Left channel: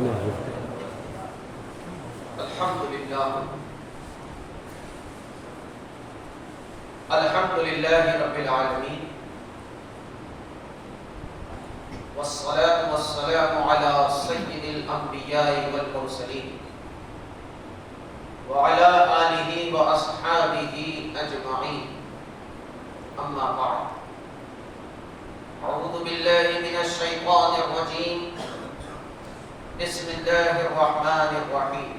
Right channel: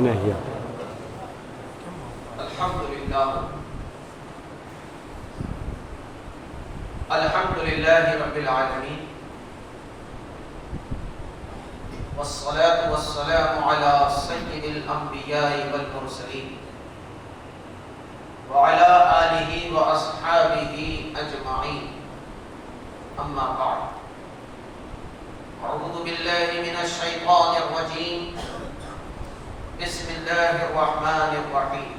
هنا هي. الحمد لله رب العالمين، والصلاة والسلام على سيد الأنبياء والمرسلين وعلى آله وأصحابه أجمعين، أما بعد. أعوذ بالله من الشيطان الرجيم، بسم الله الرحمن الرحيم.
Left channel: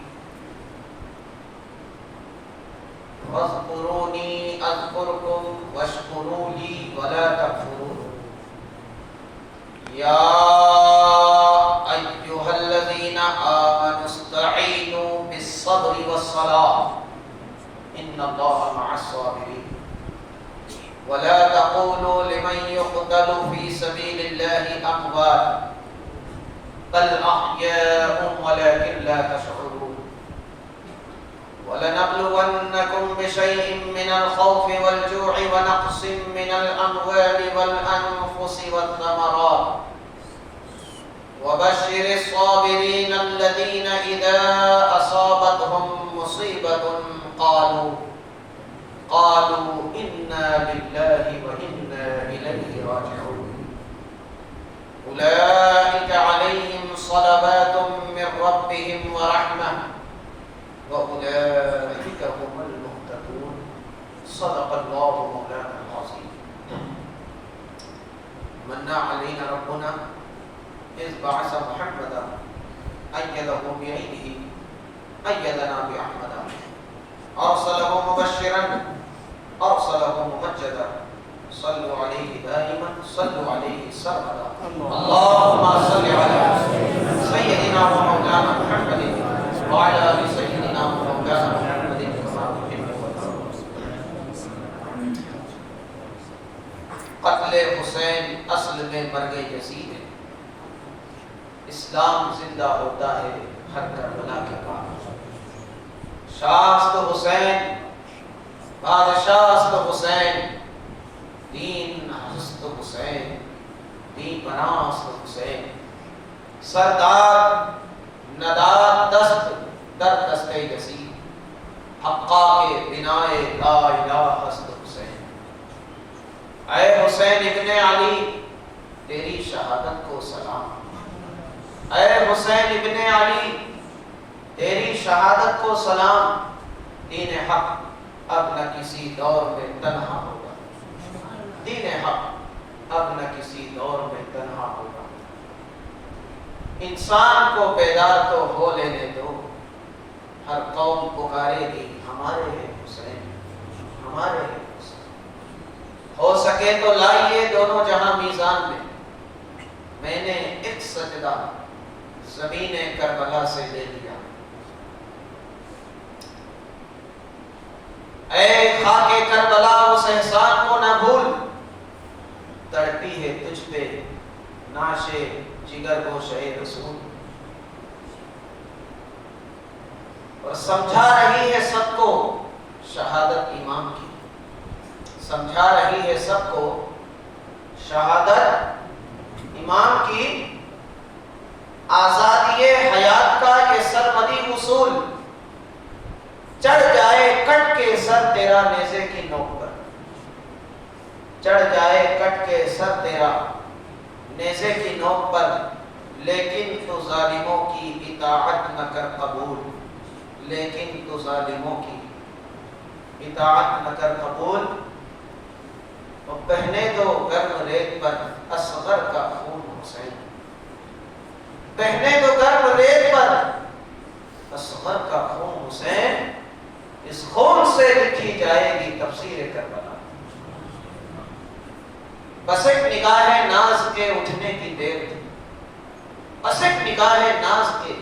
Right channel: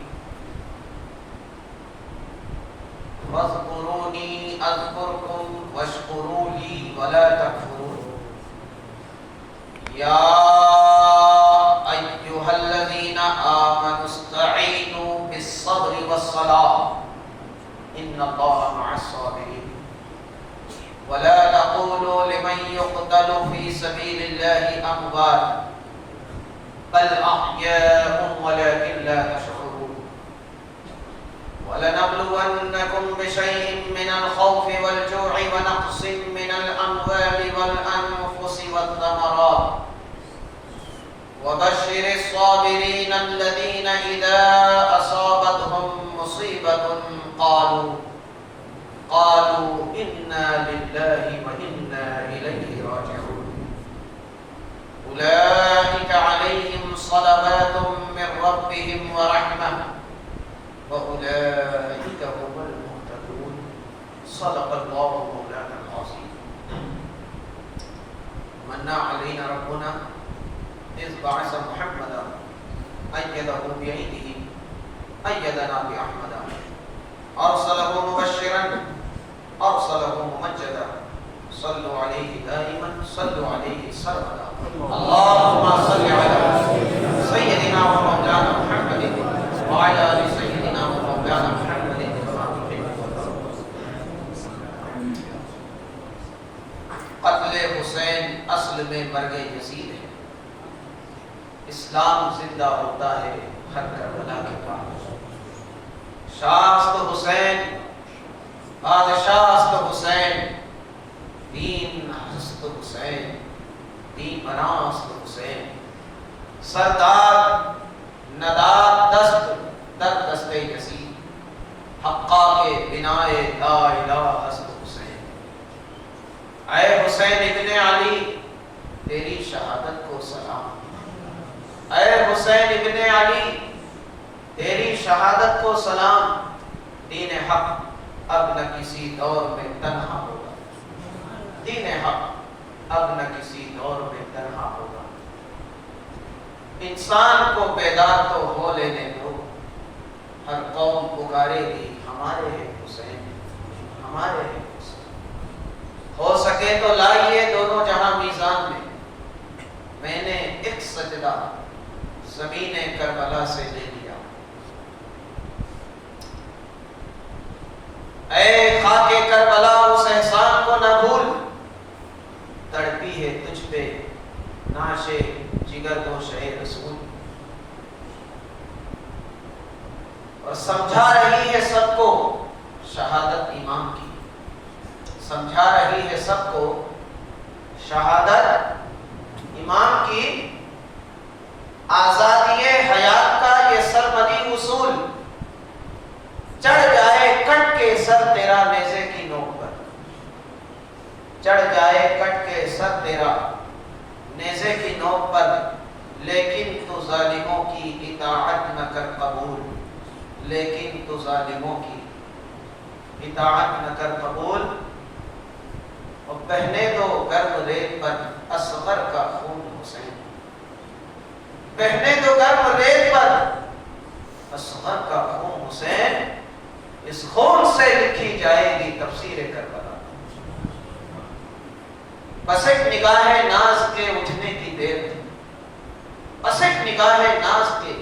واذكروني أذكركم واشكروا لي ولا تكفرون. يا أيها الذين آمنوا استعينوا بالصبر والصلاة إن الله مع الصابرين. ولا تقولوا لمن يقتل في سبيل الله أموات بل أحياء ولكن لا تشعرون. ولنبلونكم بشيء من الخوف والجوع ونقص من الأموال والأنفس والثمرات وبشر الصابرين الذين إذا أصابتهم مصيبة قالوا إنا لله وإنا إليه راجعون. أولئك عليهم صلوات من ربهم ورحمة وأولئك هم المهتدون. صدق الله مولانا العظيم. من علينا ربنا إذ بعث محمدا أيده بعيده أيدنا بأحمد أرسله مبشرا أرسله ممجدا صلوا عليه دائما صلوا عليه سرمدا. اللهم صل على سيدنا ومولانا محمد وعلى آل سيدنا ومولانا محمد كما تحب وترضى. قتل حسین اصل میں مرگ یزید ہے. اسلام زندہ ہوتا ہے ہر کربلا کے بعد. شاہ است حسین، بادشاہ است حسین، دین است حسین، دین بنا است حسین. سردار نداد دست در دست یزید، حقا کے بنائے لا الہ است حسین. اے حسین ابن علی تیری شہادت کو سلام. اے حسین ابن علی تیری شہادت کو سلام. دین حق اب نہ کسی دور میں تنہا ہوگا. دین حق اب نہ کسی دور میں تنہا ہوگا. انسان کو بیدار تو ہو لینے دو. ہر قوم پکارے گی ہمارے ہیں حسین، ہمارے ہیں حسین. ہو سکے تو لائیے دونوں جہاں میزان میں. میں نے ایک سجدہ زمین کربلا سے لے لیا. اے خاک کربلا اس احسان کو نہ بھول. تڑپی ہے تجھ پہ نعش جگر و شہ رسول. اور سمجھا رہی ہے سب کو شہادت امام کی. سمجھا رہی ہے سب کو شہادت امام کی. آزادی حیات کا یہ سرمدی اصول. چڑھ جائے کٹ کے سر تیرا نیزے کی نوک پر. چڑھ جائے کٹ کے سر تیرا نیزے کی نوک پر. لیکن تو ظالموں کی اطاعت نہ کر قبول. لیکن تو ظالموں کی اطاعت نہ کر قبول. اور بہنے دو گرم ریت پر اصغر کا خون حسین. بہنے دو گرم ریت پر اصغر کا خون حسین. اس خون سے لکھی جائے گی تفسیر کربلا. بس ایک نگاہ ناز کے اٹھنے کی دیر تھی. بس ایک نگاہ ناز کے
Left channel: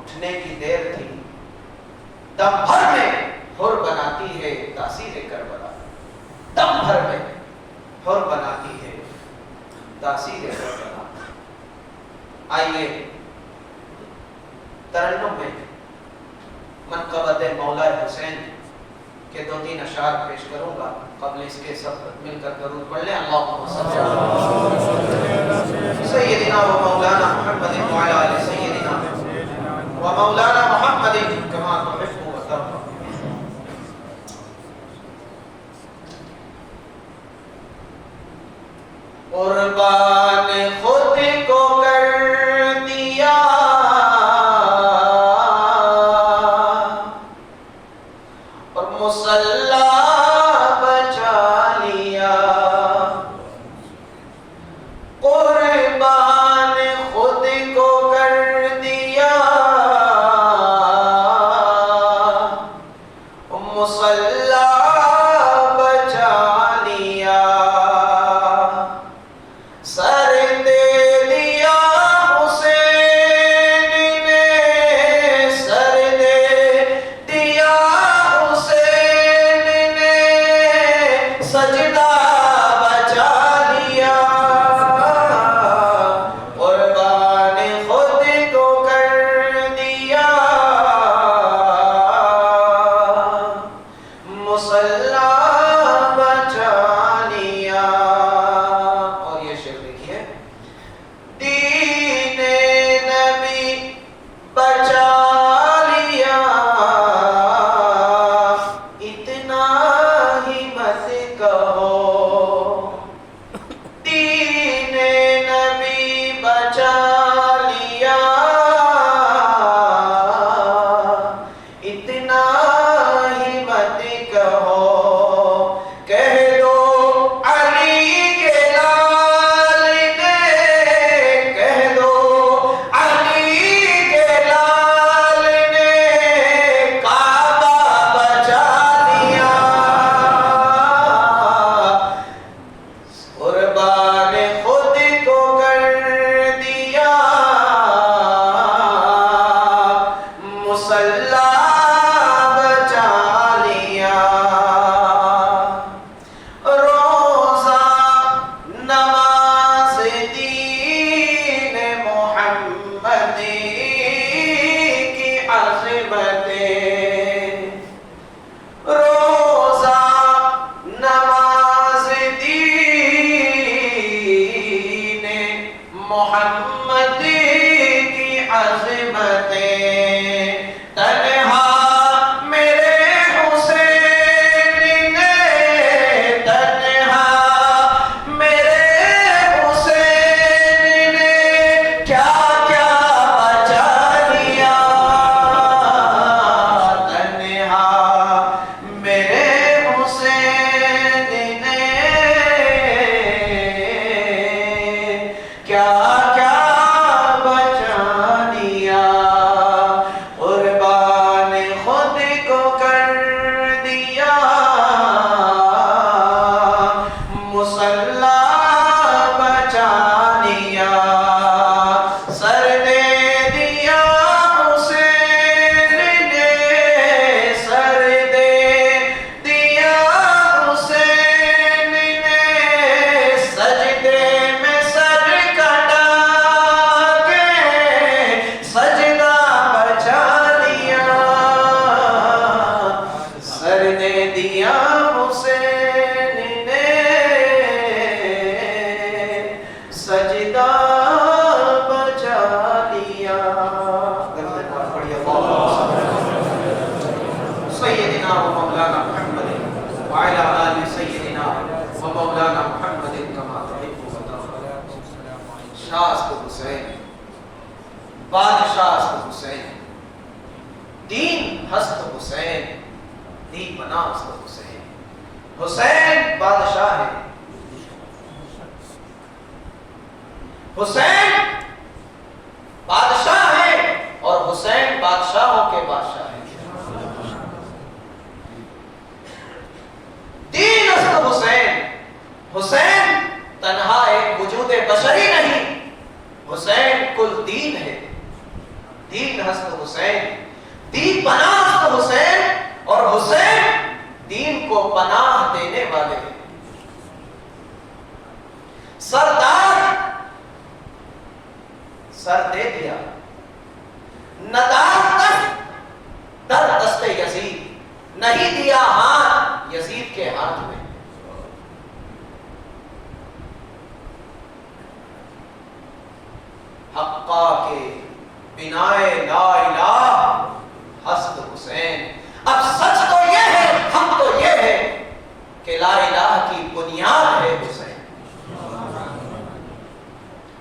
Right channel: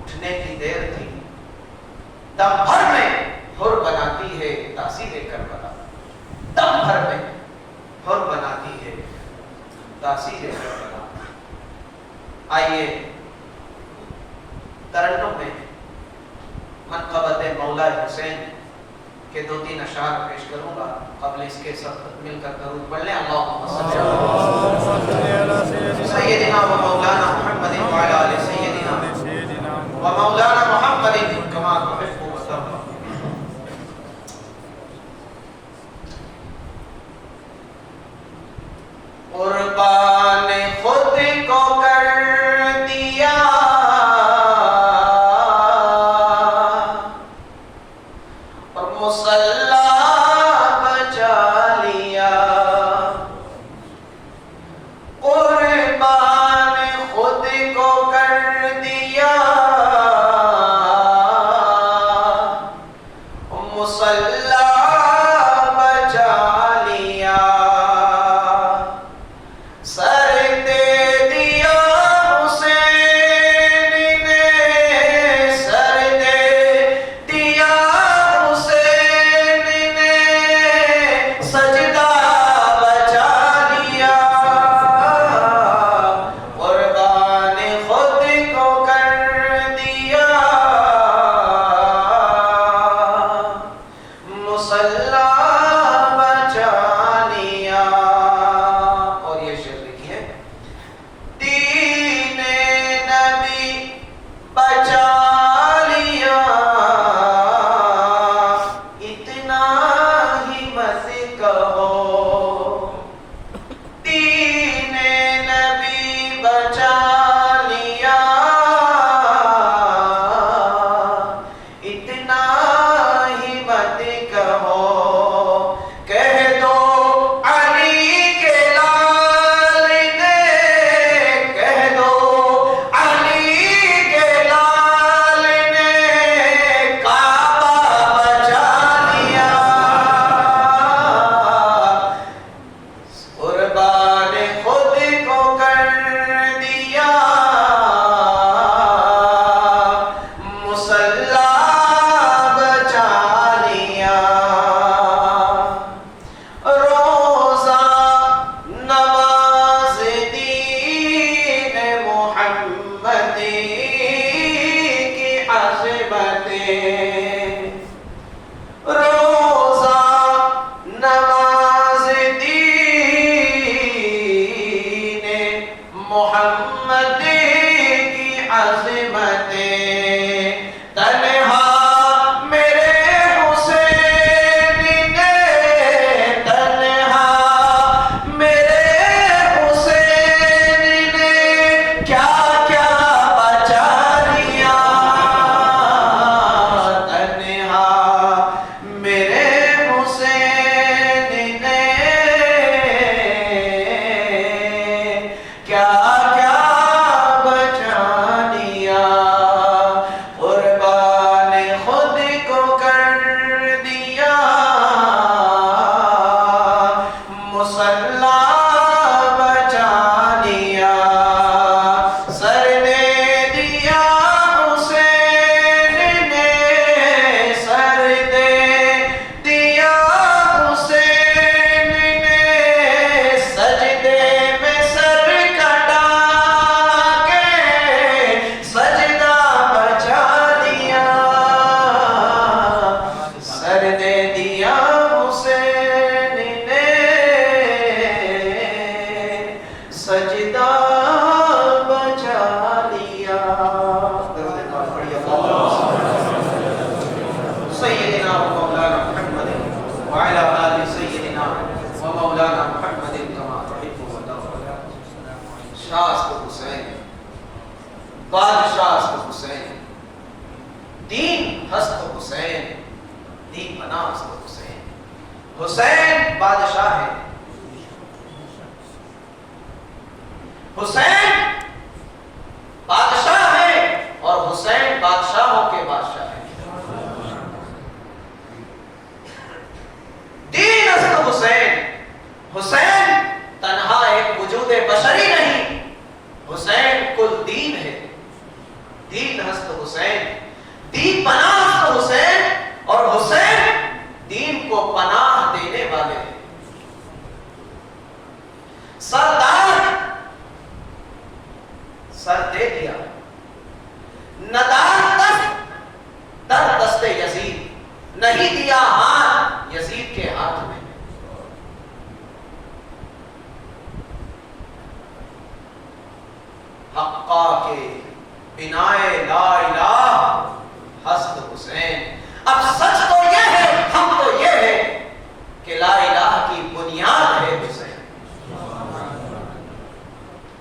اٹھنے کی دیر تھی. دم بھر میں حر بناتی ہے تاثیر کربلا. دم بھر میں حر بناتی ہے تاثیر کربلا. آئیے ترنم میں منقبت مولا حسین کے 2-3 اشعار پیش کروں گا. قبل اس کے سب مل کر درود پڑھ لیں. اللہم صلی علی سیدنا و مولانا محمد وعلی آل سیدنا بادشاہ است حسین، دین ہست حسین، دین بنا است حسین۔ حسین بادشاہ ہے، حسین بادشاہ ہے، اور حسین بادشاہوں کے بادشاہ ہے۔ دین است حسین، حسین تنہا ایک وجود بشری نہیں، حسین کل دین ہے۔ دین ہست حسین، دین پناہ است حسین، اور حسین دین کو پناہ دینے والے ہیں۔ سردار سر دے دیا، ندار تک در دست یزید، نہیں دیا ہاتھ یزید کے ہاتھ میں۔ حقا کے بنائے لا الہ ہست حسین۔ اب سچ تو یہ ہے، ہم تو یہ ہے کہ لا الہ کی بنیاد ہے حسین۔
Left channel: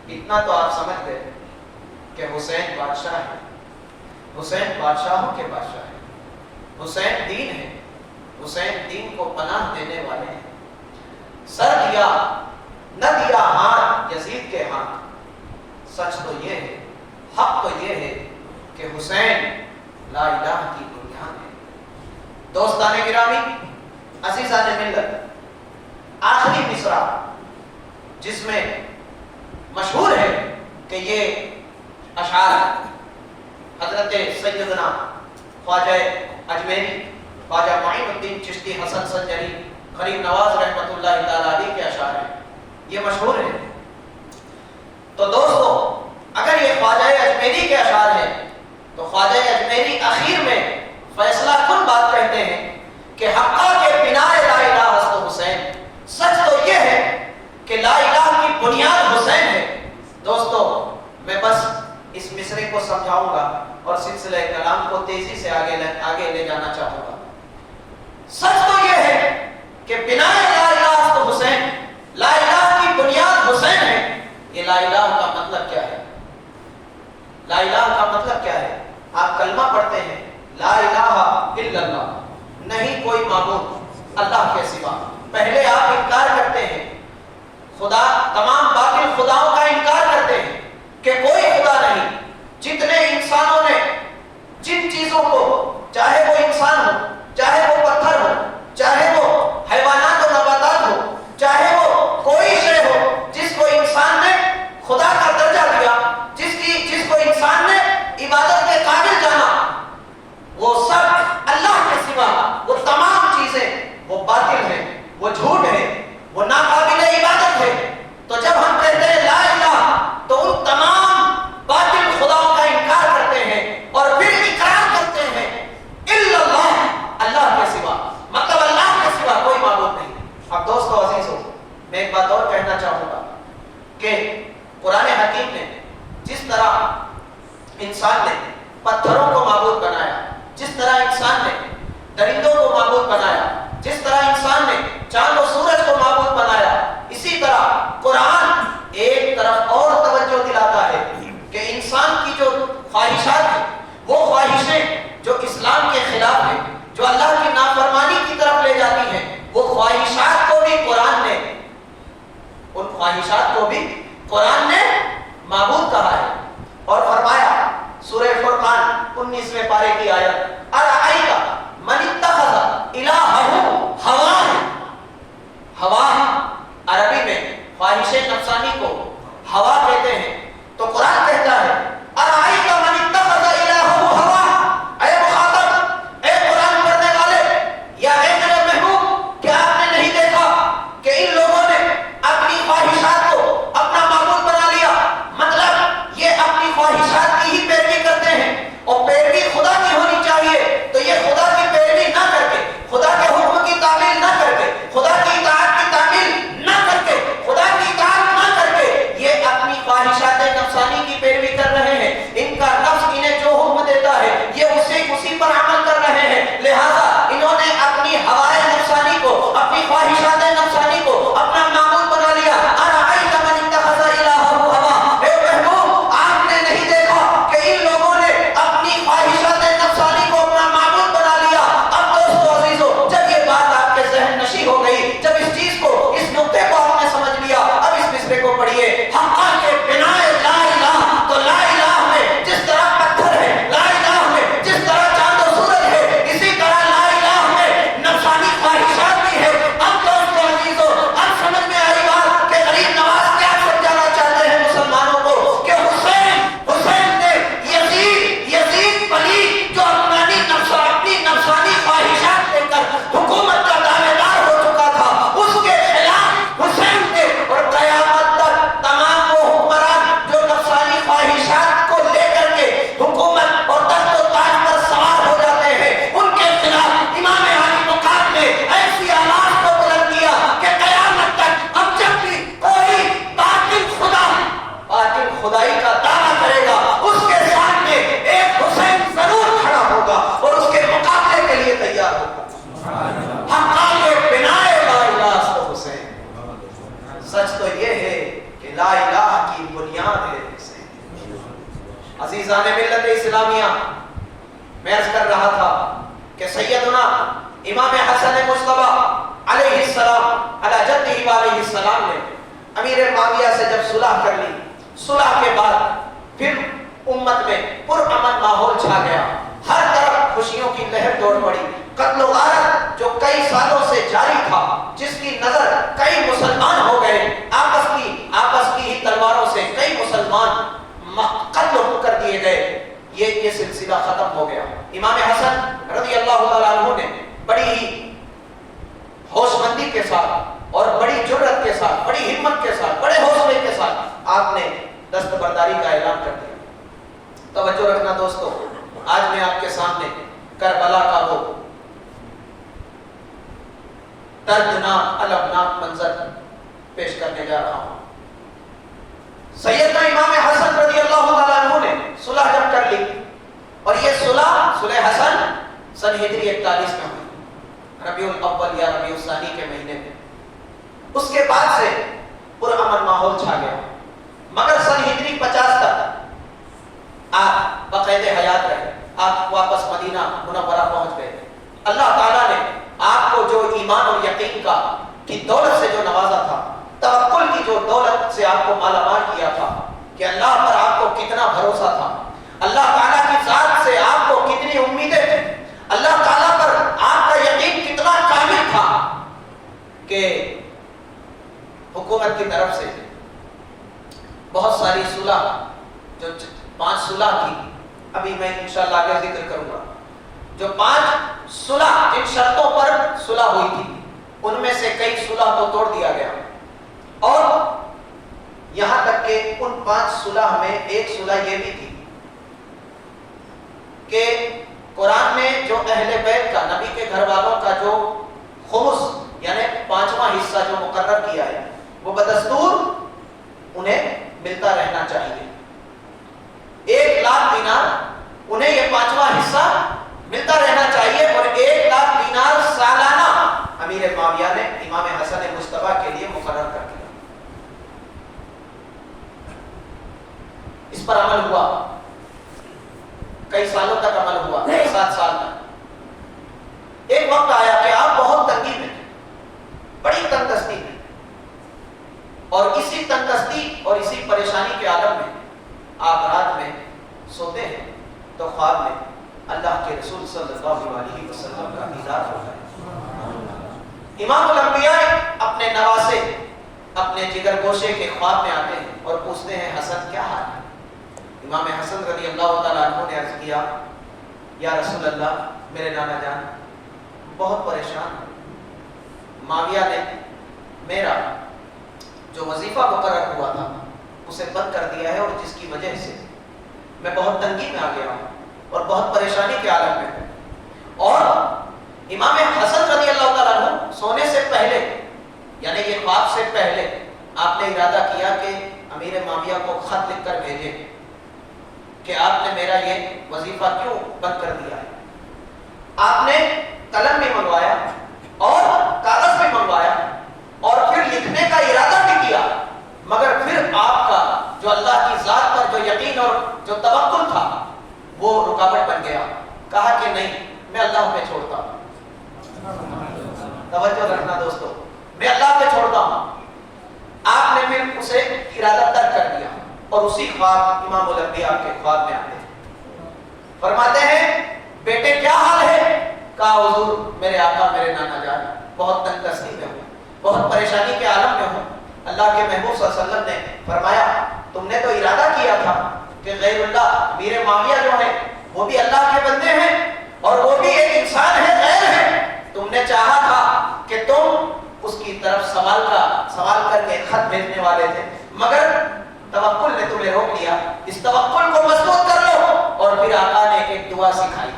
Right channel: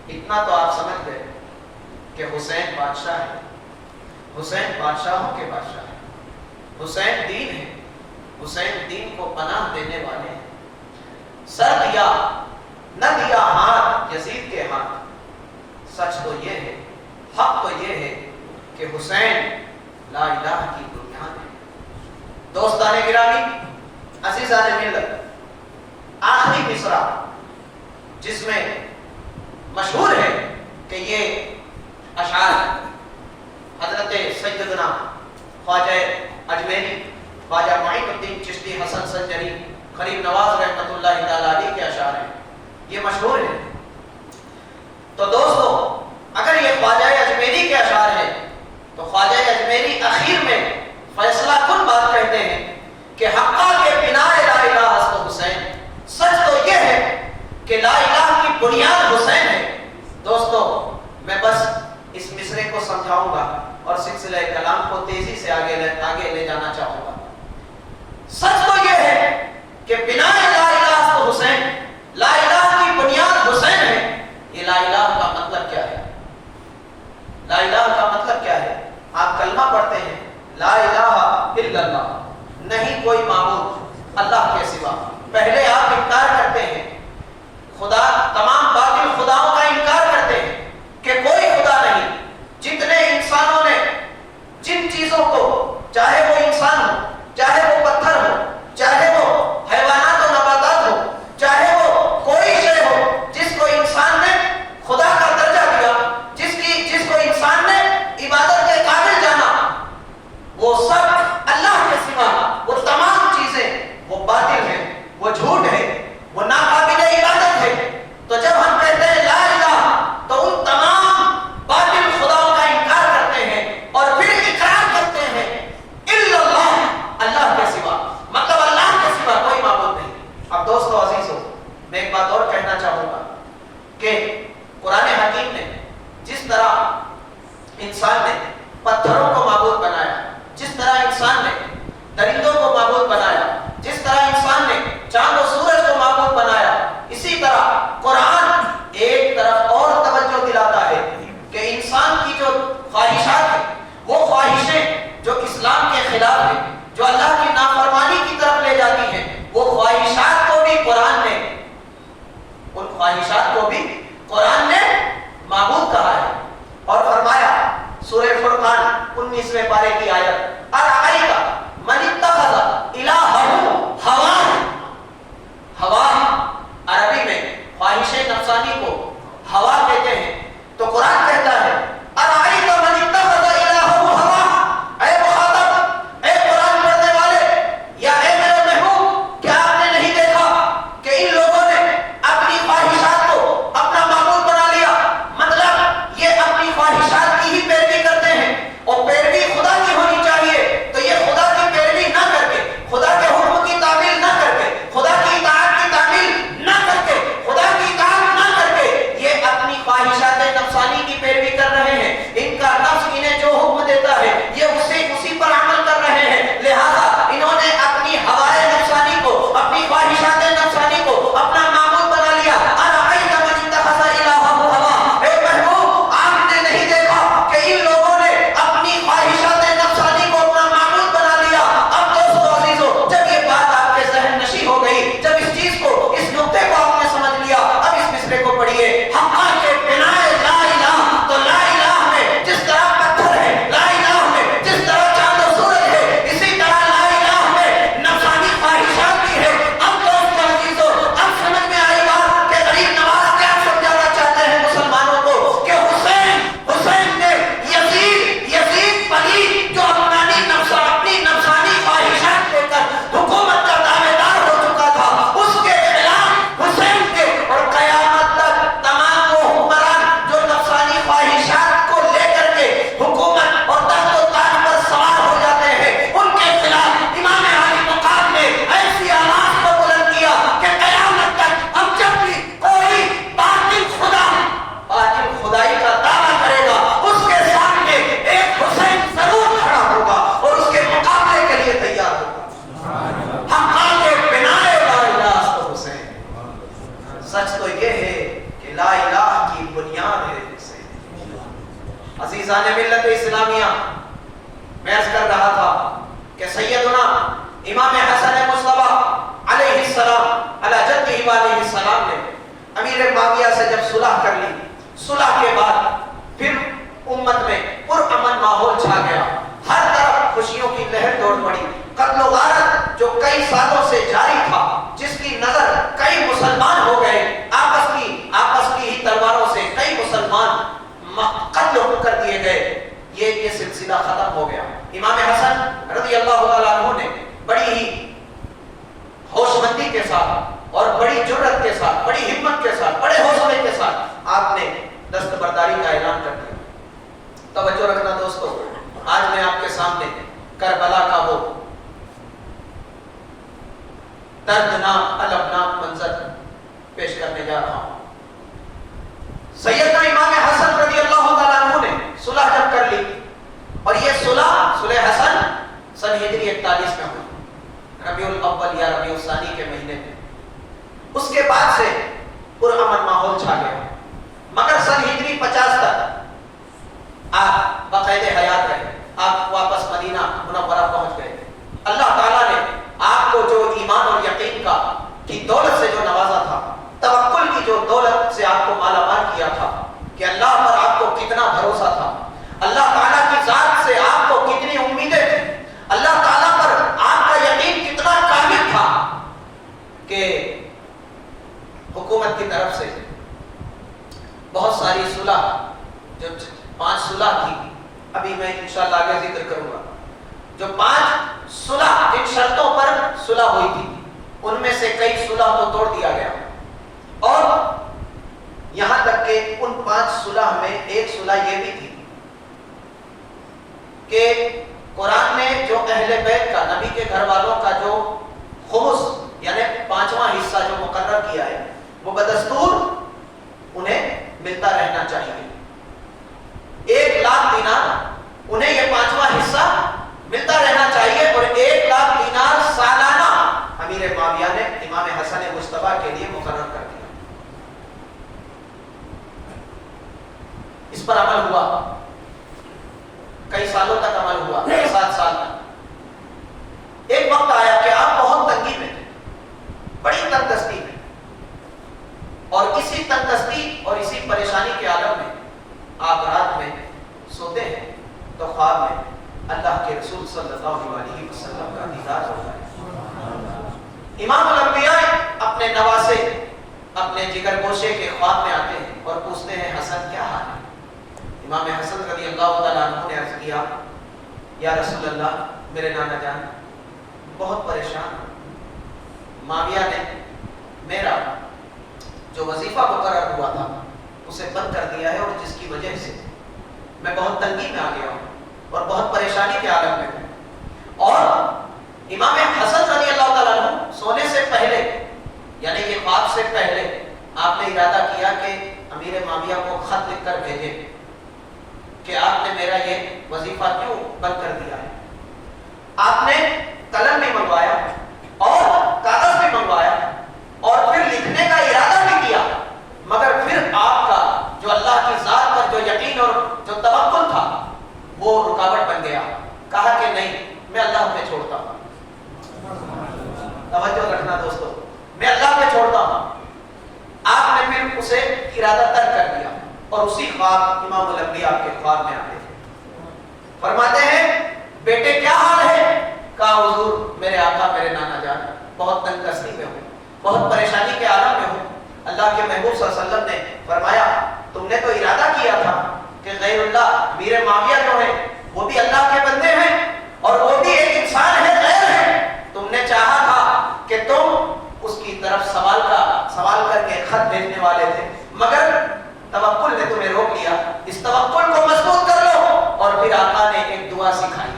اتنا تو آپ سمجھ گئے کہ حسین بادشاہ ہے، حسین بادشاہوں کے بادشاہ ہے، حسین دین ہے، حسین دین کو پناہ دینے والے ہیں۔ سر دیا نہ دیا ہاتھ یزید کے ہاتھ۔ سچ تو یہ ہے، حق تو یہ ہے کہ حسین لا الہ کی بنیاد ہے۔ دوستان گرامی، عزیزان ملت، آخری مصرع جس میں مشہور ہے کہ یہ اشعار حضرت سیدنا خواجہ اجمیری، خواجہ معین الدین چشتی حسن سنجری غریب نواز رحمۃ اللہ تعالی علیہ کے اشعار ہیں، یہ مشہور ہے۔ تو دوستو، اگر یہ خواجہ اجمیری کے اشعار ہیں تو خواجہ اجمیری اخیر میں فیصلہ کن بات کہتے ہیں کہ حقا کے بناء لا الہ ہست حسین۔ سچ تو یہ ہے کہ لا الہ کی بنیاد حسین ہے۔ دوستو، میں بس اس مصرے کو سمجھاؤں گا اور سلسلہ کلام کو تیزی سے آگے لے جانا چاہوں گا۔ سچ تو یہ ہے کہ بناء لا الہ ہست حسین، لا الہ کی بنیاد حسین ہے۔ یہ لا الہ کا مطلب کیا ہے؟ لا الہ کا مطلب کیا ہے؟ آپ کلمہ پڑھتے ہیں، لا الہ الا اللہ، نہیں کوئی معبود اللہ کے سوا۔ پہلے آپ انکار کرتے ہیں، خدا، تمام باطل خداؤں کا انکار کرتے ہیں کہ کوئی خدا نہیں۔ جتنے انسانوں نے جن چیزوں کو، چاہے وہ انسان ہو، چاہے وہ پتھر ہو، چاہے وہ حیوانات و نباتات ہو، چاہے وہ کوئی شے ہو جس کو انسان نے خدا کا درجہ دیا، جس کو انسان نے عبادت کے قابل جانا، وہ سب اللہ کے سوا، وہ تمام چیزیں وہ باطل ہیں، وہ جھوٹ ہے، وہ ناقابل عبادت ہے۔ تو جب ہم کہتے ہیں لا الہ، تو ان تمام باطل خداؤں کا انکار کرتے ہیں اور پھر اقرار کرتے ہیں الا اللہ، اللہ کے سوا، مطلب اللہ کے سوا کوئی معبود نہیں۔ اب دوستو عزیزو، میں ایک بات اور کہنا چاہوں گا کہ قرآن حکیم نے جس طرح انسان نے پتھروں کو معبود بنایا، جس طرح انسان نے درندوں کو معبود بنایا، جس طرح انسان نے چاند و سورج کو معبود بنایا، اسی طرح قرآن ایک طرف اور توجہ دلاتا ہے کہ انسان کی جو خواہشات ہیں، وہ خواہشیں جو اسلام کے خلاف ہیں، جو اللہ کی نافرمانی کی طرف لے جاتی ہیں، وہ خواہشات کو بھی قرآن نے، ان خواہشات کو بھی قرآن نے معبود کہا ہے۔ اور فرمایا سورہ فرقان 19ویں پارے کی آیت، ارأیت من اتخذ الہہ ہواہ، ہواہ عربی میں خواہش نفسانی کو ہوا کہتے ہیں۔ تو قرآن کہتا ہے ارأیت من اتخذ الہہ ہواہ، اے مخاطب، اے قرآن پڑھنے والے، یا اے میرے محبوب، کیا آپ نے نہیں دیکھا کہ ان لوگوں نے اپنی خواہشات کو اپنا معبود بنا لیا؟ مطلب یہ اپنی خواہشات کی ہی پیروی کرتے ہیں، اور پیروی خدا کی ہونی چاہیے، تو عزیزان ملت اسلامیہ، میں عرض کر رہا تھا کہ سیدنا امام حسن مصطفیٰ علیہ السلام علی جدہ علیہ السلام نے امیر معاویہ سے جب صلح کر لی، صلح کے بعد پھر امت میں پرامن ماحول چھا گیا، ہر طرف خوشیوں کی لہر دوڑ پڑی۔ قتل و غارت جو کئی سالوں سے جاری تھا، جس کی نظر کئی مسلمان ہو گئے، آپس کی ہی تلواروں سے کئی مسلمان قتل کر دیے گئے، یہ سلسلہ ختم ہو گیا۔ امام حسن رضی اللہ تعالیٰ عنہ نے بڑی ہی ہوش مندی کے ساتھ اور بڑی جرأت کے ساتھ، بڑی ہمت کے ساتھ، بڑے حوصلے کے ساتھ آپ نے دستبرداری کا اعلان کر دیا۔ توجہ رکھنا دوستو، آج میں آپ کے سامنے کربلا کا وہ دردناک المناک منظر پیش کرنے جا رہا ہوں۔ سیدنا امام حسن رضی اللہ تعالیٰ عنہ نے صلح جب کر لی، اور یہ صلح حسن سن ہجری 41 میں ہوئی، ربیع الاول یا ربیع الثانی کے مہینے میں۔ اس کے بعد سے پرامن ماحول چھا گیا، مگر سن ہجری 50 تک آپ باقاعدہ حیات رہے، آپ واپس مدینہ منورہ پہنچ گئے۔ اللہ تعالیٰ نے آپ کو جو ایمان اور یقین کی دولت سے جو نوازا تھا، توکل کی جو دولت سے آپ کو مالا مال کیا تھا، کہ اللہ پر آپ کو کتنا بھروسہ تھا، اللہ تعالیٰ کی ذات سے آپ کو کتنی امیدیں تھیں، اللہ تعالیٰ پر آپ کا یقین کتنا کامل تھا، کہ حکومت کی طرف سے بہت ساری صلح، جو 5 صلح تھی، ابھی میں انشاءاللہ آگے ذکر کروں گا، جو 5 صلح جن شرطوں پر صلح ہوئی تھی، ان میں سے کئی صلح تو توڑ دیا گیا، اور یہاں تک کہ ان 5 صلح میں ایک صلح یہ بھی تھی کہ قرآن نے جو اہل بیت کا، نبی کے گھر والوں کا جو خمس یعنی 5واں حصہ جو مقرر کیا ہے، وہ بدستور انہیں ملتا رہنا چاہیے۔ 1 لاکھ دینار انہیں یہ 5واں حصہ ملتا رہنا چاہیے، اور 1 لاکھ دینار سالانہ امیر معاویہ نے امام حسن مصطفیٰ کے لیے مقرر کر دیا۔ اس پر عمل ہوا، کئی سالوں تک عمل ہوا، 7 سال تک۔ ایک وقت آیا کہ آپ بہت تنگی میں، بڑی تنگدستی میں، اور اسی تنگدستی اور اسی پریشانی کے عالم میں آپ رات میں سوتے ہیں تو خواب میں اللہ کے رسول صلی اللہ علیہ وسلم کا دیدار ہوتا ہے۔ امام الانبیاء اپنے نواسے، اپنے جگر گوشے کے خواب میں آتے ہیں اور پوچھتے ہیں حسن کیا حال ہے؟ امام حسن رضی اللہ تعالیٰ عنہ نے عرض کیا، یا رسول اللہ، میرے نانا جان بہت پریشان ہوں، معاویہ نے میرا جو وظیفہ مقرر ہوا تھا اسے بند کر دیا ہے، اور جس کی وجہ سے میں بہت تنگی میں آ گیا ہوں اور بہت پریشانی کے عالم میں ہوں۔ اور امام حسن رضی اللہ تعالیٰ عنہ سونے سے پہلے، یعنی یہ خواب سے پہلے، آپ نے ارادہ کیا کہ امیر معاویہ کو خط لکھ کر بھیجیں کہ آپ نے میرا یہ وظیفہ کیوں بند کر دیا ہے۔ آپ نے قلم بھی منگوایا اور کاغذ بھی منگوایا اور پھر لکھنے کا ارادہ بھی کیا، مگر پھر آپ کا جو اللہ کی ذات پر جو یقین اور جو توکل تھا وہ رکاوٹ بن گیا۔ کہا کہ نہیں، میں اللہ پہ چھوڑتا ہوں۔ توجہ رکھنا دوستو، میں اللہ پہ چھوڑتا ہوں۔ آپ نے پھر اسے ارادہ ترک کر دیا، اور اسی خواب امام الانبیاء کے خواب میں آتے ہیں، فرماتے ہیں بیٹے کیا حال ہے؟ کہا حضور میرے آقا میرے نانا جان بہت تنگدستی میں ہوں، بہت پریشانی کے عالم میں ہوں۔ اللہ کے محبوب صلی اللہ علیہ وسلم نے فرمایا تم نے تو ارادہ کیا تھا کہ غیر اللہ میر معاویہ جو ہے وہ بھی اللہ کے بندے ہیں اور وہ بھی ایک انسان ہے، غیر ہے، تم نے چاہا تھا کہ تم اس کی طرف سوال کر کے خط بھیجنے والے تھے، مگر توکل نے تمہیں روک لیا۔ اس توکل کو مضبوط کر لو۔ اور پھر آقا نے ایک دعا سکھائی،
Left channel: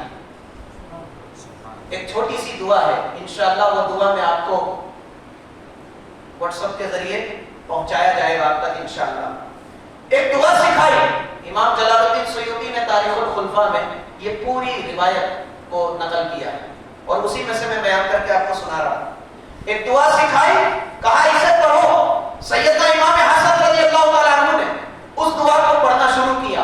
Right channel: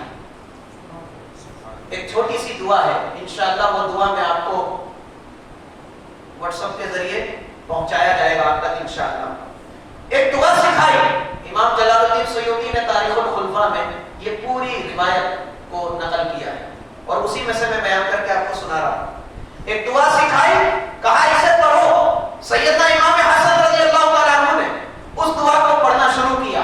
ایک چھوٹی سی دعا ہے، انشاءاللہ وہ دعا میں آپ کو واٹس ایپ کے ذریعے پہنچایا جائے گا آپ تک انشاءاللہ۔ ایک دعا سکھائی، امام جلال الدین سیوطی نے تاریخ الخلفاء میں یہ پوری روایت کو نقل کیا ہے، اور اسی میں سے میں بیان کر کے آپ کو سنا رہا ہوں۔ ایک دعا سکھائی، کہا اسے پڑھو۔ سیدنا امام حسن رضی اللہ تعالیٰ عنہ نے اس دعا کو پڑھنا شروع کیا،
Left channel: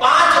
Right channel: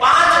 5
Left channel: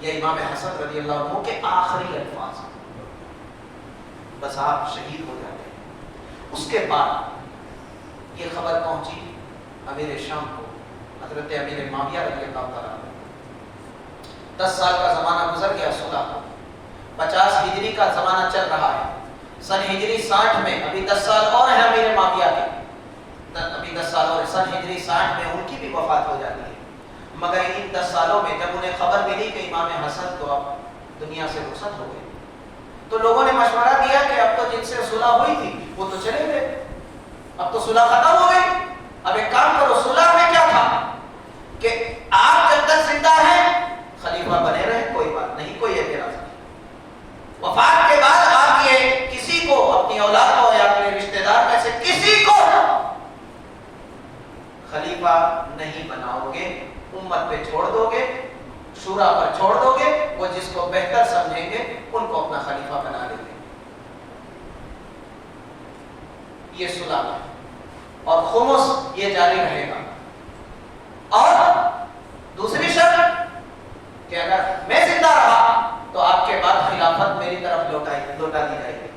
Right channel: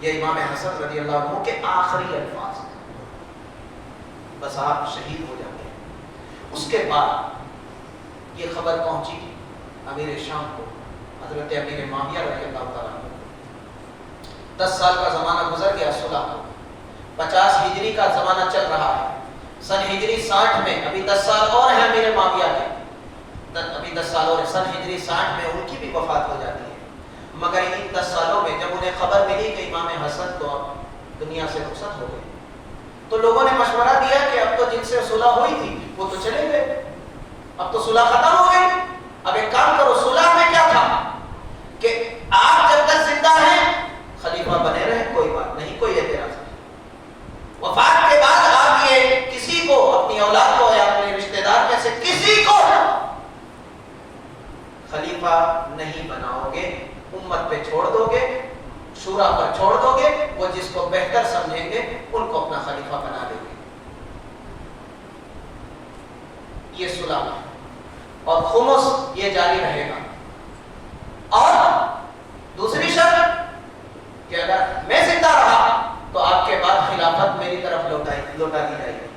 یہ امام حسن رضی اللہ عنہ کے آخری الفاظ ہیں، بس آپ شہید ہو جاتے ہیں۔ اس کے بعد یہ خبر پہنچی امیر شام کو، حضرت امیر معاویہ رضی اللہ تعالیٰ عنہ۔ 10 سال کا زمانہ گزر گیا، صلح کا 50 ہجری کا زمانہ چل رہا ہے، سن ہجری 60 میں ابھی 10 سال اور ہیں امیر معاویہ کے، ابھی 10 سال اور سن ہجری 60 میں ان کی بھی وفات ہو جاتی ہے۔ مگر ان 10 سالوں میں جب انہیں خبر ملی کہ امام حسن تو اب دنیا سے رخصت ہو گئے، تو لوگوں نے مشورہ دیا کہ اب تو جن سے صلح ہوئی تھی وہ تو چلے گئے، اب تو صلح ختم ہو گئی، اب ایک کام کرو، صلح میں کیا تھا کہ آپ جب تک زندہ ہیں خلیفہ بنے رہے، کوئی بات نہیں، کوئی اعتراض نہیں، وفات کے بعد آپ یہ کسی کو، اپنی اولاد کو یا اپنے رشتہ دار میں سے کسی کو خلیفہ نہیں بناؤ گے، امت پہ چھوڑ دو گے، شورا پر چھوڑ دو گے، وہ جس کو بہتر سمجھیں گے ان کو اپنا خلیفہ بنا لیں گے۔ یہ صلح ہے، اور خمس یہ جاری رہے گا۔ اور دوسری شرط کہ اگر میں زندہ رہا تو آپ کے بعد خلافت میری طرف لوٹا دی جائے گی۔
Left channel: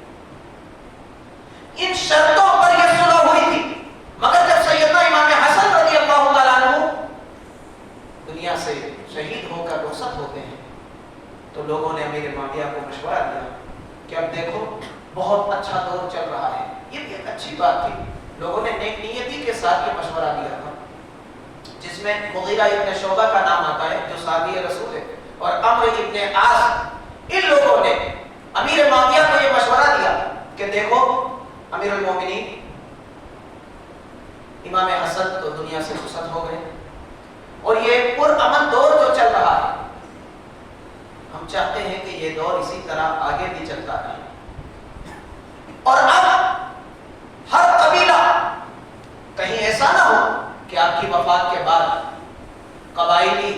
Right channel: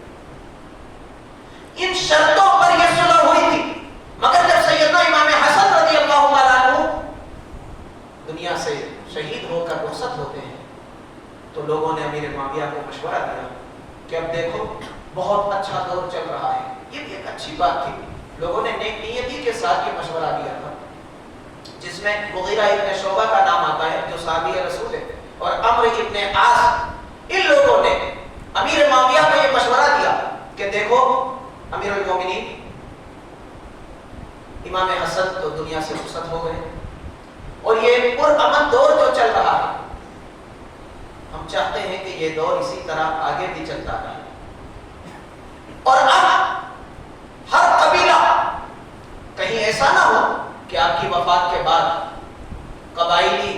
ان شرطوں پر یہ صلح ہوئی تھی، مگر جب سیدنا امام حسن رضی اللہ تعالیٰ عنہ دنیا سے شہید ہو کر رخصت ہوتے ہیں تو لوگوں نے امیر معاویہ کو مشورہ دیا کہ اب دیکھو بہت اچھا دور چل رہا ہے، یہ بھی ایک اچھی بات تھی، لوگوں نے نیک نیتی کے ساتھ یہ مشورہ دیا تھا، جس میں مغیرہ ابن شعبہ کا نام آتا ہے جو صحابی رسول ہے، اور عمرو ابن عاص، ان لوگوں نے امیر معاویہ کو یہ مشورہ دیا کہ دیکھو امیر المومنین، امام حسن تو دنیا سے رخصت ہو گئے اور یہ پرامن دور جو چل رہا ہے، ہم چاہتے ہیں کہ یہ دور اسی طرح آگے بھی چلتا رہے، اور اب ہر قبیلہ کہیں ایسا نہ ہو کہ آپ کی وفات کے بعد قبائلی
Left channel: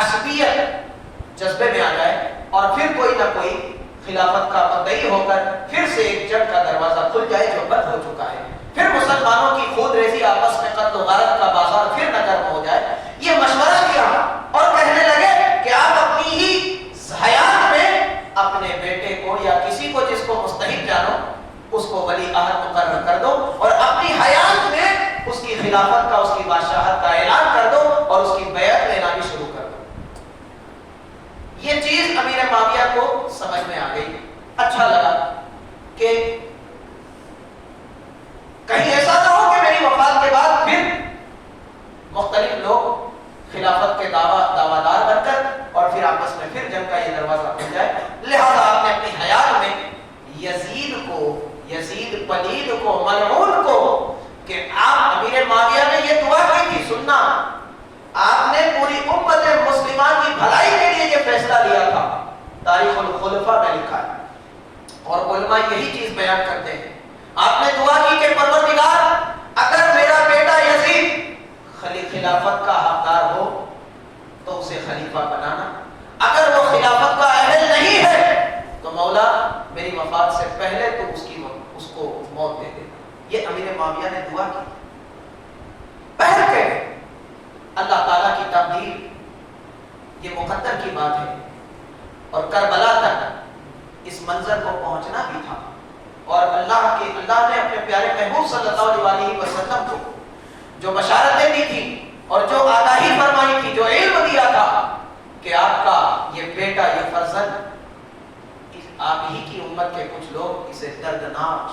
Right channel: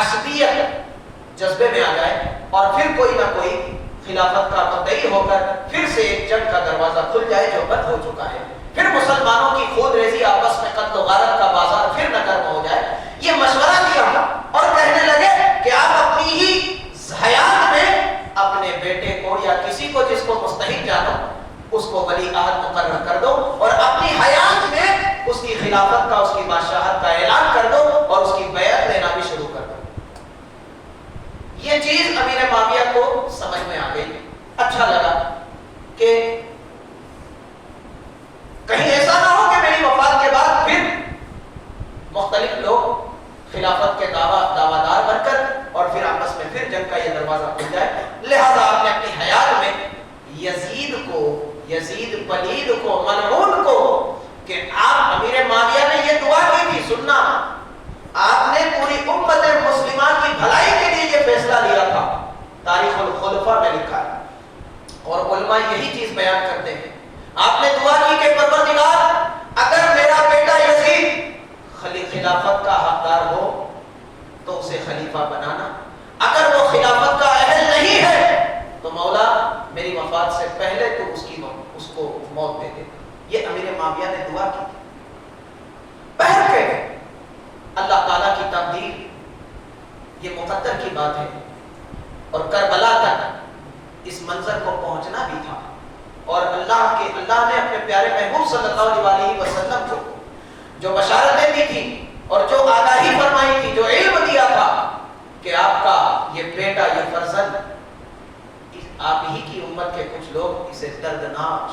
عصبیت جذبے میں آ جائے اور پھر کوئی نہ کوئی خلافت کا مدعی ہو کر پھر سے ایک جنگ کا دروازہ کھل جائے جو بند ہو چکا ہے، پھر مسلمانوں کی خون ریزی، آپس میں قتل و غارت کا بازار پھر نہ گرم ہو جائے۔ یہ مشورہ دیا اور کہنے لگے کہ آپ اپنی ہی حیات میں اپنے بیٹے کو یا کسی کو جس کو مستحق جانو اس کو ولی عہد مقرر کر دو، اور اپنی حیات میں اس کی خلافت کا، اس کی بادشاہت کا اعلان کر دو اور اس کی بیعت لینا بھی شروع کر دو۔ یہ چیز امیر معاویہ کو سمجھ میں آ گئی، اچھا لگا کہ کہیں ایسا نہ ہو کہ میری وفات کے بعد پھر مختلف لوگ خلافت کے دعویدار بن کر اور پھر آپس میں پھر جنگ کا یہ دروازہ کھل جائے، لہذا آپ نے اپنی حیات میں یزید پلید کو، ملعون کو، کہ آپ امیر معاویہ نے یہ دعا کی تھی، سننا، آپ نے پوری امت مسلمہ کی بھلائی کے لیے یہ فیصلہ لیا تھا، تاریخ الخلفاء میں لکھا ہے، اور علماء یہی چیز بیان کرتے ہیں، آپ نے دعا کی کہ پروردگار اگر میرا بیٹا یزید خلافت کا حقدار ہو تو اسے خلیفہ بنانا، اگر وہ خلافت کا اہل نہیں ہے تو مولا میری وفات سے پہلے تو اس کو موت دے دے۔ یہ امیر معاویہ نے دعا کی، پہل کے اللہ تعالیٰ کی تقدیر، یہ مقدر کی بات ہے، اور کربلا تک اس منظر کو پہنچنا بھی تھا، اور اللہ نے اپنے پیارے محبوب صلی اللہ علیہ وسلم کو جو بشارتیں دی تھی اور جو آگاہی فرمائی تھی، جو علم دیا تھا کہ آپ کا یہ بیٹا، یہ فرزند، آپ ہی کی امت کے کچھ لوگ اسے دردناک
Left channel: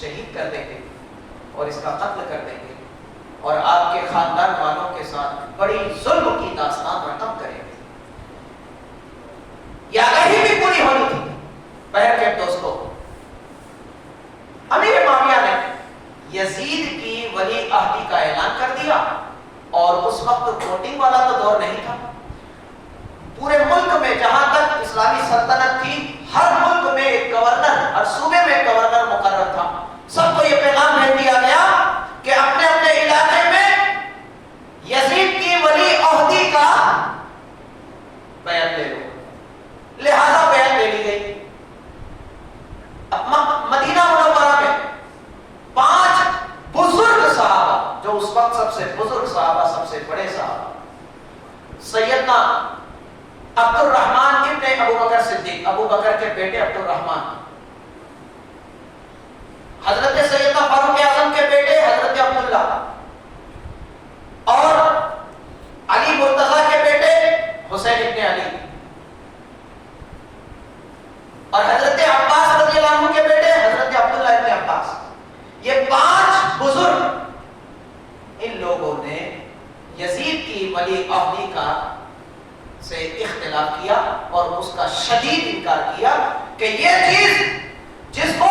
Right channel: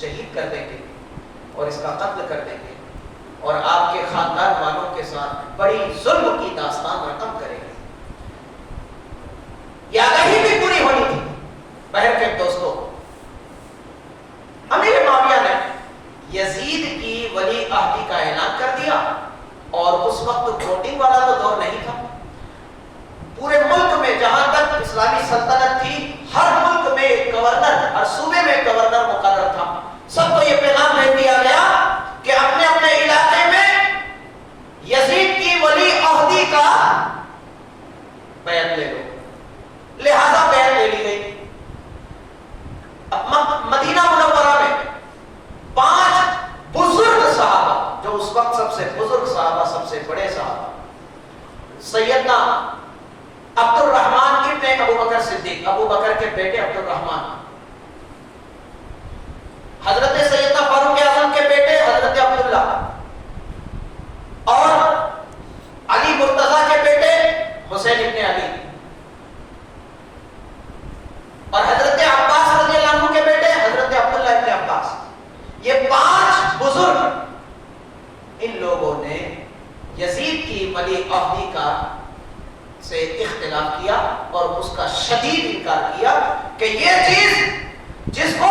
شہید کر دیں گے اور اس کا قتل کر دیں گے، اور آپ کے خاندان والوں کے ساتھ بڑی ظلم کی داستان رقم کریں گے۔ یہ آگاہی بھی پوری ہونی تھی۔ بہر کے دوستوں، امیر معاویہ نے یزید کی ولی عہدی کا اعلان کر دیا، اور اس وقت ووٹنگ والا تو دور نہیں تھا، پورے ملک میں جہاں تک اسلامی سلطنت تھی ہر ملک میں ایک گورنر، ہر صوبے میں ایک گورنر مقرر تھا، سب کو یہ پیغام بھیج دیا گیا کہ اپنے اپنے علاقے میں یزید کی ولی عہدی کا بیعت لے لو، لہذا بیعت لے لی گئی۔ مدینہ منورہ میں 5 بزرگ صحابہ، جو اس وقت سب سے بزرگ صحابہ، سب سے بڑے صحابہ، سیدنا عبد الرحمن ابن ابو بکر صدیق، ابو بکر کے بیٹے عبد الرحمن، حضرت سیدنا فاروق اعظم کے بیٹے حضرت عبداللہ، اور علی مرتضیٰ کے بیٹے حسین ابن علی، اور حضرت عباس رضی اللہ عنہ کے بیٹے حضرت عبداللہ ابن عباس۔ یہ 5 بزرگ، ان لوگوں نے یزید کی ولی عہدی کا سے اختلاف کیا اور اس کا شدید انکار کیا کہ یہ چیز جس کو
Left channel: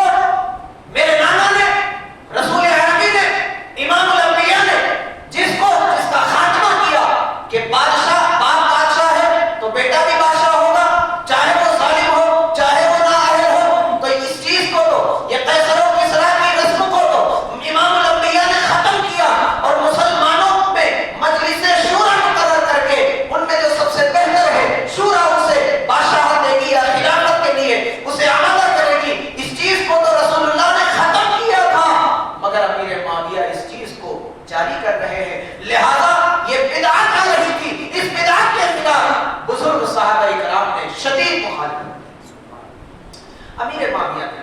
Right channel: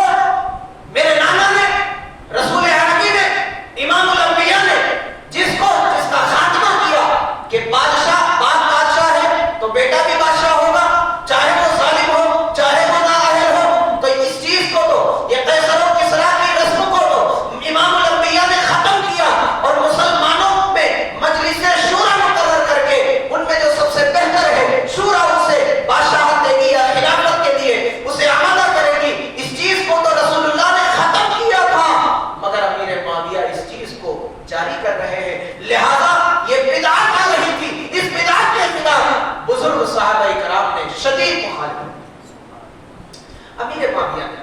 میرے نانا نے، رسول عربی نے، امام الانبیاء نے جس کا خاتمہ کیا کہ بادشاہ بادشاہ ہے تو بیٹا بھی بادشاہ ہوگا، چاہے وہ ظالم ہو چاہے وہ نااہل ہو، تو اس چیز کو تو یہ قیصر و کسریٰ کی رسم کو تو امام الانبیاء نے ختم کیا، اور مسلمانوں میں مجلس شورا مقرر کر کے ان میں جو سب سے بہتر ہے شورا اسے بادشاہت دے گی یا خلافت کے لیے اسے آمادہ کرے گی۔ اس چیز کو تو رسول اللہ نے ختم کیا تھا، مگر امیر معاویہ اس چیز کو جاری کر رہے ہیں، لہذا یہ بدعت آ رہی تھی، اس بدعت کے خلاف بزرگ صحابہ کرام نے شدید مخالفت۔ امیر معاویہ نے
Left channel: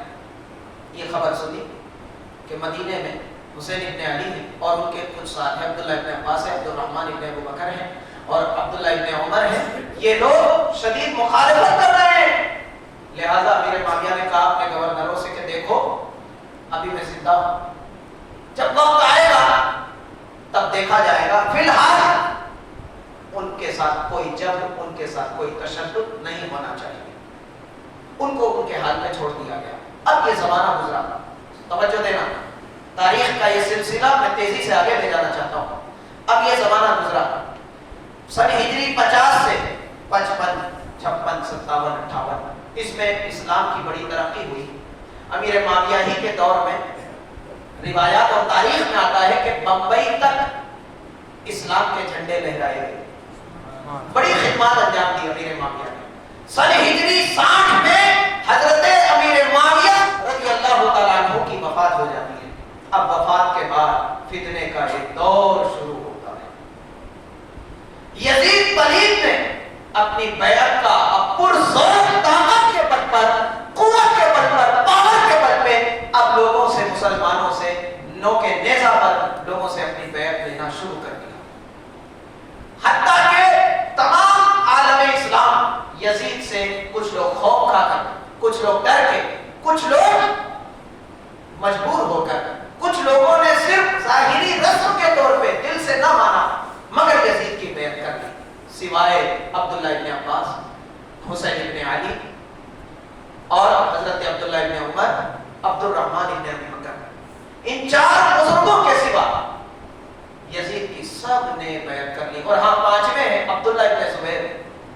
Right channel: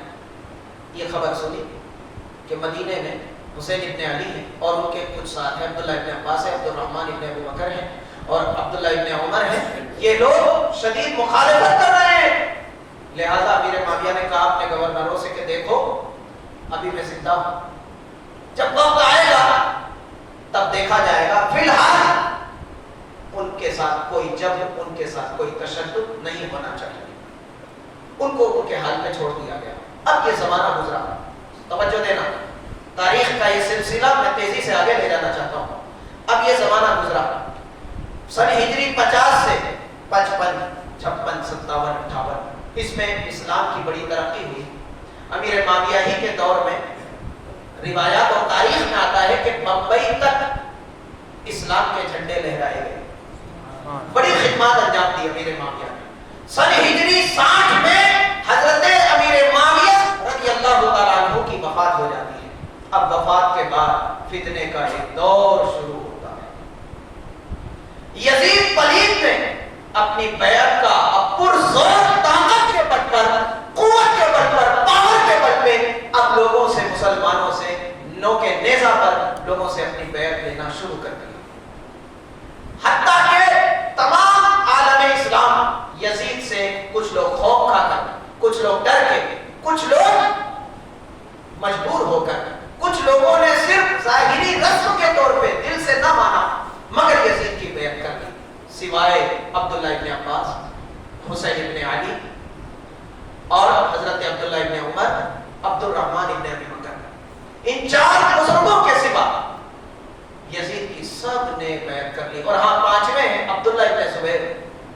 یہ خبر سنی کہ مدینے میں حسین ابن علی ہیں اور ان کے کچھ ساتھ ہیں، عبداللہ ابن عباس ہے، عبد الرحمن ابن ابو بکر ہیں اور عبداللہ ابن عمر ہیں، یہ لوگ شدید مخالفت کر رہے ہیں، لہذا امیر معاویہ نے کہا اپنے گورنروں سے کہ دیکھو ابھی میں زندہ ہوں، جب وقت آئے گا تب دیکھا جائے گا، فی الحال ان کے ساتھ کوئی جبر، ان کے ساتھ کوئی تشدد نہیں ہونا چاہیے، ان کو ان کے حال میں چھوڑ دیا گیا۔ اب یہ زمانہ گزرا، توجہ دینا، تاریخ کا یہ سلسلہ میں تیزی سے آگے لے جانا چاہتا ہوں۔ اب یہ زمانہ گزرا، سن ہجری 50 سے 55 56 57 58، اس میں اسلام کی بڑی ترقی ہوئی۔ امیر معاویہ ہی کے دور میں روایات اور تاریخ میں آتا ہے کہ بمبئی تک اسلام کے جھنڈے لہرائے گئے، بڑی خدمات انجام دی امیر معاویہ نے۔ سن ہجری 60 میں حضرت امیر معاویہ رضی اللہ تعالیٰ عنہ کی وفات ہو جاتی ہے۔ اب وفات کے بعد فتنے کا ایک دور شروع ہوتا ہے۔ یزید پلید نے اپنی بیعت کا پرزور طاقت کے بل پر، قوت کے بل پر، پاور کے بل پہ اب لوگوں سے، مسلمانوں سے نوکے نیزہ پر لوگوں سے اپنی بیعت لینا شروع کر دیا، حتیٰ کہ تمام عالم اسلام یزید سے کچھ لوگ خوف کھا کر، کچھ لوگ ڈر کے، کچھ لوگ مجبور ہو کر، کچھ لوگوں نے صرف ظاہری رسم کے طور پہ دل سے نہ مانا مگر یزید کی بیعت کر لی، سوائے عبداللہ ابن عباس، حسین ابن علی اور حضرت عبداللہ ابن عمر، عبد الرحمن ابن ابی بکر۔ ان 4 بزرگوں کے سوا یزید کی سب نے بیعت کر لی، اور ہاں 5ویں ہیں عبداللہ ابن زبیر،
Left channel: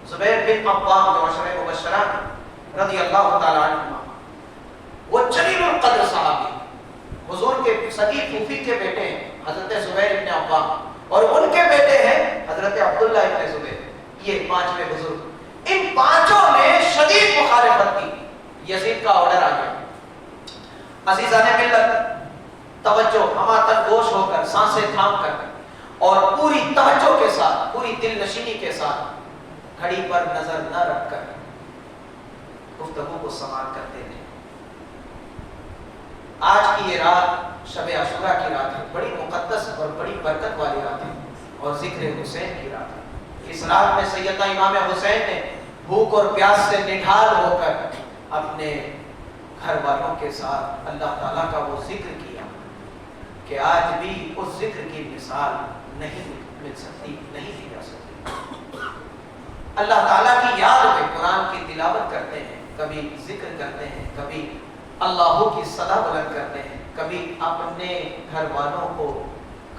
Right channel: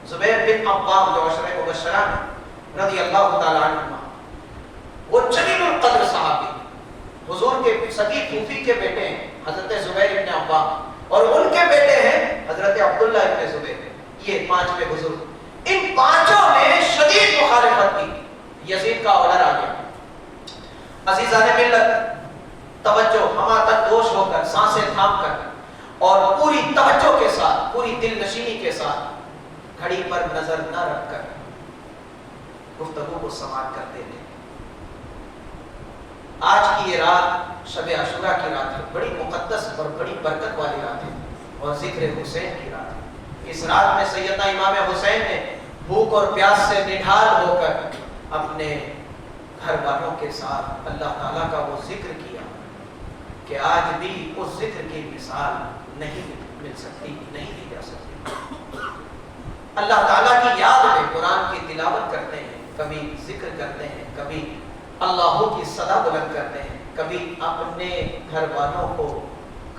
زبیر بن عوام جو عشرہ مبشرہ رضی اللہ تعالیٰ عنہ، وہ جلیل القدر صحابی، حضور کے سگی پھوپھی کے بیٹے ہیں حضرت زبیر ابن عوام، اور ان کے بیٹے ہیں حضرت عبداللہ ابن زبیر، یہ 5ویں بزرگ۔ ان 5 نے شدید مخالفت کی، یزید کا آرڈر آ گیا۔ عزیزان ملت، توجہ، ہما تک گوش ہو کر، سانسیں تھام کر اور پوری توجہ کے ساتھ، پوری دل نشینی کے ساتھ، گھڑی پر نظر نہ رکھ کر گفتگو کو سماعت کرتے ہیں۔ آج کی یہ رات شب عاشوراء کی رات ہے، بڑی مقدس اور بڑی برکت والی رات ہے، اور ذکر حسین کی رات ہے۔ اس رات میں سیدنا امام حسین نے بھوک اور پیاس سے نڈھال ہو کر اپنے گھر والوں کے ساتھ اللہ تعالیٰ کا وہ ذکر کیا کہ آج بھی اس ذکر کی مثال نہیں مل سکتی، نہیں دی جا سکتی۔ اللہ تعالیٰ کی یاد میں قرآن کی تلاوت کرتے ہیں، کبھی ذکر کرتے ہیں، کبھی اللہ کی صدا بلند کرتے ہیں، کبھی اپنے گھر والوں کو،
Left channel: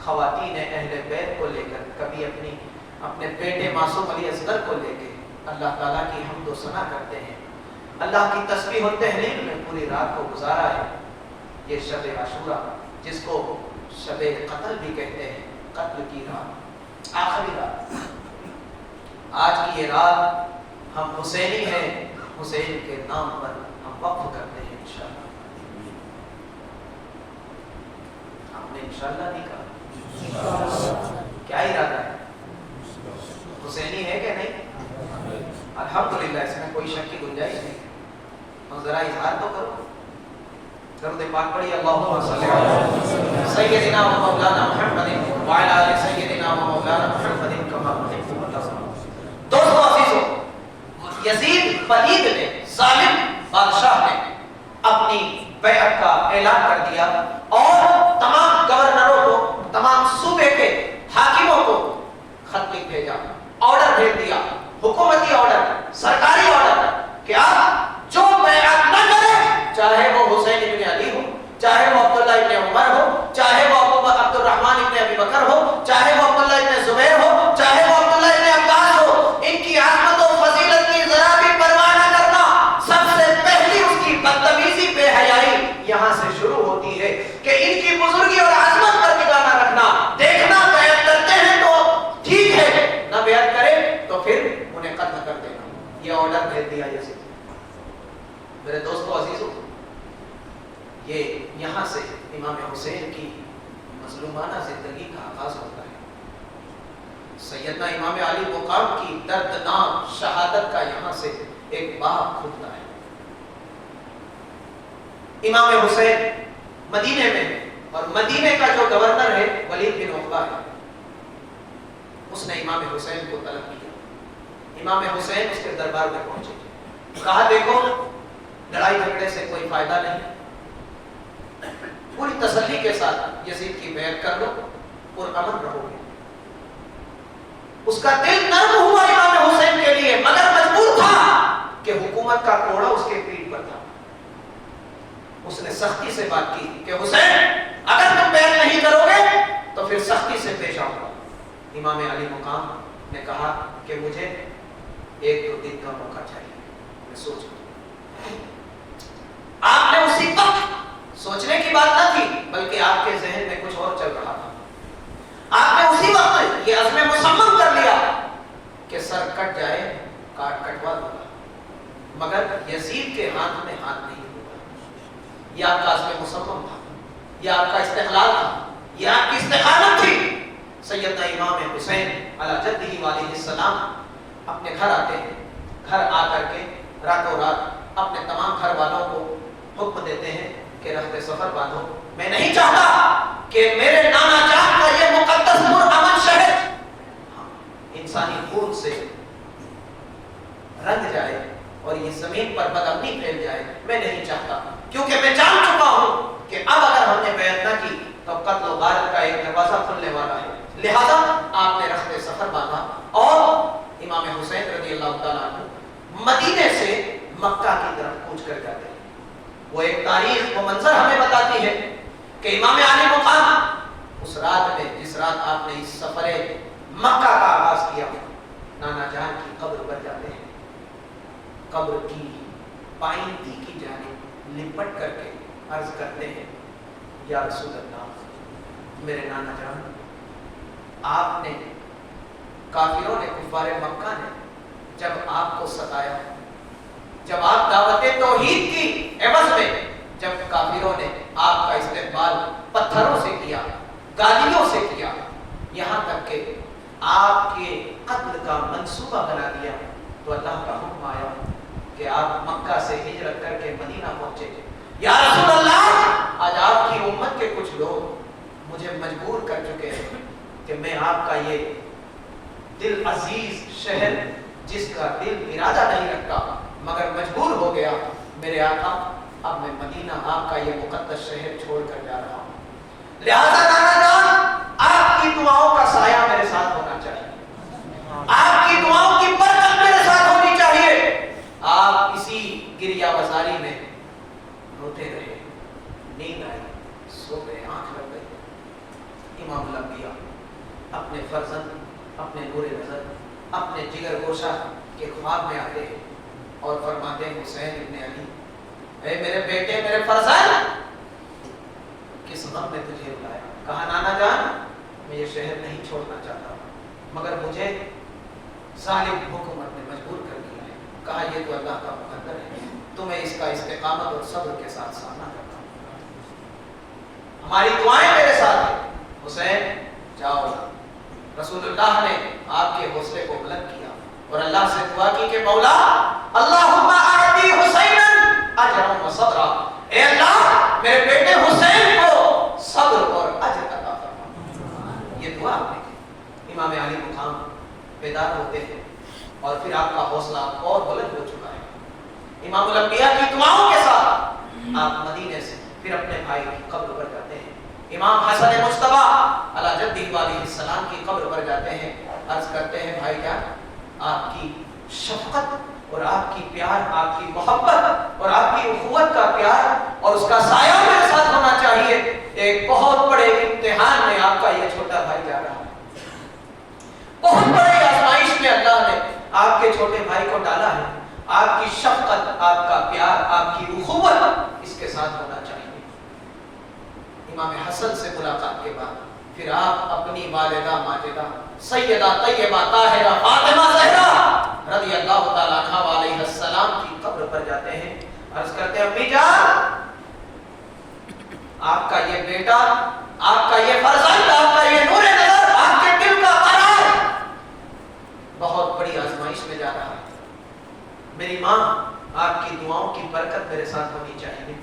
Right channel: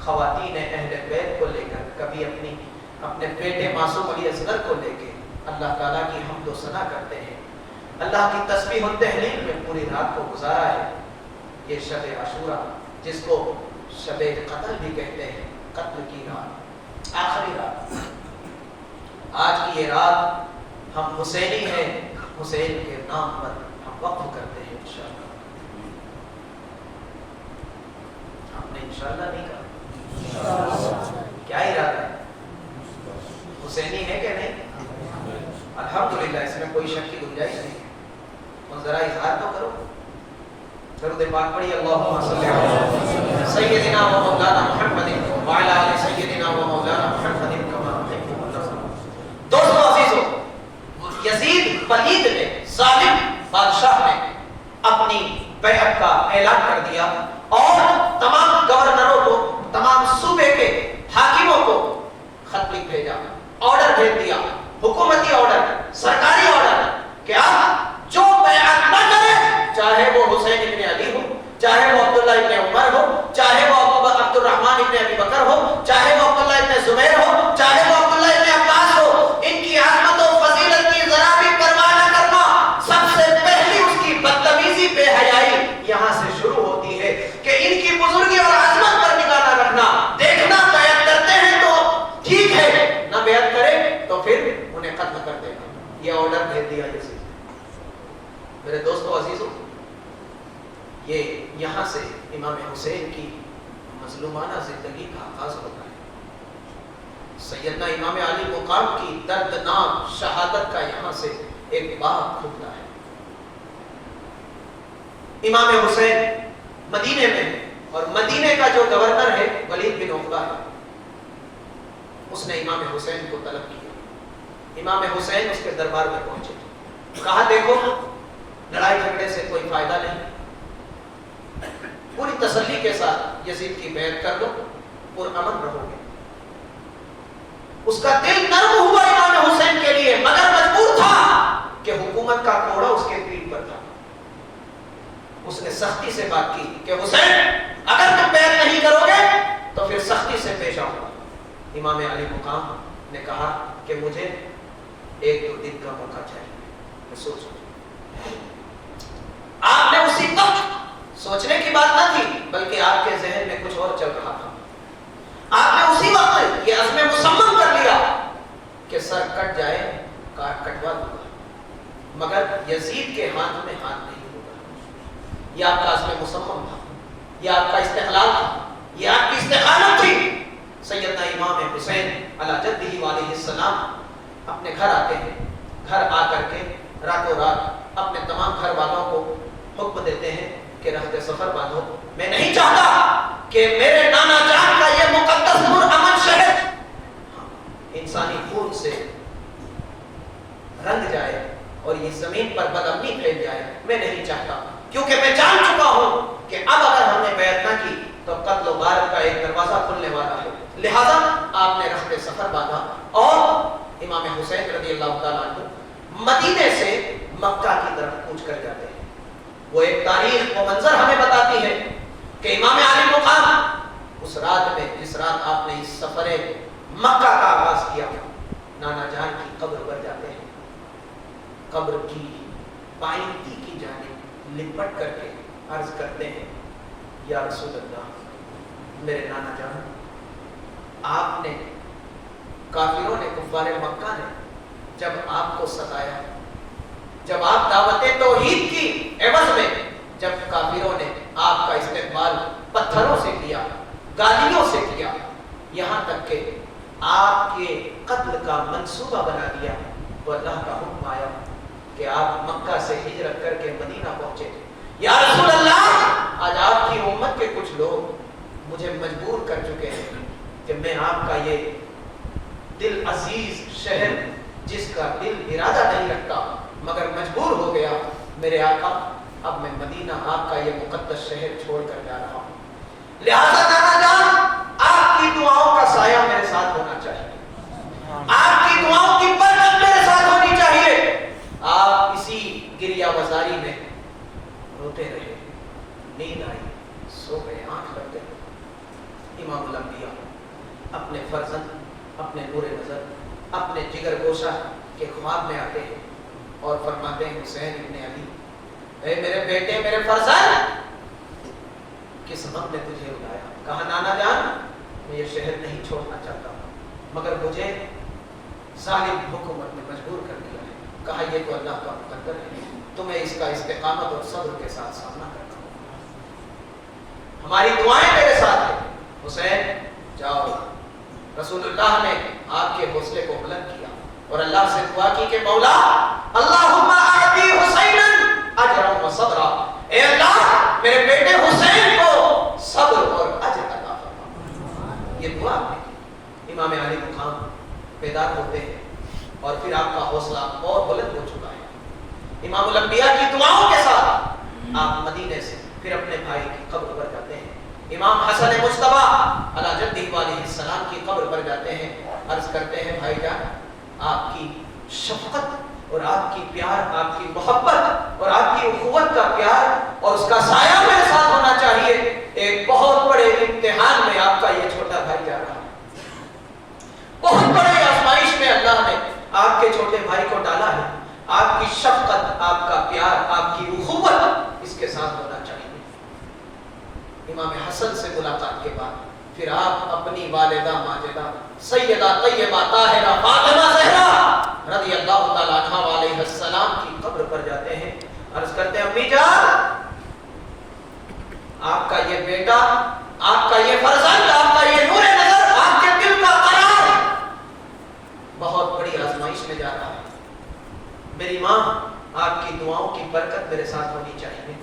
خواتین اہل بیت کو لے کر، کبھی اپنے بیٹے معصوم علی اصغر کو لے کے اللہ تعالیٰ کی حمد و ثنا کرتے ہیں، اللہ کی تسبیح و تحلیل میں پوری رات کو گزارا ہے۔ یہ شب عاشوراء جس کو شب قتل بھی کہتے ہیں، قتل کی رات، آخری رات، آج کی یہ رات ہم حسینی ہیں، حسین کے نام پر ہم وقف کرتے ہیں انشاءاللہ۔ آپ نے انشاءاللہ نہیں کہا، کیا ارادہ ہے؟ حسینی ہے کہ نہیں؟ الحمدللہ اس میں کوئی شک کی گنجائش نہیں. اور ذرا اظہار تو کرو. درود پاک پڑھیے اللہم صلی علی سیدنا و مولانا محمد وعلی آل سیدنا و مولانا محمد کما تحب و ترضى. دوستو عزیزو، یزید پلید نے، ظالم بادشاہ نے اپنی بیعت کا اعلان کر دیا اور تمام گورنروں کو، تمام صوبے کے حاکموں کو خط لکھ بھیجا، آرڈر بھیج دیا، حکومتی آرڈر، سرکاری آرڈر کہ آپ جو بیعت نہ کرے، چاہے وہ حسین ابن علی ہو، چاہے وہ عبداللہ ابن عمر ہو، چاہے وہ عبد الرحمن ابن ابی بکر ہو، چاہے وہ عبداللہ ابن زبیر ہو، چاہے وہ عبداللہ ابن عباس ہو، ان کی عظمت و فضیلت کی ذرا بھی پرواہ نہ کرنا. سب سے پہلی اس کی بدتمیزی، بے حیائی یہاں سے شروع ہوتی ہے کہ ان کی بزرگی اور عظمت پر نگاہ نہ رکھنا. دیکھنا بیعت کرتے ہیں تو ٹھیک ہے، نہ بیعت کرے تو پھر انہیں قتل کر دینا. یہ آرڈر بھیج دیا یزید. میرے دوستو عزیزو، یہ یہاں سے امام حسین کی مظلومانہ زندگی کا آغاز ہوتا ہے. سیدنا امام علی مقام کی دردناک شہادت کا یہاں سے ایک باب کھلتا ہے. امام حسین مدینے میں، اور مدینے کا جو گورنر ہے ولید بن عقبہ ہے، اس نے امام حسین کو طلب کیا. امام حسین اس کے دربار میں پہنچے، کہا دیکھو لڑائی جھگڑے سے کوئی فائدہ نہیں، پوری تسلی کے ساتھ یزید کی بیعت کر لو اور امن رہو گے. اس کا دل نرم ہوا امام حسین کے لیے، مگر مجبور تھا کہ حکومت کا کوڑا اس کے پیٹ پر تھا. اس نے سختی سے بات کی کہ حسین اگر تم بیعت نہیں کرو گے تو پھر سختی سے پیش آؤں گا. امام علی مقام نے کہا کہ مجھے ایک دو دن کا موقع چاہیے، میں سوچ. آپ نے اسی وقت سوچنے کی بات نہ تھی، بلکہ آپ کے ذہن میں کچھ اور چل رہا تھا. آپ نے اسی وقت یہ عزم مصمم کر لیا کہ سر کٹ جائے کٹوا دوں گا، مگر یزید کے ہاتھ میں ہاتھ نہیں ہوگا. یہ آپ کا عزم مصمم تھا، یہ آپ کا استقلال تھا، یہ آپ کی استقامت تھی. سیدنا امام حسین علی جدہ علیہ السلام اپنے گھر آتے ہیں. گھر آ کر کے راتوں رات اپنے تمام گھر والوں کو حکم دیتے ہیں کہ رہتے سفر باندھو. میں نہیں چاہتا کہ میرے نانا جان کا یہ مقدس پرامن شہر انسانی خون سے رنگ جائے اور یہ زمین پر بدامنی پھیل جائے. میں نہیں چاہتا، کیونکہ میں جان چکا ہوں کہ اب اگر ہم نے بیعت نہ کی تو قتل و غارت کا ایک دروازہ کھلنے والا ہے. لہذا آپ نے رہتے سفر باندھا اور امام حسین رضی اللہ تعالیٰ عنہ مدینے سے مکہ کی طرف کوچ کر جاتے ہیں. وہ ایک تاریخ و منظر ہمیں بتاتی ہے کہ امام علی مقام اس رات میں، جس رات آپ نے اس سفر مکہ کا آغاز کیا، نانا جان کی قبر پر جاتے ہیں. قبر کی پائنتی کی جانب لپٹ کر کے عرض کرتے ہیں، یا رسول اللہ، میرے نانا جان، آپ نے، کافروں نے، کفار مکہ نے جب آپ کو ستایا، جب آپ دعوت توحید کی عوض میں جب کافروں نے آپ کا استقبال پتھروں سے کیا، گالیوں سے کیا، یہاں تک کہ آپ کے قتل کا منصوبہ بنا دیا، تو اللہ کا حکم آیا کہ آپ مکہ سے ہجرت کر کے مدینہ پہنچے. یا رسول اللہ، آج آپ کی امت کے کچھ لوگ مجھے مجبور کر چکے ہیں کہ میں آپ کا یہ دل عزیز شہر، جس کا دل ارادہ نہیں رکھتا مگر مجبور ہو گیا، میرے آقا اب میں مدینہ آپ کا یہ مقدس شہر چھوڑ کر جا رہا ہوں. لہذا نانا جان، آپ کی دعاؤں کا سایہ میرے ساتھ ہونا چاہیے، آپ کی دعاؤں کی برکت میرے ساتھ ہونی چاہیے. آپ اسی گریہ وزاری میں روتے رہے، نیند آئی، سو گئے، آنکھ لگ گئی. امام الانبیاء اپنے فرزند، اپنے نور نظر، اپنے جگر گوشہ کے خواب میں آتے ہیں اور فرماتے ہیں، حسین ابن علی، اے میرے بیٹے، میرے فرزند، کس غم نے تجھے بلایا؟ کہا نانا جان، میں یہ شہر نہیں چھوڑنا چاہتا، مگر مجھے ظالم حکومت نے مجبور کر دیا ہے. کہا یہ تو اللہ کا مقدر ہے، تمہیں اس کا استقامت اور صبر کے ساتھ سامنا کرنا ہوگا. ہماری دعائیں میرے ساتھ ہیں. حسین جاؤ. رسول اللہ نے آپ کے حوصلے کو بلند کیا اور اللہ سے دعا کی کہ مولا اللہم اعطی حسینن اجرا و صبرا، اے اللہ میرے بیٹے حسین کو صبر اور اجر عطا فرما۔ یہ دعا آپ نے کی۔ امام علی مقام بیدار ہوتے ہیں اور پھر آپ کا حوصلہ اور بلند ہو چکا ہے۔ امام الانبیاء کی دعاؤں کے ساتھ آپ مدینے سے پھر اپنے بھائی کی قبر پر جاتے ہیں، امام حسن مجتبی علی جدہ علیہ السلام کی قبر پر جاتے ہیں، عرض کرتے ہیں بھائی جان آپ کی شفقت اور آپ کی پیار، آپ کی محبت اور آپ کی اخوت کا پیار اور اس کا سایہ میرے ساتھ ہونا چاہیے۔ ایک بہت بڑے امتحان میں آپ کا یہ چھوٹا بھائی جا رہا ہے، بہت بڑے آزمائش میں اللہ نے آپ کے چھوٹے بھائی کو ڈالا ہے۔ آپ کی شفقت، آپ کا پیار، آپ کی اخوت اس کے ساتھ ہونا چاہیے۔ امام حسن سے ملاقات کے بعد پھر آپ اپنی والدہ ماجدہ سیدہ طیبہ طاہرہ فاطمہ زہرا رضی اللہ تعالی عنہا علیہ السلام کی قبر پر جاتے ہیں، عرض کرتے ہیں امی جان آپ کا یہ بیٹا، آپ کا یہ فرزند، آپ کا یہ نور نظر، آپ کے دل کا قرار بہت بڑی آزمائش میں جا رہا ہے۔ میری ماں آپ کی دعاؤں کی برکت میرے ساتھ ہونی چاہیے،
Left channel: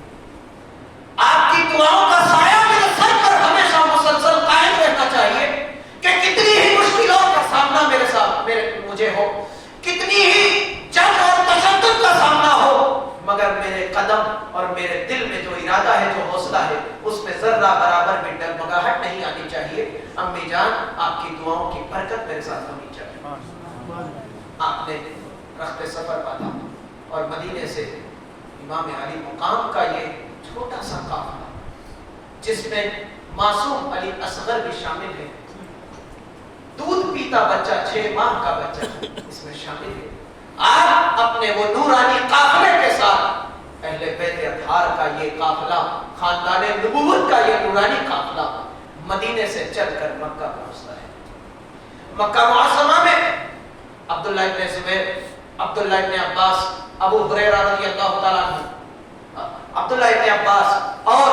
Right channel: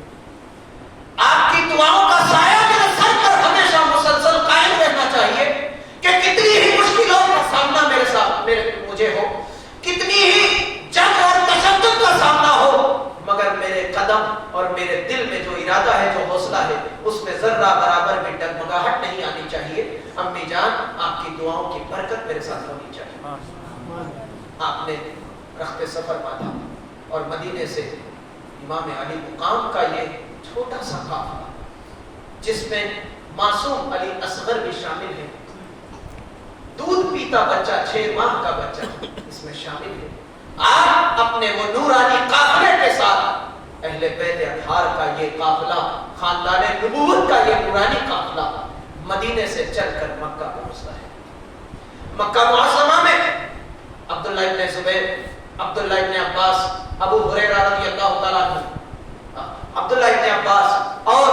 آپ کی دعاؤں کا سایہ میرے سر پر ہمیشہ مسلسل قائم رہنا چاہیے کہ کتنی ہی مشکلوں کا سامنا میرے ساتھ مجھے ہو، کتنی ہی جنگ اور تشدد کا سامنا ہو، مگر میرے قدم اور میرے دل میں جو ارادہ ہے، جو حوصلہ ہے، اس میں ذرہ برابر بھی ڈگمگاہٹ نہیں آنی چاہیے۔ امی جان آپ کی دعاؤں کی برکت میرے ساتھ ہونی چاہیے۔ آپ نے رخت سفر باندھا اور مدینے سے امام علی مقام کا یہ چھوٹا سا قافلہ جس میں معصوم علی اصغر بھی شامل ہے، دودھ پیتا بچہ 6 ماہ کا بچہ اس میں شامل ہے، آپ اپنے وہ نورانی قافلے کے ساتھ اہل بیت اطہار کا یہ قافلہ، خاندان نبوت کا یہ نورانی قافلہ مدینے سے چل کر مکہ پہنچتا ہے۔ مکہ معظمہ میں عبداللہ ابن زبیر، عبداللہ ابن عباس، ابو ہریرہ رضی اللہ تعالیٰ عنہ، عبداللہ ابن عباس اور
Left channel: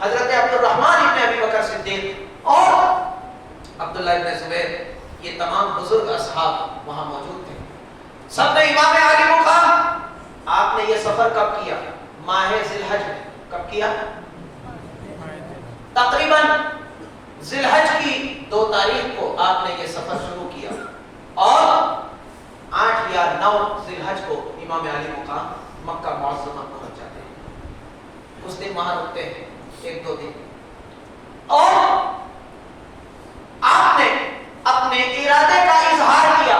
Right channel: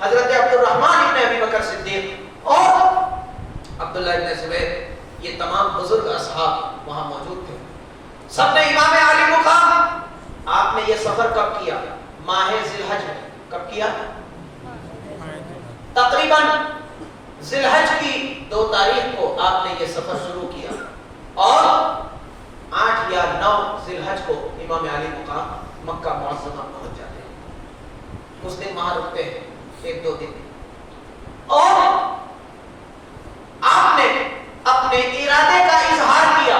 حضرت عبد الرحمن ابن ابی بکر صدیق اور عبداللہ ابن زبیر، یہ تمام بزرگ اصحاب وہاں موجود تھے۔ سب نے امام علی مقام، آپ نے یہ سفر کب کیا؟ ماہ ذی الحج میں۔ کب کیا؟ تقریباً ذی الحج کی 2 تاریخ کو آپ نے یہ سفر شروع کیا اور 8 یا 9 ذی الحج کو امام علی مقام مکہ معظمہ پہنچ جاتے ہیں۔ اس دن وہاں رکتے ہیں 1-2 دن، اور آپ نے اپنے ارادے کا اظہار کیا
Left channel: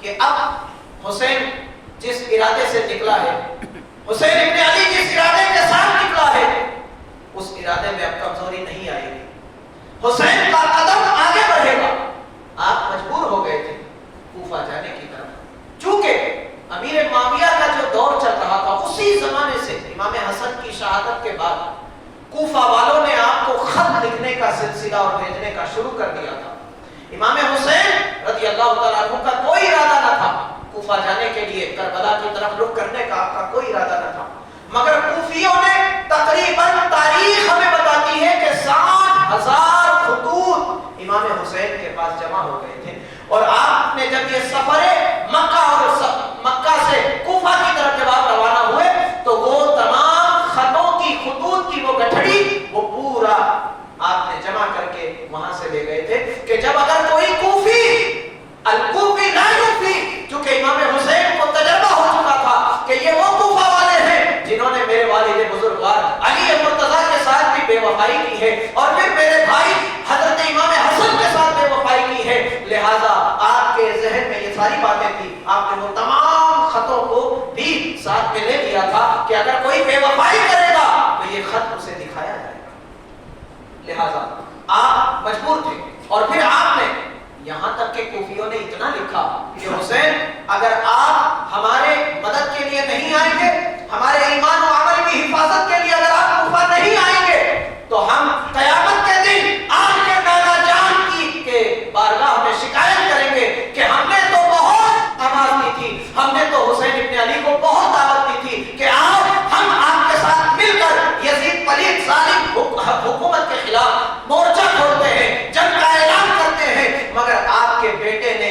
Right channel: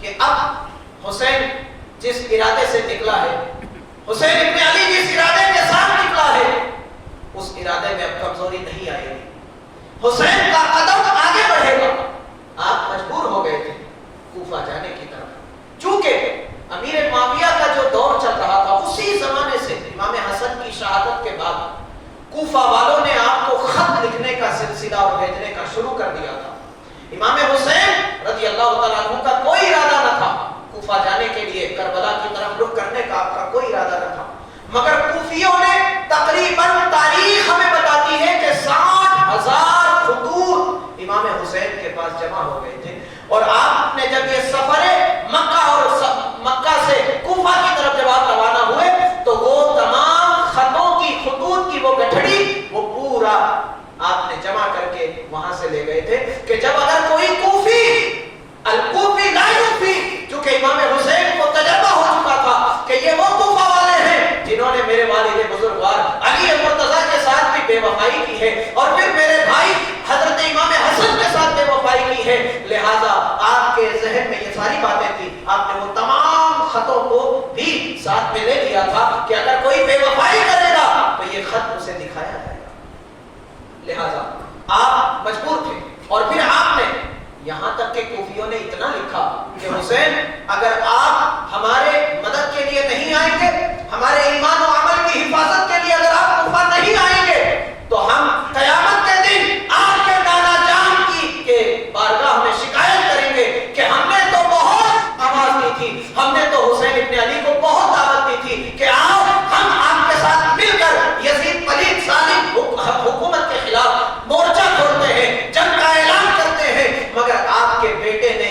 کہ اب حسین جس ارادے سے نکلا ہے، حسین ابن علی جس ارادے کے ساتھ نکلا ہے، اس ارادے میں اب کمزوری نہیں آئے گی، حسین کا قدم آگے بڑھے گا۔ آپ مجبور ہو گئے تھے کوفہ جانے کی طرف، چونکہ امیر معاویہ کا جو دور چل رہا تھا اسی زمانے سے امام حسن کی شہادت کے بعد کوفہ والوں نے آپ کو خط لکھنے کا سلسلہ اور بھیجنے کا شروع کر دیا تھا۔ امام حسین رضی اللہ تعالیٰ عنہ کا کوئی ارادہ نہ تھا کوفہ جانے کے لیے، کربلا کی طرف رخ کرنے کا آپ کا کوئی ارادہ نہ تھا، مگر کوفیوں نے تقریباً تاریخ ہمیں بتاتی ہے کہ 60,000 خطوط امام حسین کے پاس جمع ہو گئے تھے، اور آپ نے جب یہ سفر مکہ اور مکہ سے کوفہ کی طرف جب آپ روانہ ہوئے تو وہ تمام خطوں کی خطوط کی وہ گٹھڑی وہ پورا آپ نے جمع کر کے وہاں سے لے گئے تھے کہ جب اگر کوئی کوفی الکوفی لا یوفی، چونکہ امام حسین کو تجربہ ہو چکا تھا کہ یہ وہ کوفہ والے ہیں جنہوں نے میرے والد بزرگوار علی مرتضیٰ کے ساتھ بھی بے وفائی کی ہے اور پھر میرے بھائی حضرت امام حسن کے ساتھ بے وفائی کی ہے، لہذا آپ کے ذہن میں یہ ساری باتیں تھی، آپ نے وہ تمام خطوں کو بھی ساتھ میں لے لیا تھا کہ اگر کوئی بے وفائی کرے گا تو یہ خط اسے دکھایا جائے گا، لہذا آپ مجبور تھے۔ اور پھر آپ نے یہاں تک کہ کوفیوں نے اتنا لکھا کہ حسین اگر آپ ہمارے مدد کے لیے نہیں آئیں گے، ہمارے ایمان و عمل کی حفاظت کے لیے اگر آپ کوفہ نہیں آئیں گے تو ہم قیامت کے دن آپ کے نانا جان کی کے بارگاہ میں شکایت کریں گے کہ ہم نے تو بہت آواز دی تھی، ہم نے تو حسین ابن علی کو بہت دعوت دی تھی کہ آؤ ہم آپ کے ساتھ مل کر یزید پلید ظالم حکومت کے خلاف مورچہ کھولتے ہیں، جنگ کا اعلان کرتے ہیں، مگر آپ کے بیٹے نے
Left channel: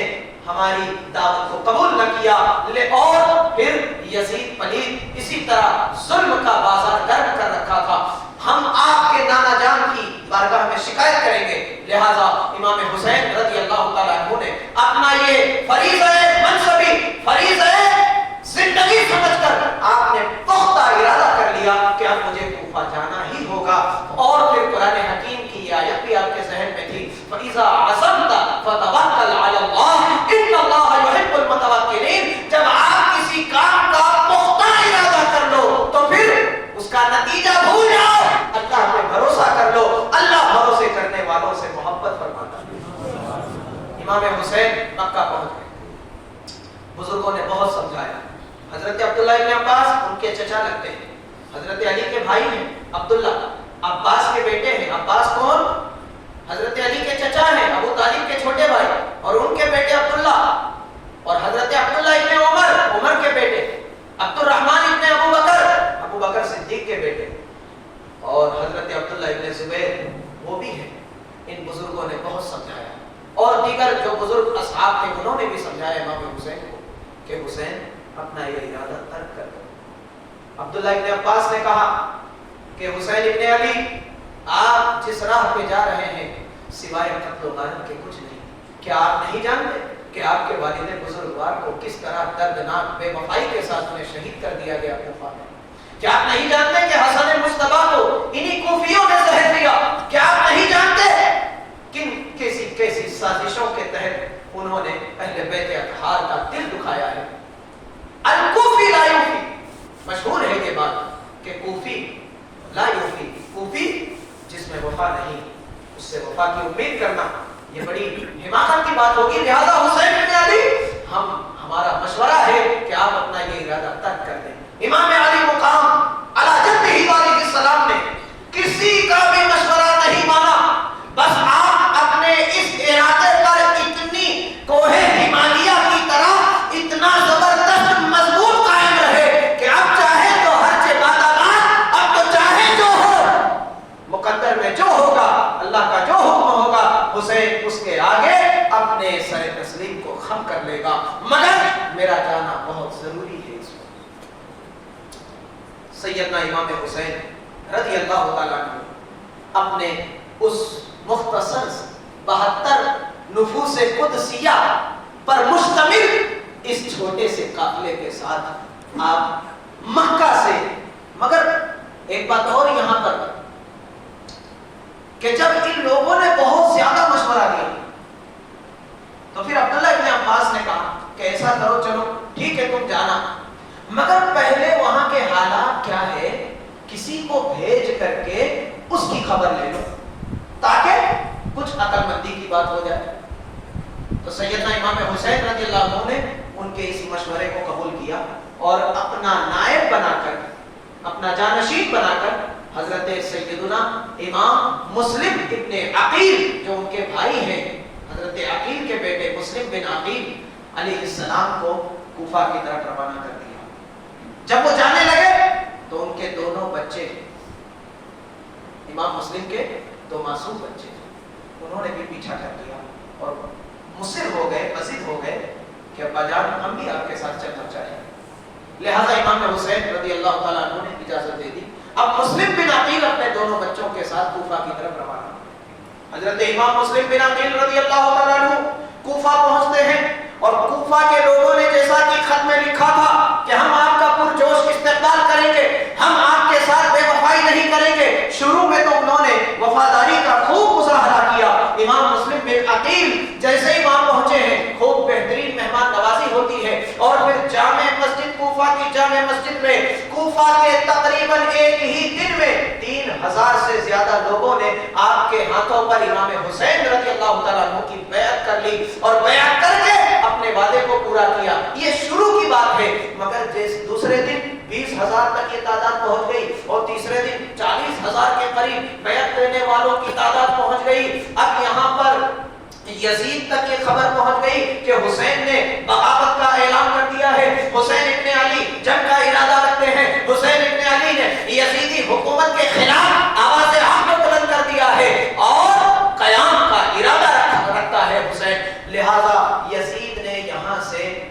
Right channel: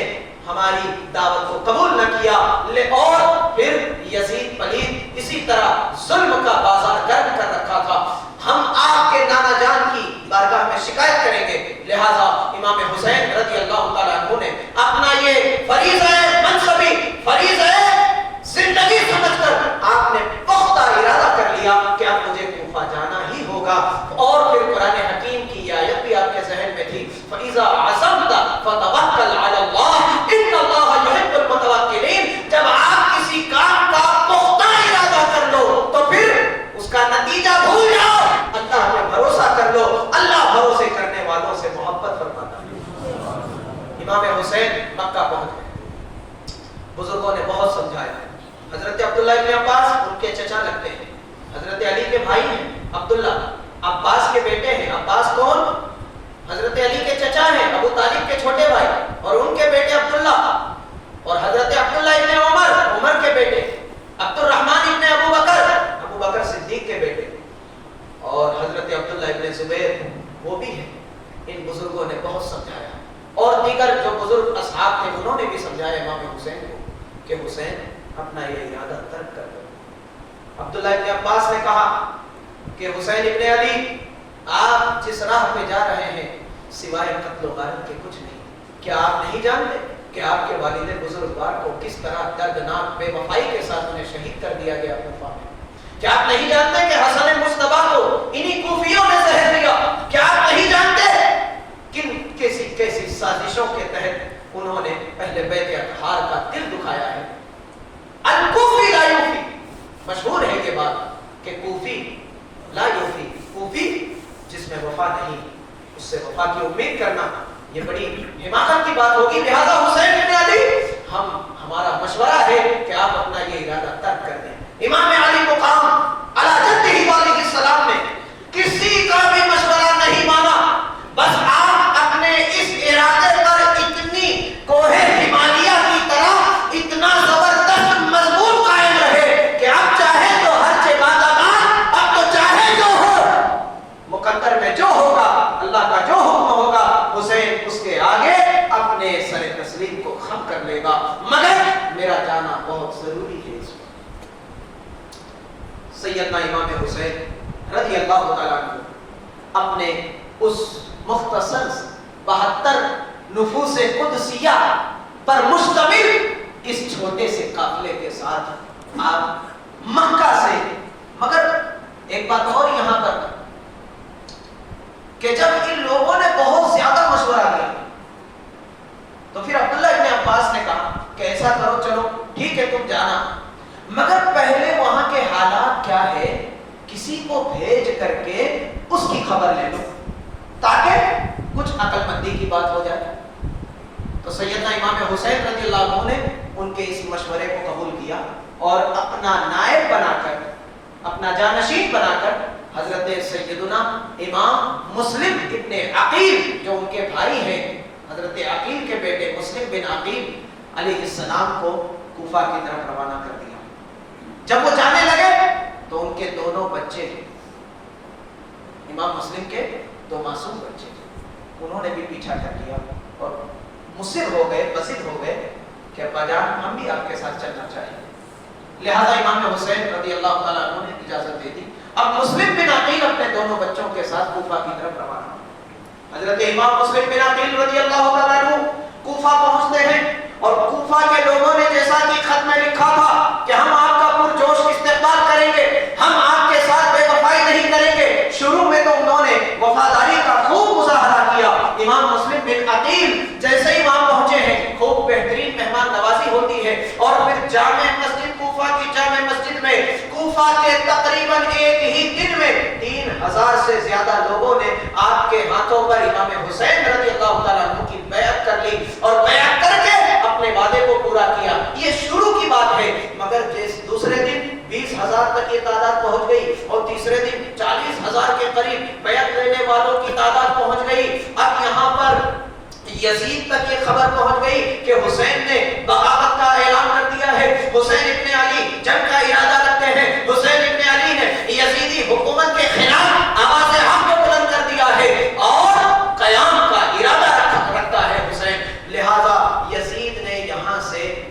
ہماری دعوت کو قبول نہ کیا اور پھر یزید پلید اسی طرح ظلم کا بازار گرم کر رکھا تھا. ہم آپ کے نانا جان کی بارگاہ میں شکایت کریں گے. لہذا امام حسین رضی اللہ تعالیٰ عنہ نے اپنا یہ فریضہ منصبی فریضہ زندگی سمجھ کر آپ نے پختہ ارادہ کر لیا کہ اب مجھے کوفہ جانا ہی ہوگا. اور پھر قرآن حکیم کی یہ آیت بھی آپ کے ذہن میں تھی, فَإِذَا عَزَمْتَ فَتَوَكَّلْ عَلَى اللَّهِ إِنَّ اللَّهَ يُحِبُّ الْمُتَوَكِّلِينَ. جب آپ کسی کام کا پختہ ارادہ کر لو تو پھر اس کا نتیجہ بھول جاؤ, اللہ پہ بھروسہ کر لو, اللہ بھروسے کرنے والوں سے محبت فرماتا ہے. امام حسین مکہ پہنچ گئے, بزرگوں نے بہت سمجھایا. حضرت عبداللہ ابن عباس ان کے چچا لگتے ہیں, حضرت علی کے بھائی ہیں عبداللہ, عباس کے بیٹے ہیں. عباس کون؟ حضرت علی کے چچا ہیں, ابو طالب کے چھوٹے بھائی, اور ان کے بیٹے عبداللہ, اور حضرت عبداللہ ابن عمر, عمر کے بیٹے, عبد الرحمن ابن ابو بکر, ابو بکر صدیق کے بیٹے, اور حضرت عبداللہ ابن زبیر وہ بھی ہیں. ان بزرگوں نے بہت سمجھایا, اور دیگر جو بزرگ اصحاب تھے انہوں نے بھی سمجھایا امام حسین کو کہ حسین اپنا یہ ارادہ ترک کر دو. عبداللہ ابن عباس نے کہا کہ حسین ابن علی آپ جس راہ پہ جا رہے ہیں سوائے قتل و غارت کے کچھ نہیں. کیا آپ نہیں جانتے کہ آپ کے والد بزرگوار کو کس طرح دردناک بے وفائی کے ساتھ انہیں شہید کر دیا گیا کوفہ میں؟ کیا آپ نہیں جانتے کہ حسن مصطفیٰ کو انہی کوفیوں نے زہر دیا؟ کیا آپ نہیں جانتے کن کیسی سازشوں کے تحت انہوں نے اہل بیت اطہار کا دل دکھایا ہے؟ الکوفی لا یوفی, مشہور ہے یہ بات کہ کوفی لا یوفی, کوفی جس میں وفا نہیں اس سے وفا کی امید کرنا یہ بڑی حماقت کی بات ہوگی. لہذا حسین بن علی ہمارا مشورہ ہے کہ آپ اپنا یہ ارادہ ترک کر دیں. امام علی مقام علی جدہ علیہ السلام نے کسی کا بھی مشورہ نہیں مانا, بس آپ اپنے اس ارادے پر اتنی کوہ ہمالیہ کی طرح اتنا زبردست مضبوط قائم رہے کہ اب چاہے تو ہر بعد آباد, اب تو چاہے جو ہو, مقدر میں جو ہوگا, اللہ کا جو حکم ہوگا, حسین اس کے آگے اپنے سر تسلیم کو خم کر لے گا, مگر میرا جانا بہت ضروری ہے. اس میں سیدنا امام حسین رضی اللہ تعالیٰ عنہ اپنے اس مختصر 72 نفوس قدسیہ پر مشتمل اس چھوٹے سے قافلے کے ساتھ آپ مکہ سے, مگر ایک بات اور یہاں پر کہ جب ان لوگوں نے بہت زیادہ مشورہ کیا تو پھر عبداللہ ابن عباس نے کہا کہ ایسا کرو, چلو ٹھیک ہے تم جانا, مگر پہلے وہاں کے حالات کیا ہے کسی کو بھیج کر کے اس کی خبر لے لو تاکہ کچھ عقل مندی کی بات ہو جائے. تو سیدنا امام حسین رضی اللہ عنہ نے ان کے اس مشورے کو قبول کیا اور اپنا نائب بنا کر, اپنا جانشین بنا کر حضرت سیدنا امام مسلم ابن عقیل جو ان کے بھائی ہیں, حضرت عقیل کے بیٹے مسلم بن عقیل علیہ السلام کو کوفہ کی طرف روانہ کر دیا. جب وہ جانے لگے تو ان کے دونوں بچے, امام مسلم کے 2 معصوم بچے, انہوں نے بھی پیچھا کر لیا اور مصر ہو گئے, بسیط ہو گئے کہ ابا جان ہم بھی آپ کے ساتھ چلنا چاہیں گے. لہذا امام حسین رضی اللہ تعالیٰ عنہ نے اجازت دے دی. اب مسلم بن عقیل اپنے دونوں بچوں کے ساتھ کوفہ کی طرف روانہ. حضرت امام مسلم بن عقیل رضی اللہ تعالیٰ عنہ کوفہ پہنچتے ہیں, اور کوفہ کے لوگوں نے جیسا کہ خط میں لکھا تھا کہ ہم آپ کا پرجوش استقبال کریں گے, ہم آپ کے ساتھ بے وفائی نہیں کریں گے. شروع میں تو انہوں نے وفاداری کا خوب مظاہرہ کیا. امام مسلم بن عقیل جیسے ہی وہاں پہنچے ہیں خوب بہترین مہمان نوازی ہوتی ہے, اور پھر جامع مسجد کوفہ کی جامع مسجد میں کوفہ کے تقریباً ایک ہی دن میں 3000 سے زیادہ لوگوں نے آپ کے ہاتھوں پر امام حسین رضی اللہ تعالیٰ عنہ کی بیعت کر لی, اور بیعت کر کے اپنے وعدے کو پورا کیا. یہ شروع کی بات ہے, مگر دوسرے دن 20,000 تک یہ تعداد پہنچ گئی, اور تیسرے دن 40,000 کے قریب بیعت لینے والوں کی تعداد پہنچ گئی. اب یہاں پر یزید تک یہ خبر پہنچ گئی کہ حسین نے بغاوت کا اعلان کر دیا ہے, حسین ابن علی جنگ کا ارادہ رکھتے ہیں, حسین ابن علی نے یزیدی حکومت کے خلاف آواز حق کو بلند کر دیا ہے اور قیام کا ارادہ رکھتا ہے حسین. لہذا یزید نے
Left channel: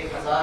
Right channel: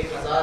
1000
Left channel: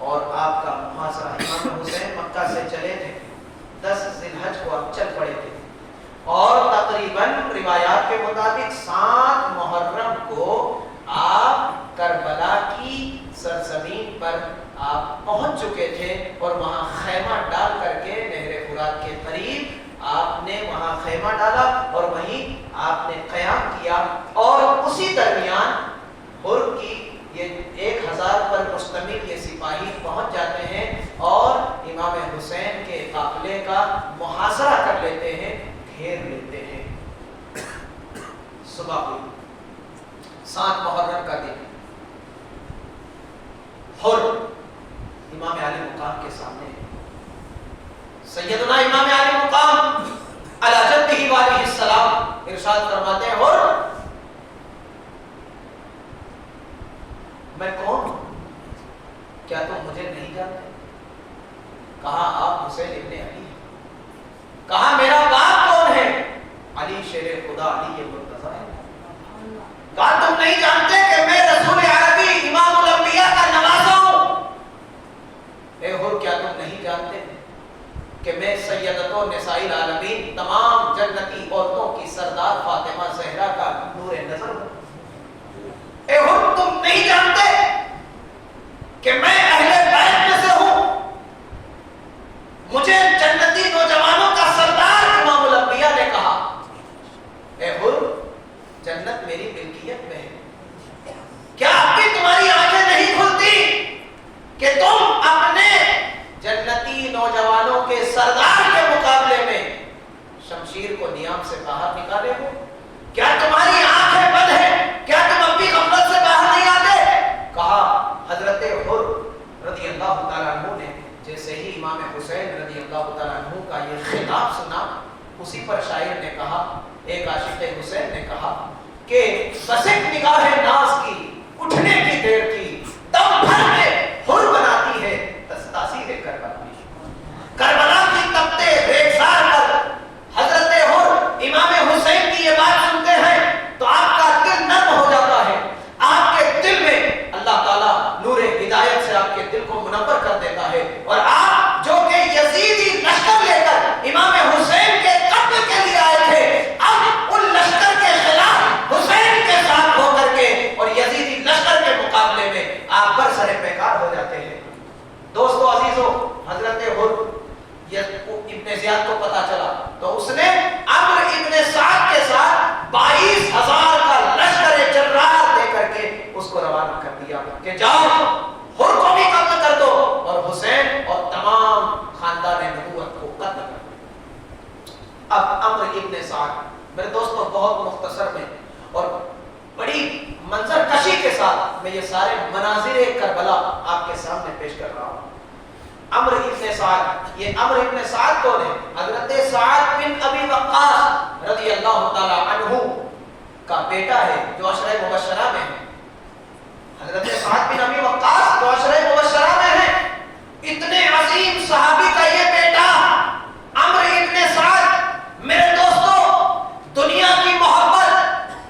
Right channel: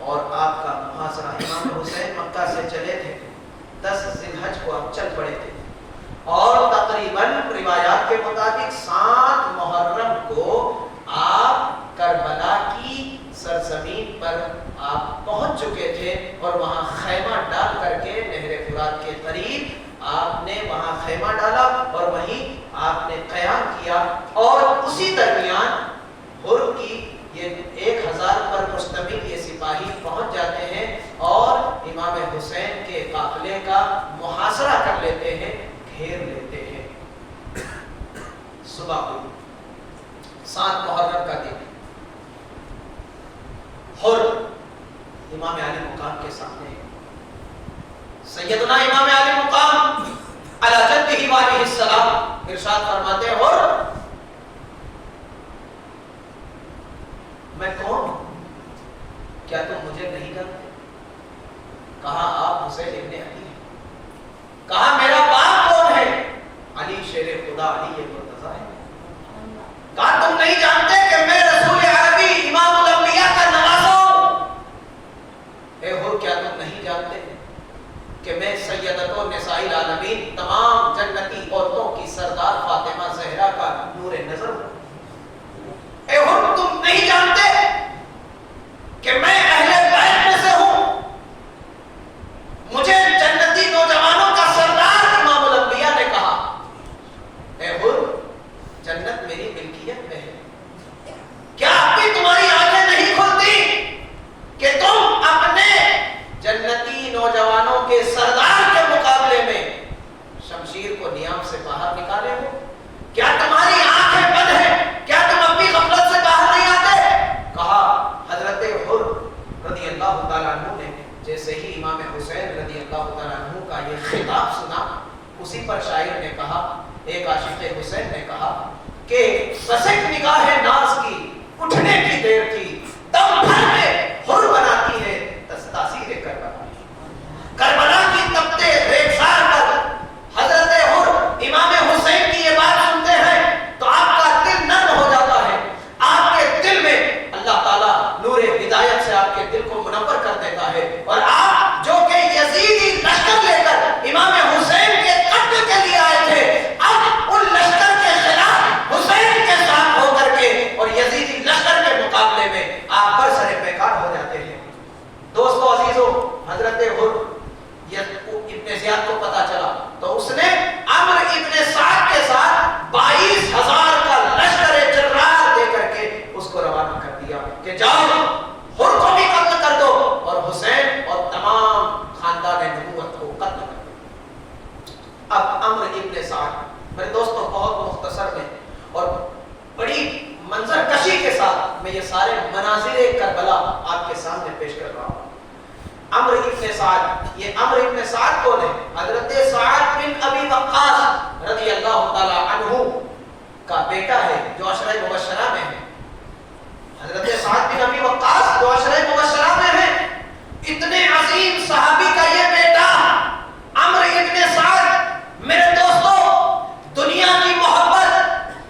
اور آپ کا محاصرہ. امام حسین مکہ سے چلے تھے 10 ذی الحج کو اب چل پڑے تھے اور تقریباً روایات کے مطابق 7 محرم کو آپ کربلا کی سرزمین پر آپ پہنچ چکے تھے اور وہاں خیمہ ڈال کر کے نہر فرات کے قریب آپ نے وہاں خیمہ ڈالا اور وہیں آپ نے قیام کیا. اور اسی درمیان ہر کی یہ 1000 پر مشتمل یہ سپاہی پہنچ جاتے ہیں اور امام حسین کے قافلے کا محاصرہ کر لیتے ہیں, گھیر لیتے ہیں. صبح ہوئی 7 محرم کا دن, ہر امام علی مقام کے سامنے ہے. سیدنا امام علی مقام علی جدہ علیہ السلام ارشاد فرماتے ہیں, ہر میں کون ہوں, کیا تم مجھے نہیں جانتے؟ کہا آپ حسین ابن علی ہیں. کہا میرا باپ کون ہے؟ علی شیر خدا علی مرتضیٰ ہے. کہا تم نہیں جانتے کہ میں رسول عربی امام الانبیاء کا نواسا ہوں؟ اے ہر کیا تم نہیں جانتے کہ میں سیدتو نساء العالمین تمام جنتی عورتوں کی سردار فاطمہ زہرا کا نور نظر ہوں؟ اے ہر تم نہیں جانتے کہ میں اہل بیت میں سے ہوں؟ مجھے جنتی نوجوانوں کا سردار امام الانبیاء نے کہا. اے ہر جنت میری ملکیت میں ہے, کیا ابھی تمہاری آنکھیں نہیں کھلتی کہ تم اپنے جنتی نوجوانوں کے سردار کے مقابلے میں شمشیر کو نیام سے باہر نکالے ہو؟ کیا تمہاری آنکھیں بند ہیں؟ کیا تم اب بھی غفلت سے باہر نہیں آتے؟ کہا حضرت حر رضی اللہ تعالیٰ عنہ نے جیسے ہی امام حسین رضی اللہ تعالیٰ عنہ کا یہ خطاب سنا, اسی پر شاعر نے کہا, ایک عاشق حسین نے کہا کہ بس ایک نگاہ ناز کی اٹھنے کی دیر تھی, دم بھر میں حر بناتی ہے تاثیر کربلا. کربلا کی تپتے ریگزار پر حضرت حر امام حسین کی یہ بات سنتے ہیں تو آپ کا دل نرم ہو جاتا ہے. آپ کے دل میں اللہ تعالیٰ نور ہدایت سے آپ کے دل کو منور کر دیتا ہے اور آپ جو کہ یزیدی لشکر لے کر امام حسین کے قتل کے لیے آئے تھے, اب ان لشکر کے خلاف حسین کے ساتھ ہو کر کے اور یزیدی لشکر کے مقابلے میں آپ پر سر پیکار ہو جاتے ہیں. دوستو عزیزو, حضرت حر ابن زیاد کو پتا چلا تو اس نے عمرو ابن سعد کے ساتھ 22,000 کا لشکر جرار دے کر کے اس کو روانہ کر دیا کہ جاؤ حر کو بھی قتل کر دو اور حسین اور تمام خاندان نبوت کو قتل کر دو. اب عمرو ابن سعد میرے دوستو بہت مختصر میں اور بڑی منظر کشی کے ساتھ میں یہ سارے مناظر کربلا آپ کے سامنے پیش کر رہا ہوں. عمرو ابن سعد, یہ عمرو ابن سعد کون ہے؟ حضرت سعد بن ابی وقاص رضی اللہ تعالی عنہ کا بیٹا ہے جو عشرہ مبشرہ میں ہے. حضرت سعد بن ابی وقاص جو عشرہ مبشرہ میں ہے, اتنے عظیم صحابی کا یہ بیٹا عمرو ابن سعد. میرے دوستو دنیا کی محبت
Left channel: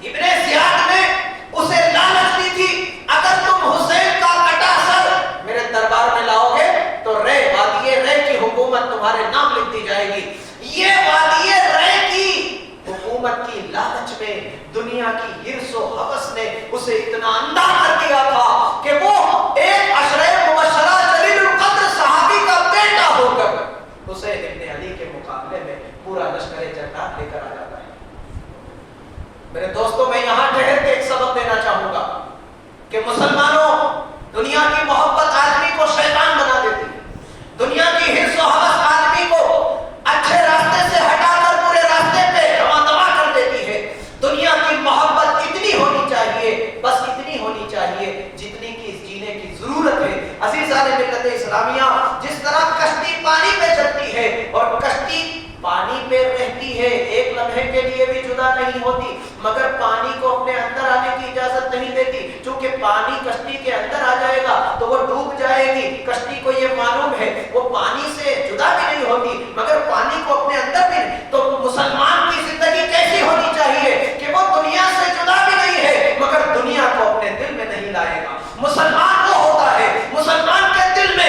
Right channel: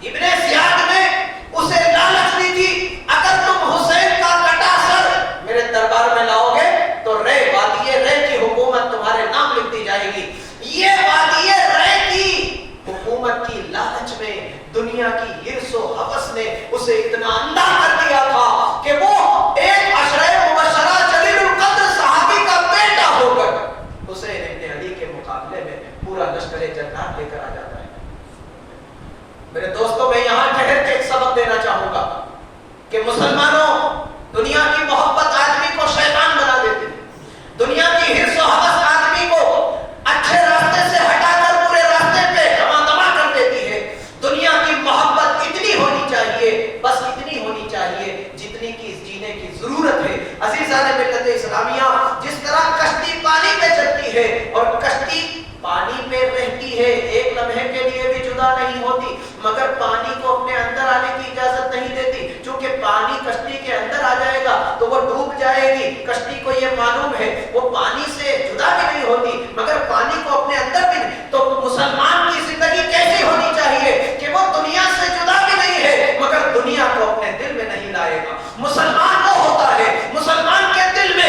ابن زیاد نے اسے لالچ دی تھی, اگر تم حسین کا کٹا سر میرے دربار میں لاؤ گے تو رے وادی رے کی حکومت تمہارے نام لکھ دی جائے گی. یہ وادی رے کی حکومت کی لالچ میں دنیا کی ہرس و حوث نے اسے اتنا اندھا کر دیا تھا کہ وہ ایک عشرہ مبشرہ جلیل القدر صحابی کا بیٹا ہو کر حسین ابن علی کے مقابلے میں پورا لشکر جنات لے کر آ جاتا ہے. میرے دوستوں میں یہاں ٹھہر کے ایک سبق دینا چاہوں گا کہ مسلمانوں, دنیا کی محبت آدمی کو شیطان بنا دیتی ہے. دنیا کی ہرس و حوث آدمی کو اچھے راستے سے ہٹا کر برے راستے پہ رواں دوا کر دیتی ہے. دنیا کی محبت اتنی ہونی چاہیے, بس اتنی ہونی چاہیے جتنی کی جینے کی ضرورت ہے. عزیزان ملت اسلامیہ, جس طرح کشتی پانی پہ چلتی ہے اور کشتی پانی پہ رہتی ہے, ایک لمحے کے لیے بھی جدا نہیں ہوتی, مگر پانی کو اپنے اندر آنے کی اجازت نہیں دیتی. چونکہ پانی کشتی کے اندر آ جائے گا تو وہ ڈوب جائے گی. کشتی کو یہ معلوم ہے وہ پانی سے جدا بھی نہیں ہوتی, مگر پانی کو اپنے اندر بھی نہیں. تو مسلمان کی زندگی کیسی ہونی چاہیے کہ وہ دنیا سے جدا بھی نہیں ہے مگر دنیا کو اپنے دل میں نہیں لائے گا. مسلمان وہ ہوتا ہے, مسلمان کے دل میں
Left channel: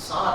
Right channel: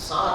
7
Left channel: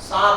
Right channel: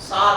7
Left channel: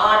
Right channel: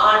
8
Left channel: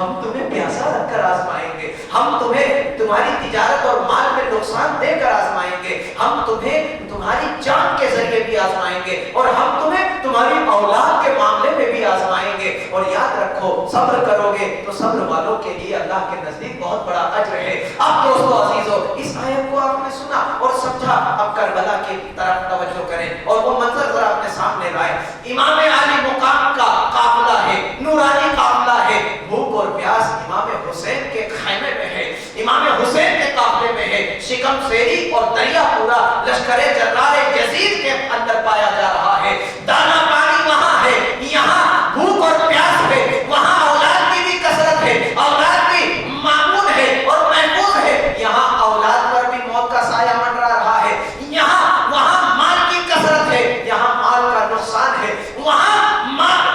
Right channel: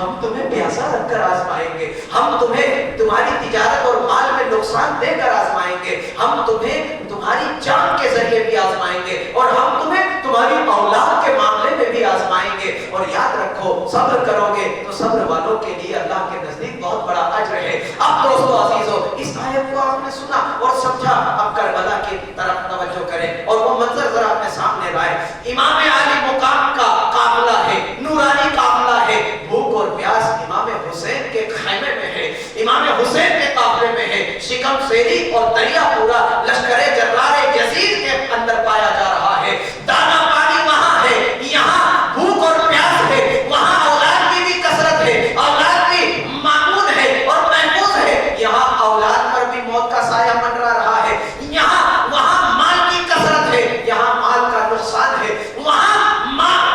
ہم تمہیں پیاسا رکھ کر آزمائیں گے, ہم تمہیں تمہاری تجارت اور مال میں نقصان دے کر آزمائیں گے, ہم تمہیں تمہاری جان کے ذریعے بھی آزمائیں گے, اور ہم تمہیں تمہاری اولاد کے معاملے میں بھی آزمائیں گے. اور یاد رکھو صبر کرو گے تو صبر والوں کے لیے اللہ کے نزدیک بہت بڑا اجر ہے. اب دوستو عزیزو, اس آیت کو آپ نے سنا اور سمجھا, اب کربلا کی طرف توجہ کریں اور وہ منظر ذرا اپنے سامنے لائیں. امام علی مقام کا قافلہ ہے, نورانی قافلہ ہے, بھوک اور پیاس امام حسین کے خیمے میں ہے, امام حسین کے قافلے میں ہے. شکم سیری اور دریا پورا لشکر جرار یزید کے اندر پایا جا رہا ہے. دانا پانی وہاں ہے, یہاں بھوک اور پیاس ہے, وہاں اولاد کی بھی کثرت ہے, اولاد بھی معمول ہے اور محفوظ ہے, یہاں اولاد پر بھی موت کا سایہ منڈرا رہا ہے, یہاں وہاں مال کی کثرت ہے, یہاں مال کا نقصان ہے, وہاں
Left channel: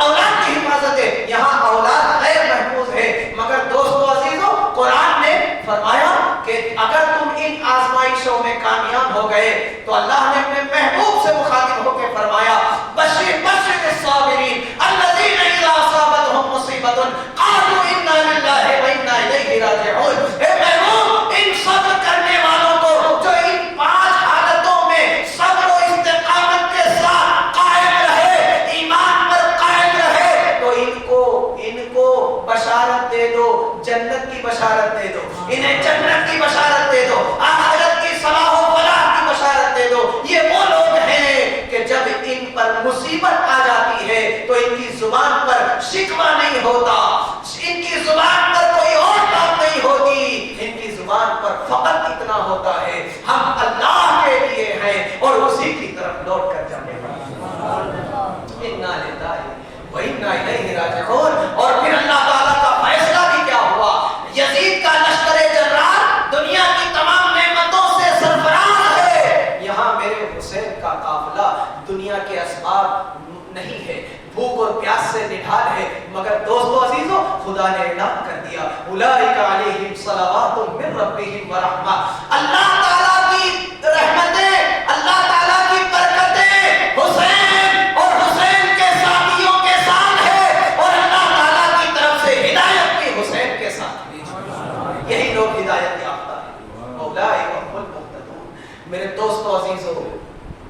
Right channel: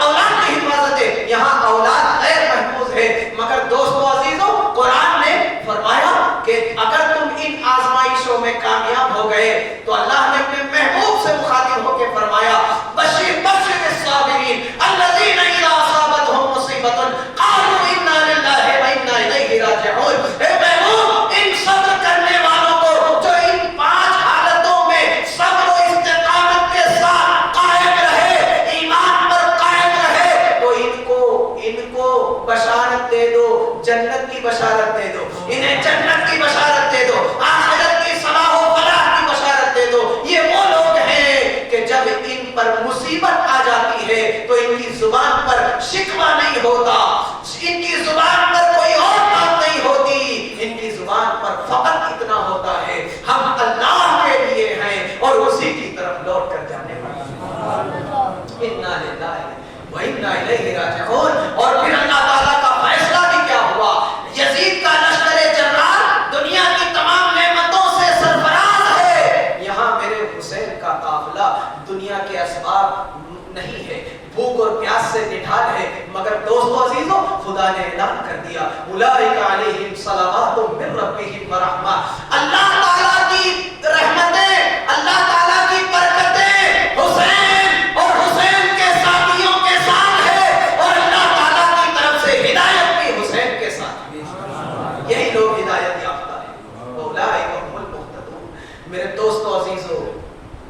اولاد کی حفاظت ہے, یہاں اولاد غیر محفوظ ہے. مگر دوستو عزیزو, قرآن نے فرمایا کہ اگر تم ان آزمائشوں میں کامیاب ہو گئے تو اللہ نے اپنے محبوب سے مخاطب ہو کے فرمایا, بشیر بشر الصابرین الذین اذا اصابتهم مصیبۃ قالوا انا للہ و انا الیہ راجعون. اے محبوب, ان صبر کرنے والوں کو جو ان 5 حالتوں میں صبر و استقامت کے ساتھ قائم رہے, ایمان پر قائم رہے, تو ان کو بشارت دے دو, جنت کی بشارت دے دو, انہیں جنت کی بشارت دے دو, آخرت کی صلاح و فلاح کی بشارت دے دو. یہ وہ لوگ ہیں کہ جب ان پر مصیبت آ جاتی ہے تو ان کی زبان پر شکوہ نہیں ہوتا, ان کی زبان پر کوئی اور بات نہیں ہوتی, ان کی زبان پر فقط اتنا ہوتا ہے, ہم اللہ کے لیے ہیں اور اسی کی طرف لوٹ کر جانے والے ہیں. انا للہ و انا الیہ راجعون. اور پھر اللہ تعالیٰ کا فیصلہ بھی کیا ہوا, یزید کا لشکر جرار دنیا کی تمام نعمتوں سے سرفراز ہے, یہاں میرے حسین کا قافلہ دنیا کے اسباب نہیں ہے, بھوک اور پیاس سے نڈھال ہے. مگر دوستو عزیزو, خدا نے اعلان کر دیا, اولئک علیہم صلوات من ربہم ورحمہ, اللہ تعالیٰ کی رحمتیں, اللہ تعالیٰ کی برکتیں حسین اور حسین کے ساتھیوں کے ساتھ ہے, اور اللہ تعالیٰ کی طرف سے ہدایت بھی حسین کے ساتھ ہے. یہی لوگ ہدایت یافتہ ہیں, اولئک هم المہتدون. میرے دوستو عزیزو,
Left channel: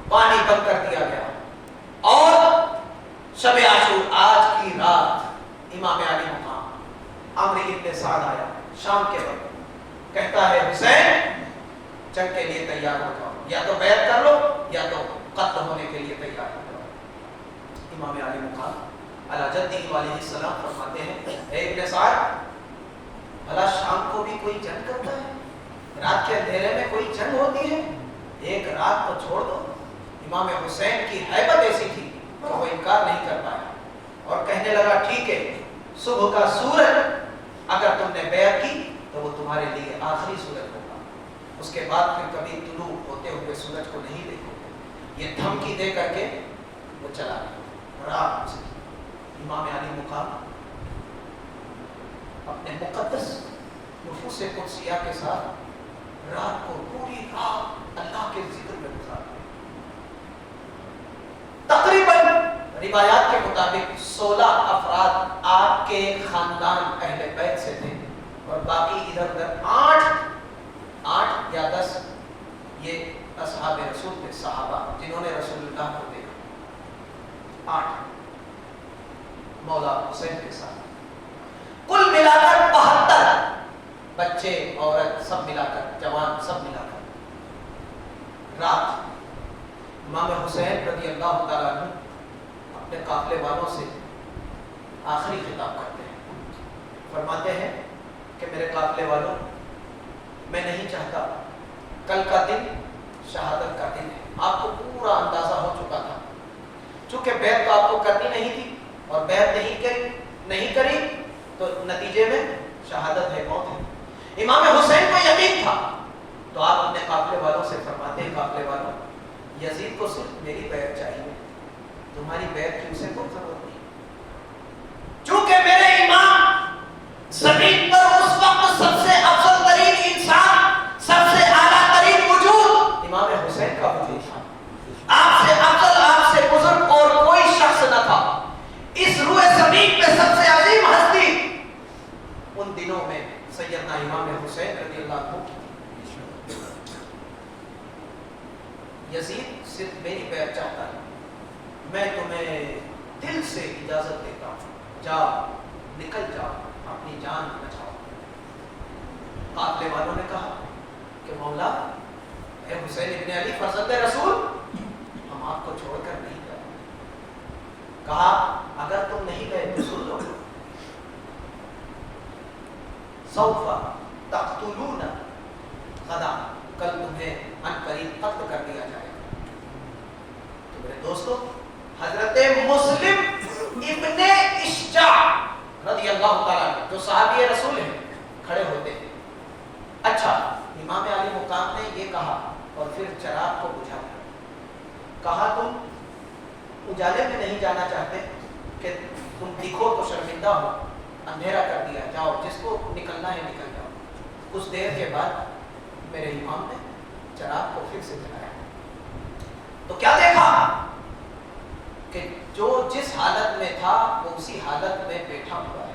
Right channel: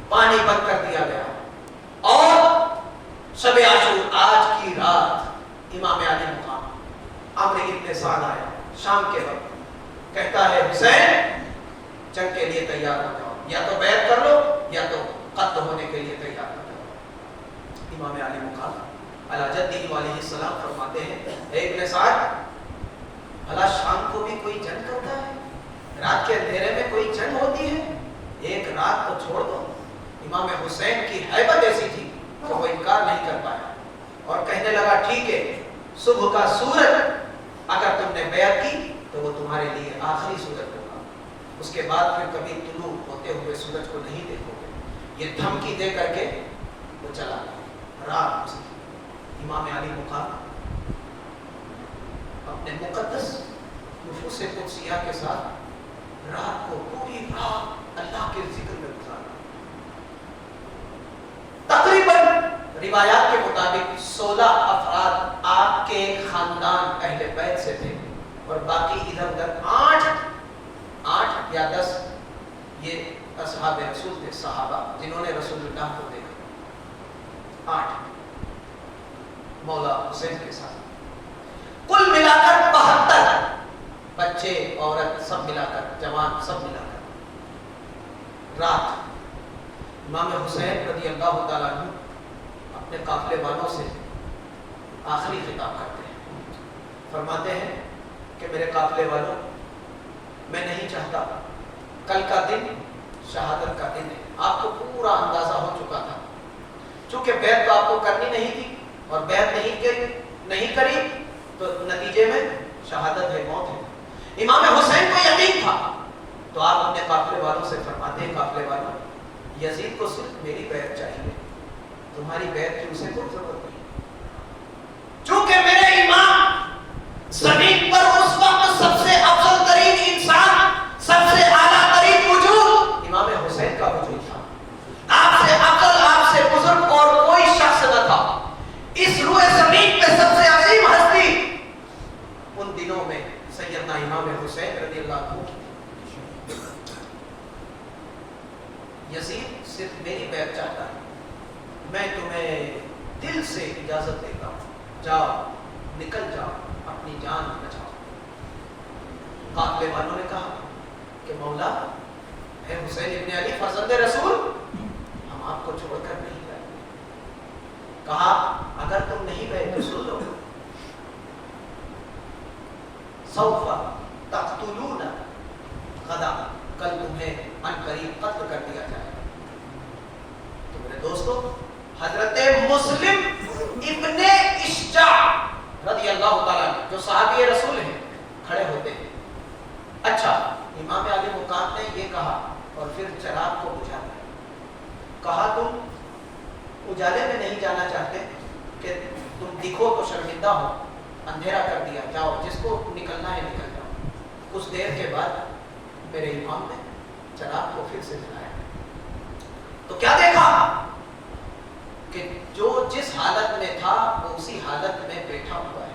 پانی بند کر دیا گیا اور شب عاشور آج کی رات امام علی مقام عمرو ابن سعد آیا شام کے وقت, کہتا ہے حسین جنگ کے لیے تیار ہو جاؤ, یا تو بیعت کر لو یا تو قتل ہونے کے لیے تیار ہو جاؤ. امام علی مقام علی جدہ علیہ السلام فرماتے ہیں, اے ابن سعد, بھلا شام کو بھی کوئی جنگ کرتا ہے, رات کے اندھیرے میں کوئی جنگ ہوتی ہے, ایک رات تو چھوڑ دو. امام حسین کی ہیبت ایسی تھی کہ وہ انکار نہیں کر پایا اور کہنے لگا, ٹھیک ہے, صبح کا سورج اگر تم نے بیعت کی تو وہ تمہارے لیے آخری سورج ہوگا, اس کے بعد پھر کبھی طلوع ہوتے ہوئے سورج کو نہیں دیکھو گے. یہ دھمکی دے کر کے وہ چلا گیا. رات امام علی مقام اپنے مقدس نفوس قدسیہ کے ساتھ رات کو پوری رات اللہ کے ذکر میں گزارا. تقریباً روایات کے مطابق 16 افراد آپ کے خاندان اہل بیت سے تھے اور باقی ادھر ادھر 8 یا 10 یہ اصحاب رسول تھے, صحابہ جنہوں نے رسول اللہ کو دیکھا. 8 مولا حسین کے ساتھ, کل ملا کر 72 بچے عورت سب ملا کر, جوان سب ملا کر رات امام حسین رضی اللہ تعالیٰ عنہ اپنے قافلے والوں سے آخری خطاب کرتے ہیں. فرماتے ہیں کہ میرے قافلے والوں, میں نہیں چاہتا, کل کا دن شہادت کا دن ہے, آپ کو پورا اندازہ ہو چکا تھا, چونکہ بیعت تو آپ کو کرنی نہیں تھی اور بیعت نہیں کری تو نتیجے میں شہادت ہے, موت ہے. امام حسین کو یقین تھا تو آپ اپنے قافلے والوں سے فرماتے ہیں, قافلے والوں, یزید کو صرف میری بیعت چاہیے, تمہاری بیعت کی اسے کوئی ضرورت نہیں, چونکہ میرے امام زمین پر اس وقت سب سے افضل ترین انسان, سب سے اعلیٰ ترین وجود امام حسین کا وجود تھا. آپ سے افضل, آپ سے بزرگ اور کوئی شخص نہ تھا. اس روئے زمین پہ سب سے عظیم ہستی یزید صرف میری بیعت چاہتا ہے، میں تمہیں دل سے اجازت دیتا ہوں، جاؤ نکل جاؤ، اپنی جان بچاؤ۔ قافلے والوں نے کہا کہ مولا اے حسین ابن علی فرزند رسول، ہم آپ کو چھوڑ کر نہیں گئے۔ کہا اگر تم نہیں گئے تو سن لو، سوف تقتلون غدا، کل تمہیں ان قریب قتل کر دیا جائے گا۔ تو میرے دوستو، حضرت مسلم ابن اشجع رضی اللہ تعالیٰ عنہ جو صحابی رسول ہیں کھڑے ہوتے ہیں۔ اچھا، امام علی مقام نے یہ کہا اور پھر چراغ کو بجھا دیا۔ کہا تم اجالے میں نہیں جانا چاہتے کہ تم دکھو تو شرمندہ ہو، اندھیرا کر دیا، جاؤ جس کو نکلنا ہے نکل جاؤ۔ کچھ دیر کے بعد میرے امام نے چراغ کو پھر سے جلایا تو کیا دیکھا کہ جو جس حالت میں تھا وہ اسی حالت میں بیٹھا ہوا ہے،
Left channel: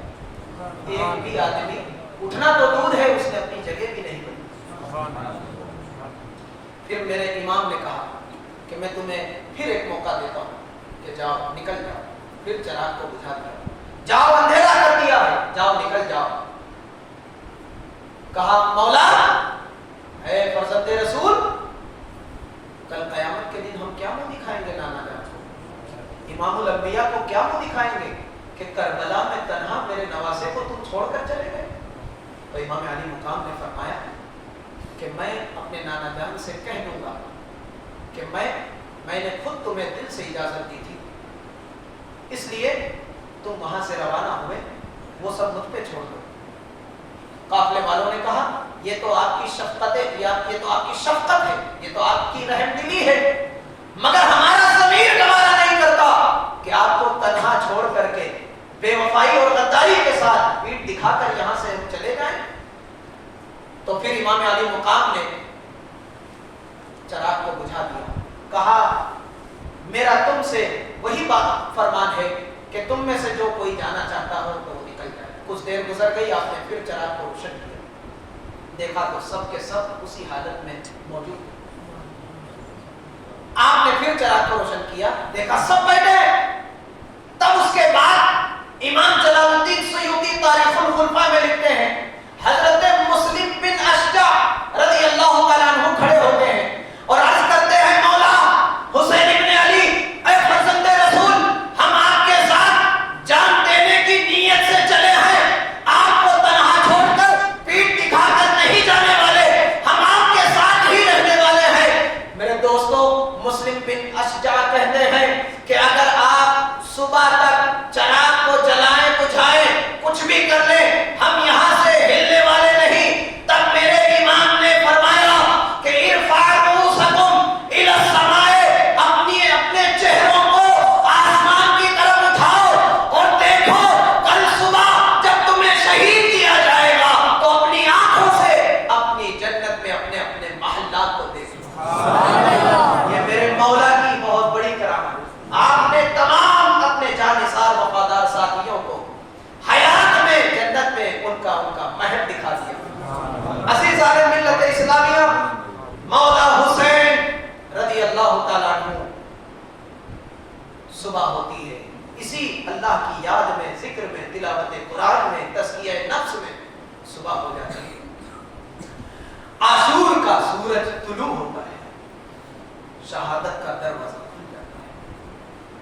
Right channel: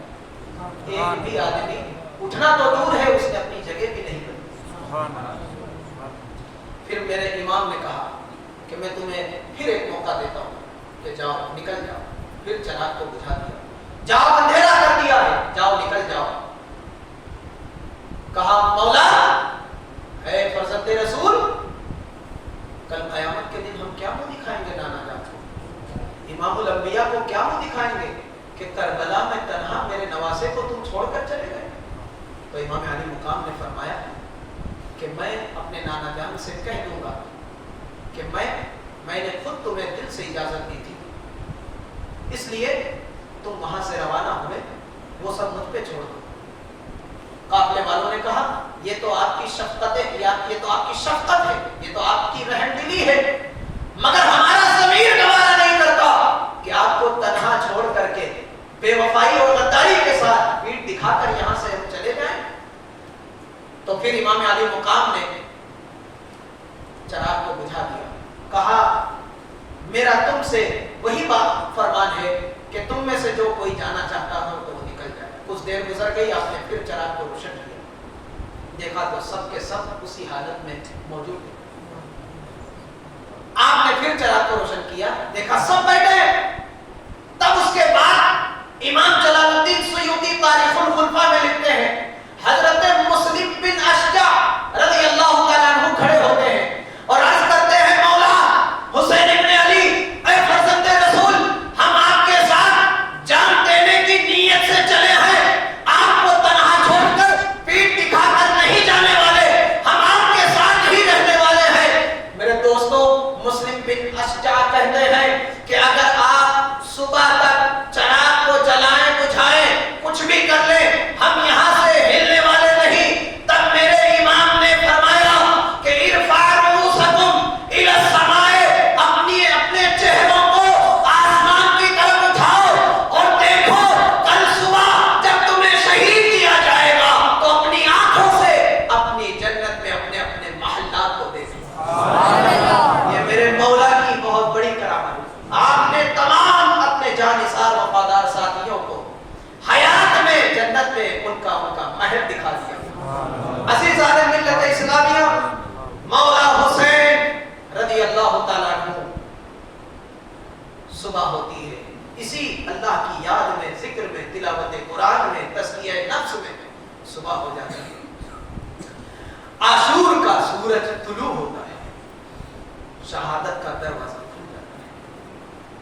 ایک بھی آدمی اٹھنا تو دور ہے، اس نے اپنی جگہ بھی نہیں بنی۔ پھر میرے امام نے کہا کہ میں تمہیں پھر ایک موقع دیتا ہوں کہ جاؤ نکل جاؤ۔ پھر چراغ کو بجھا دیا، جاؤ اندھیرا کر دیا ہے، جاؤ نکل جاؤ۔ کہا مولا اے فرزند رسول، کل قیامت کے دن ہم کیا منہ دکھائیں گے نانا جان کو؟ امام الانبیاء کو کیا منہ دکھائیں گے کہ کربلا میں تنہا میرے نواسے کو تم چھوڑ کر چلے گئے؟ تو امام علی مقام نے فرمایا کہ میں اپنے نانا جان سے کہہ دوں گا کہ میں نے خود تمہیں دل سے اجازت دی تھی، اس لیے تم وہاں سے روانہ ہوئے، وہ سب مجھ پہ چھوڑ دو۔ قافلے والوں نے کہا یہ تو آپ کی شفقت ہے، یہ تو آپ کی شفقت ہے، یہ تو آپ کی رحم دلی ہے، مگر ہمارا ضمیر گوارا نہیں کرتا کہ آپ کو تنہا چھوڑ کر کے بے وفائی اور غداری کے ساتھ پیٹھ دکھا کر یہاں سے ہم چلے جائیں۔ تو پھر امام علی مقام نے چراغ کو بجھا دیا، کہا میرا تم سے وہی بات فرمان ہے کہ تم میں سے جو کوئی جانا چاہتا ہو تو وہ نکل جائے۔ کچھ دیر گزر گئی، آپ نے پھر چراغ کو روشن کیا، دیکھا تو سب کے سب اسی حالت میں موجود ہیں۔ آپ نے پھر چراغ کو روشن کیا، دیکھا سب بیٹھے ہیں۔ تب اس کے بعد امام جلال الدین سیوطی تاریخ الخلفاء میں لکھتے ہیں حضرت مسلم بن اشجع رضی اللہ تعالیٰ عنہ کھڑے ہوتے ہیں اور عرض کرتے ہیں مولا حسین ابن علی اے فرزند رسول، ہم آپ کے ساتھ جان دینے کی نیت سے چلے ہیں، آپ کو تنہا چھوڑ کر پیٹھ دکھا کر نہیں جانے والے، ہم آپ کے ساتھ ہی رہنے والے ہیں۔ میرے دوستو، مسلم بن اشجع کہتے ہیں کہ اگر آپ صبح تک چراغ کو جلائیں بجھائیں کچھ بھی کر لیں، ہم یہاں سے ہلنے والے نہیں۔ تب میرے امام نے فرمایا کہ ارفعوا رؤوسکم الی السماء، اپنے چہروں کو آسمان کی طرف اٹھاؤ اور دیکھو کل صبح جب تمہیں شہید کیا جائے گا تو اپنی آنکھوں سے اپنی جنت میں اپنے اپنے محلات کو دیکھو۔ یہ میرے مولا کی بہت بڑی کرامت۔ آپ نے تمام اپنے جانثار وفادار ساتھیوں کو حیات میں جنت میں ان کا محل دکھا دیا۔ عزیزان ملت اسلامیہ، مولا حسین رضی اللہ تعالیٰ عنہ، صبح ہوتی ہے، اسی اللہ کی یاد میں، ذکر میں، تلاوت قرآن میں، تزکیہ نفس میں صبح ہو جاتی ہے۔ عاشور کا سورج طلوع ہوتا ہے، شہادت کا دروازہ کھل جاتا ہے،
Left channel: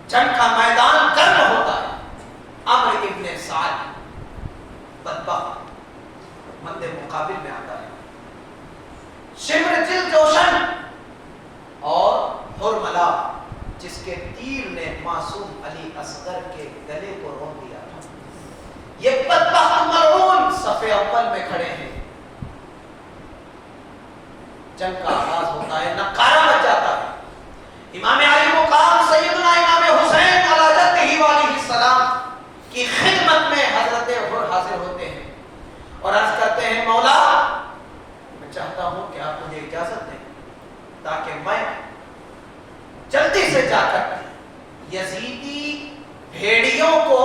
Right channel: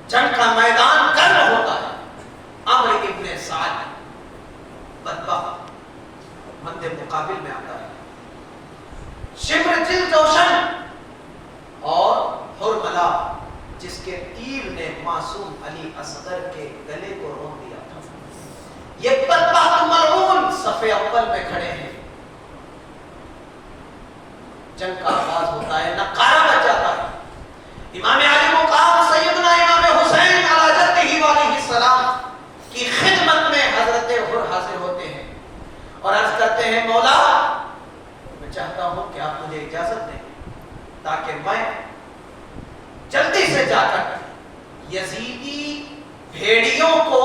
جنگ کا میدان گرم ہوتا ہے۔ عمرو ابن سعد بدبخت مد مقابل میں آتا ہے، شمر جلدوشن اور حرملہ جس کے تیر نے معصوم علی اصغر کے گلے کو روک دیا تھا، یہ بدبخت ملعون صف اول میں کھڑے ہیں۔ جنگ کا آغاز ہوتا ہے، نقارہ بج جاتا ہے۔ امام علی مقام سیدنا امام حسین علی جدہ علیہ السلام کی خدمت میں حضرت حر حاضر ہوتے ہیں اور عرض کرتے ہیں مولا میں چاہتا ہوں کہ آپ مجھے اجازت دیں تاکہ میں جلدی سے جا کر یزیدی بھیڑیوں کو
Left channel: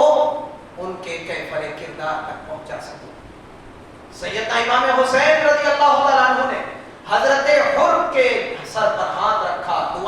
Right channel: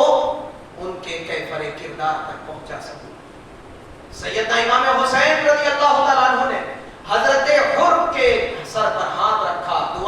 ان کے کیفر کردار تک پہنچا سکوں۔ سیدنا امام حسین رضی اللہ تعالیٰ عنہ نے حضرت حر کے سر پر ہاتھ رکھا، دعا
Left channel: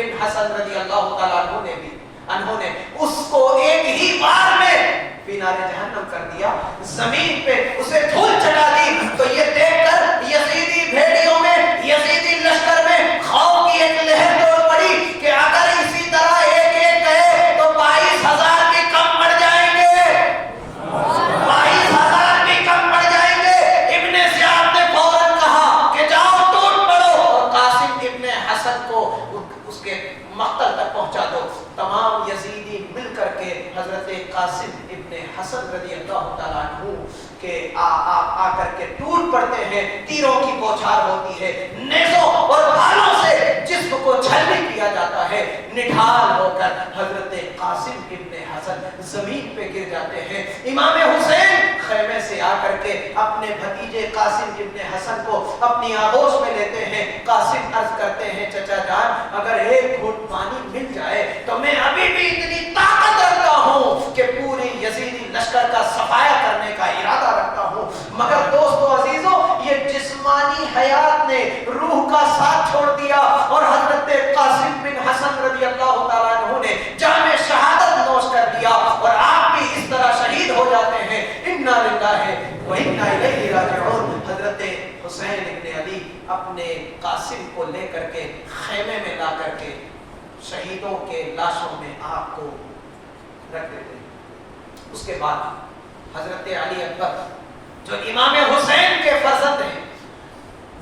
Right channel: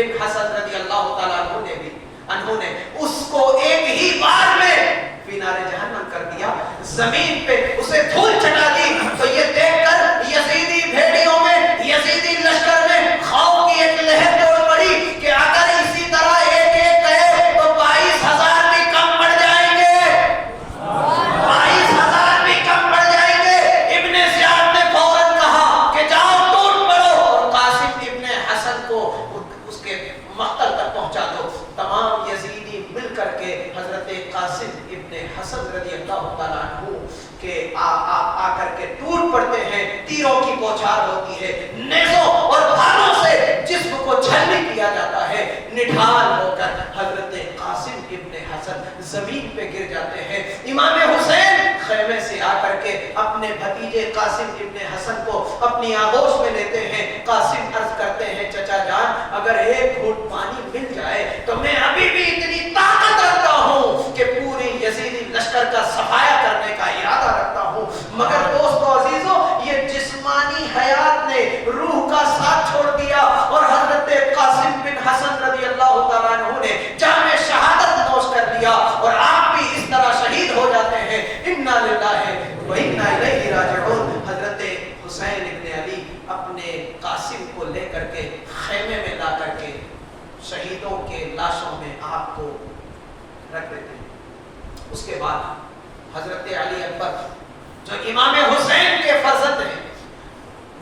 بن حسن رضی اللہ تعالیٰ عنہ نے اس کو ایک ہی بار میں فینار جہنم کر دیا، زمین پہ اسے دھول چٹا دی، تو یہ دیکھ کر یزیدی بھیڑیوں میں، یزیدی لشکر میں خوف کی ایک لہر دوڑ پڑی کہ اگر اسی طرح ایک ایک گئے تو 22,000 بھی کم پڑ جائیں گے، 22,000 بھی کم پڑ جائیں گے۔ ابن زیاد نے فوراً کہا کہ جاؤ ٹوٹ پڑو اور قاسم ابن حسن کو اس کے مقتل تک پہنچا دو۔ تمام یزیدی مل کر کے حضرت قاسم ابن حسن رضی اللہ تعالیٰ عنہ کے آ کر کے ٹوٹ پڑتے ہیں، تیروں کی بوچھار ہوتی ہے، نیزوں اور بھالوں سے جسم کو چھلنی کیا جاتا ہے، نڈھال ہو کر حضرت قاسم ابن حسن زمین پہ گر جاتے ہیں۔ امام حسین خیمے سے آ کر کے اپنے بھتیجے قاسم ابن حسن کو اپنی آغوش میں لیتے ہیں۔ قاسم عرض کرتے ہیں چچا جان اگر ایک گھونٹ پانی مل جائے تو میں ابھی بھی اتنی طاقت رکھتا ہوں کہ پوری یزیدی لشکر کا صفایا کرنے کا ارادہ رکھتا ہوں، مگر دوستو عزیزو یہ جسمانی حیات نے روح کا ساتھ چھوڑ دیا اور حضرت قاسم بن حسن رضی اللہ تعالیٰ عنہ نے جام شہادت نوش کر لیا اور آپ بھی اس طرح شہید ہو جاتے ہیں۔ انا للہ و انا الیہ راجعون۔ حضرت حسین ابن علی اپنے قاسم کو لے کر کے خیمے میں لا کر کے شہیدوں کے لاشوں میں آپ کو رکھ دیتے ہیں۔ اس کے بعد حضرت علی اکبر جو امام حسین کے فرزند ہیں،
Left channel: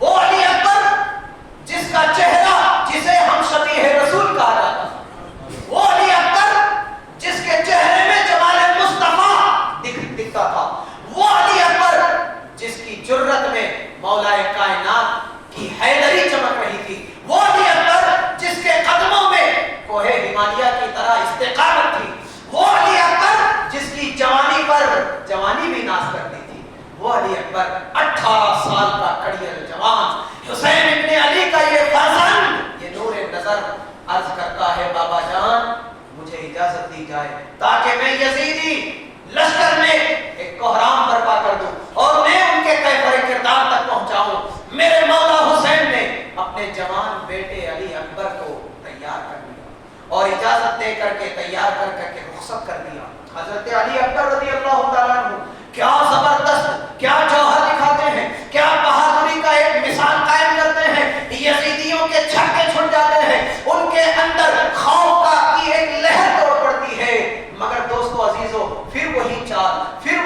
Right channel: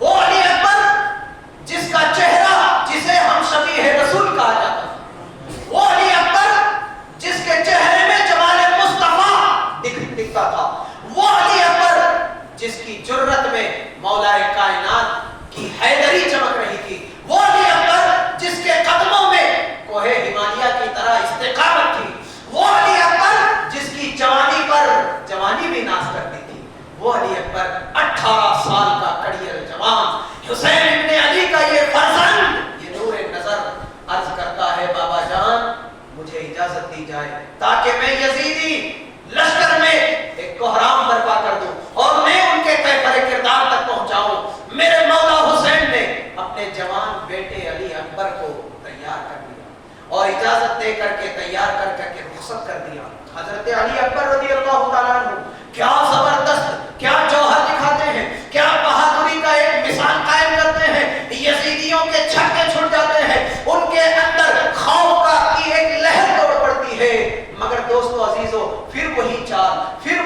وہ علی اکبر جس کا چہرہ جسے ہم شبیہ رسول کہا جاتا ہے، وہ علی اکبر جس کے چہرے میں جمال مصطفیٰ دکھتا تھا، وہ علی اکبر جس کی جرت میں مولا کائنات کی حیدری چمک رہی تھی، وہ علی اکبر جس کے قدموں میں کوہ ہمالیہ کی طرح استقامت تھی، وہ علی اکبر جس کی جوانی پر جوانی بھی ناز کرتی تھی، وہ علی اکبر 18 سال کا کڑیل جوان حسین ابن علی کا یہ فرزند، یہ نور نظر عرض کرتا ہے بابا جان مجھے اجازت دی جائے تاکہ میں یزیدی لشکر میں ایک کوہرام برپا کر دوں اور میں ان کے کیفر کردار تک پہنچاؤں۔ میرے مولا حسین نے اپنے جوان بیٹے علی اکبر کو تیار کر دیا اور اجازت دے کر کے تیار کر کے رخصت کر دیا۔ حضرت علی اکبر رضی اللہ تعالیٰ عنہ کیا زبردست، کیا جوہر دکھاتے ہیں، کیا بہادری کا ایک مثال قائم کرتے ہیں۔ یزیدیوں کے چھکے چھٹ جاتے ہیں، ان کے اندر خوف کی ایک لہر دوڑ پڑتی ہے، مگر دوستو عزیزو پھر وہی چال، پھر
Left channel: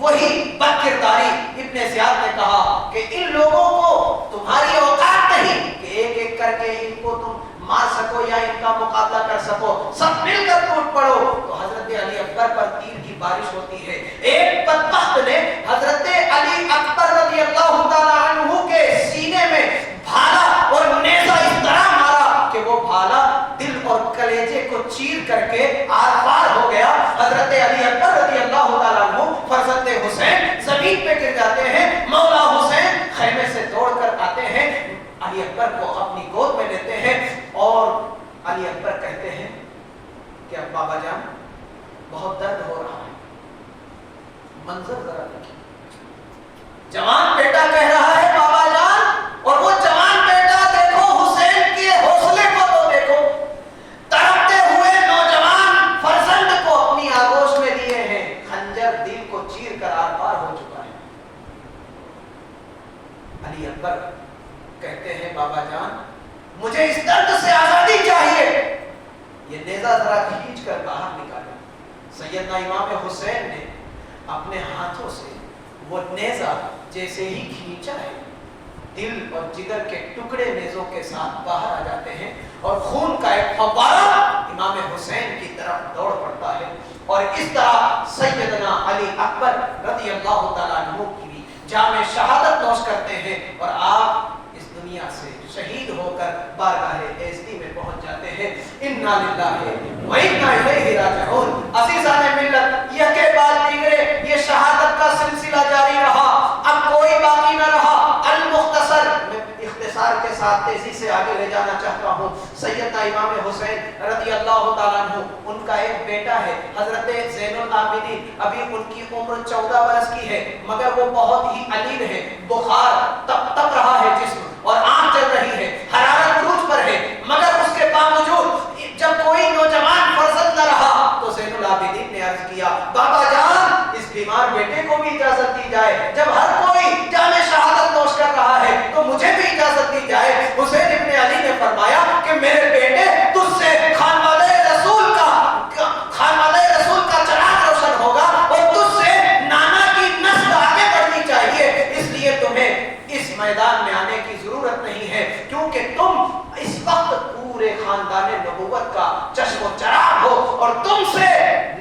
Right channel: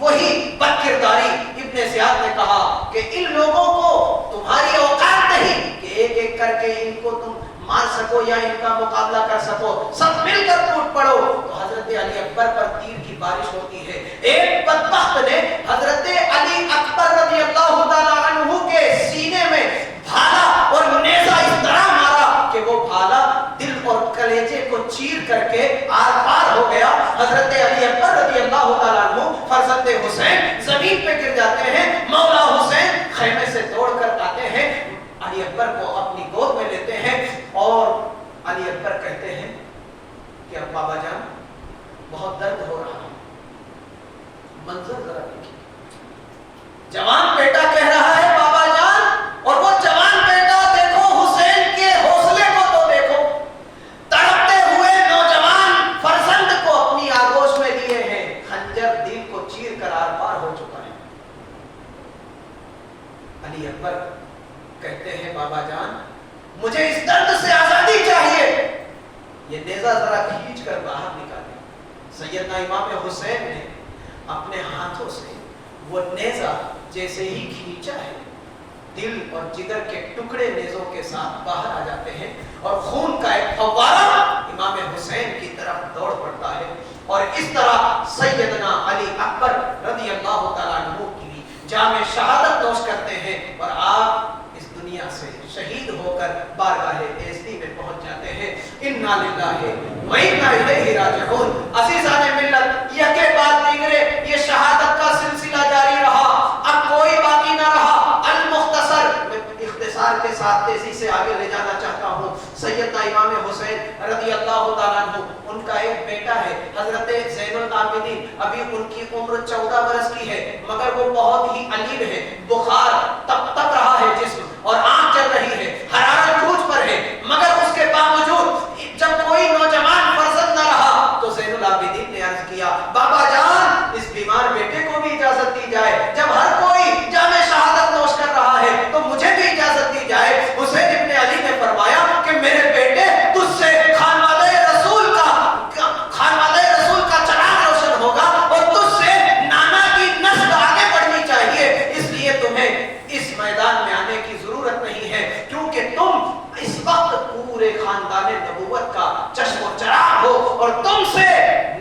وہی بد کرداری۔ ابن زیاد نے کہا کہ ان لوگوں کو تمہاری اوقات نہیں کہ ایک ایک کر کے ان کو تم مار سکو یا ان کا مقابلہ کر سکو، سب مل کر ٹوٹ پڑو۔ تو حضرت علی اکبر پر تیر کی بارش ہوتی ہے۔ ایک بدبخت نے حضرت علی اکبر رضی اللہ تعالیٰ عنہ کے سینے میں بھالا اور نیزہ اس طرح مارا کہ وہ بھالا دل اور کلیجے کو چیر کر کے آر پار ہو گیا۔ حضرت علی اکبر رضی اللہ تعالیٰ عنہ فرزند حسین زمین پہ گر جاتے ہیں۔ مولا حسین خیمے سے دوڑ کر آتے ہیں، علی اکبر کو اپنی گود میں لیتے ہیں اور علی اکبر کہتے ہیں کہ اب بابا جان بہت درد ہو رہا ہے، منظر ذرا دیکھیے۔ جوان بیٹا کہہ رہا ہے بابا جان، اور وہ جوان بیٹا دیکھو حسین کے حوصلے کو تو دیکھو، تڑپتے ہوئے نوجوان فرزند کو اپنی آغوش میں لیے ہیں، خنجر دل کو چیر کر آر پار ہو چکا ہے۔ علی اکبر کہتے ہیں بابا جان مجھے اس درد سے آزادی چاہیے، یہ نیزہ ذرا کھینچ کر باہر نکالے۔ سیدنا امام حسین نے اپنے ہاتھوں سے وہ نیزہ جیسے ہی کھینچا ہے، دل اور جگر کے ٹکڑے نیزوں کے ساتھ باہر آ جاتے ہیں اور خون کا ایک فوارہ امام حسین کی طرف دوڑ پڑتا ہے، اور اس طرح سیدنا علی اکبر رضی اللہ تعالیٰ عنہ کی بھی جام شہادت نوش کرتے ہیں اور آپ اس دنیا سے شہید ہو کر بارگاہ ایزدی میں پہنچ جاتے ہیں۔ انا للہ و انا الیہ راجعون۔ عزیزان ملت، یہ کے بعد دیگرے یہ شہادت کا سلسلہ جاری رہا، اب کوئی باقی نہ رہا۔ المختصر، میں اختصار کے ساتھ تیزی سے آگے لے جانا چاہتا ہوں۔ سیدنا امام حسین رضی اللہ تعالیٰ عنہ، ان کا ایک بیٹا ہے حضرت زین العابدین، ابھی ان کی عمر 14 برس کی ہے، مگر وہ بہت ہی علیم ہے، بخار تپ رہا ہے جسم اور آنکھ چل رہی ہے، حرارت عروج پر ہے، مگر اس کے باوجود العابدین نے عرض کیا بابا جان اس بیمار بیٹے کو بھی اجازت دی جائے، جب ہر کوئی جام شہادت نوش کر رہا ہے تو مجھے بھی اجازت دی جائے۔ حسین ابن علی نے فرمایا کہ میرے بیٹے تجھ سے خانوادہ رسول کا چراغ روشن ہوگا اور تجھ سے نانا کی نسل آگے بڑھنی چاہیے، اس لیے تمہیں اس میدان میں آنے کی ضرورت نہیں ہے، کیونکہ تم اس وقت پورے خاندان نبوت کا چشم و چراغ ہو اور تم سے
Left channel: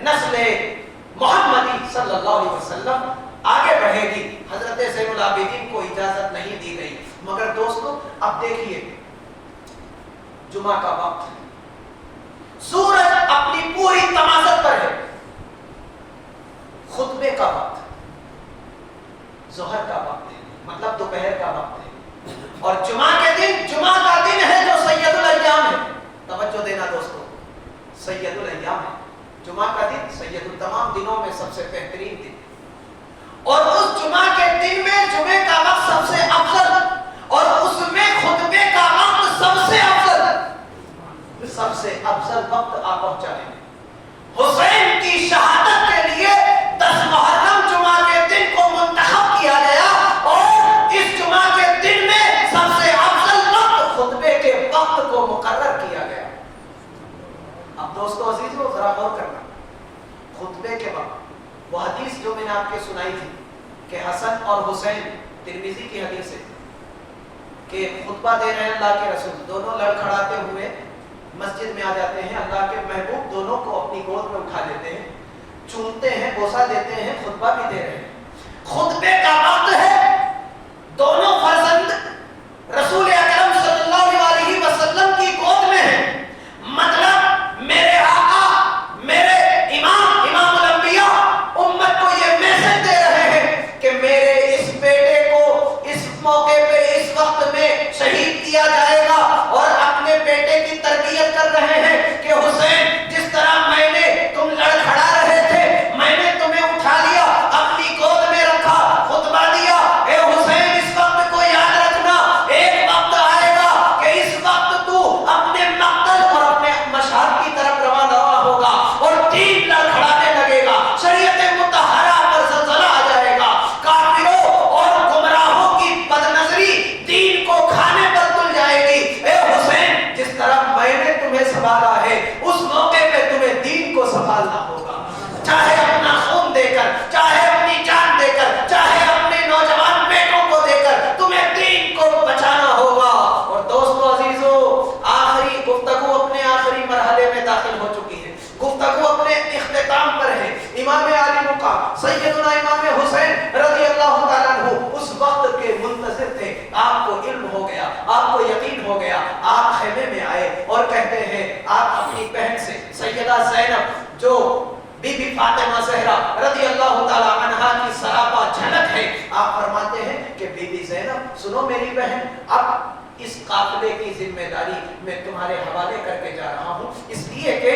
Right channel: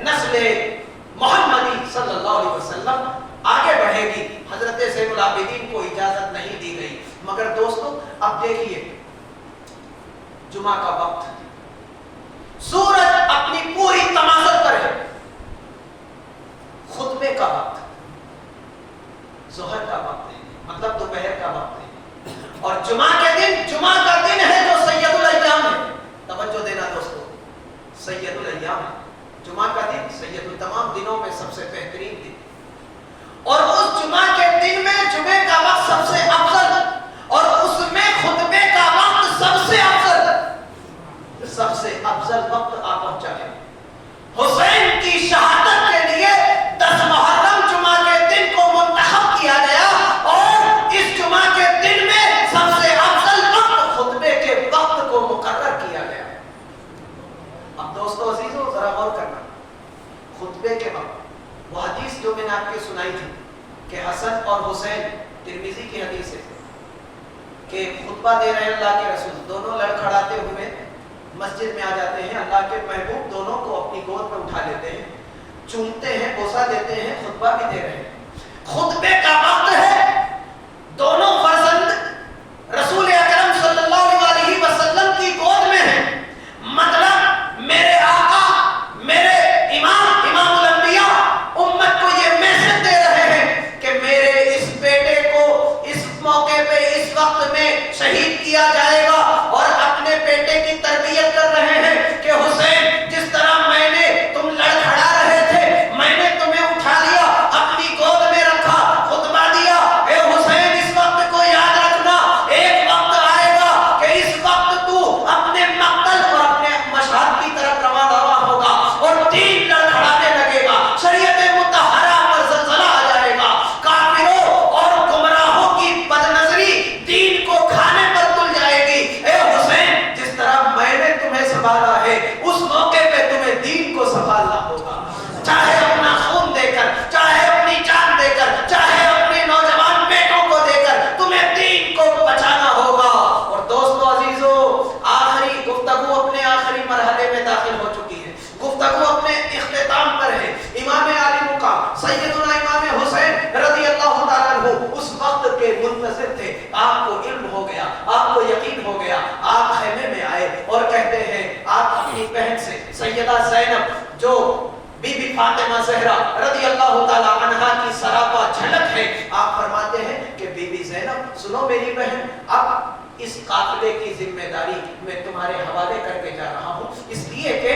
نسل محمدی صلی اللہ علیہ وسلم آگے بڑھے گی۔ حضرت زین العابدین کو اجازت نہیں دی گئی، مگر دوستو اب دیکھیے جمعہ کا وقت، سورج اپنی پوری تمازت پر ہے، خطبے کا وقت ظہر کا وقت ہے، مطلب دوپہر کا وقت ہے، اور جمعہ کا دن ہے جو سید الایام ہے۔ توجہ دینا دوستو، سید الایام ہے جمعہ کا دن، سید التمام دنوں میں سب سے بہترین دن، اور اس جمعہ کے دن میں جمعے کا وقت سب سے افضل، اور اس میں خطبے کا وقت سب سے افضل وقت آ پہنچا ہے۔ حسین کی شہادت کے لیے 10 محرم جمعہ کے دن کو منتخب کیا گیا، اور اس جمعہ کے دن میں سب سے افضل وقت خطبے کے وقت کو مقرر کیا گیا۔ اب دوستو عزیزو ذرا غور کرنا، خطبے کے وقت وہ حدیث جو میں نے آپ کے سنائی تھی کہ حسن اور حسین، ترمذی کی حدیث ہے کہ خطبہ دے رہے ہیں اللہ کے رسول، دونوں لڑکھڑاتے ہوئے مسجد میں آ جاتے ہیں، اللہ کے محبوب دونوں کو اپنی گود میں اٹھا لیتے ہیں، چومتے ہیں، بوسہ دیتے ہیں، خطبہ بھی دے رہے ہیں۔ خطبے کا وقت ہے، دونوں فرزند رسول اکرم صلی اللہ علیہ وسلم کی گود میں ہیں، مطلب میرے آقا، میرے امام الانبیاء امت کو یہ میسج دے رہے ہیں کہ میرے اس بیٹے کو اس موقع پہ اس وقت میں شہید کیا جائے گا، اور اپنے بیٹے کی تربیت کر رہے ہیں کہ حسین جس طرح میں نے تم لڑکھڑا رہے تھے، میں نے تمہیں اٹھا لیا، اپنی گود میں رکھا، خطبہ دیا، اے حسین اس وقت کو یاد رکھنا، ایک وقت آئے گا کہ اس وقت تو اپنے مقتل اور اپنے مشہد کی طرف روانہ ہوگا، اور دین لڑکھڑانے لگے گا، شریعت مطہرہ پر زلزلہ آ جائے گا، کافروں اور گمراہوں کی بدنظری دین کو کھانے پر تل جائے گی۔ اے حسین جس طرح میں نے تمہیں سنبھالا ہے، اس موقع پہ تمہیں دین کو سنبھالنا ہوگا، چاہے اپنا خون دے کر، چاہے اپنی جان دے کر، چاہے اپنے نوجوان بیٹوں کو دے کر، تمہیں دین کو بچانا ہوگا۔ اور دوستو عزیزو آخری گفتگو اپنے آخری مرحلے میں داخل ہو چکی ہے، گفتگو اپنے اختتام پر ہے۔ امام علی مقام سیدنا امام حسین رضی اللہ تعالیٰ عنہ اس وقت کے منتظر تھے، آپ کو علم ہو گیا، آپ کو یقین ہو گیا، آپ خیمے میں آئے اور کہتے ہیں، آپ اپنی بہن سے سیدہ زینب جو بی بی فاطمہ زہرا رضی اللہ تعالیٰ عنہا کی سراپا جھلک ہے، آپ فرماتے ہیں کہ بی بی زینب سنو میری بہن، اب اس قافلے کی ذمہ داری میں تمہارے حوالے کر کے جا رہا ہوں، اس لیے کہ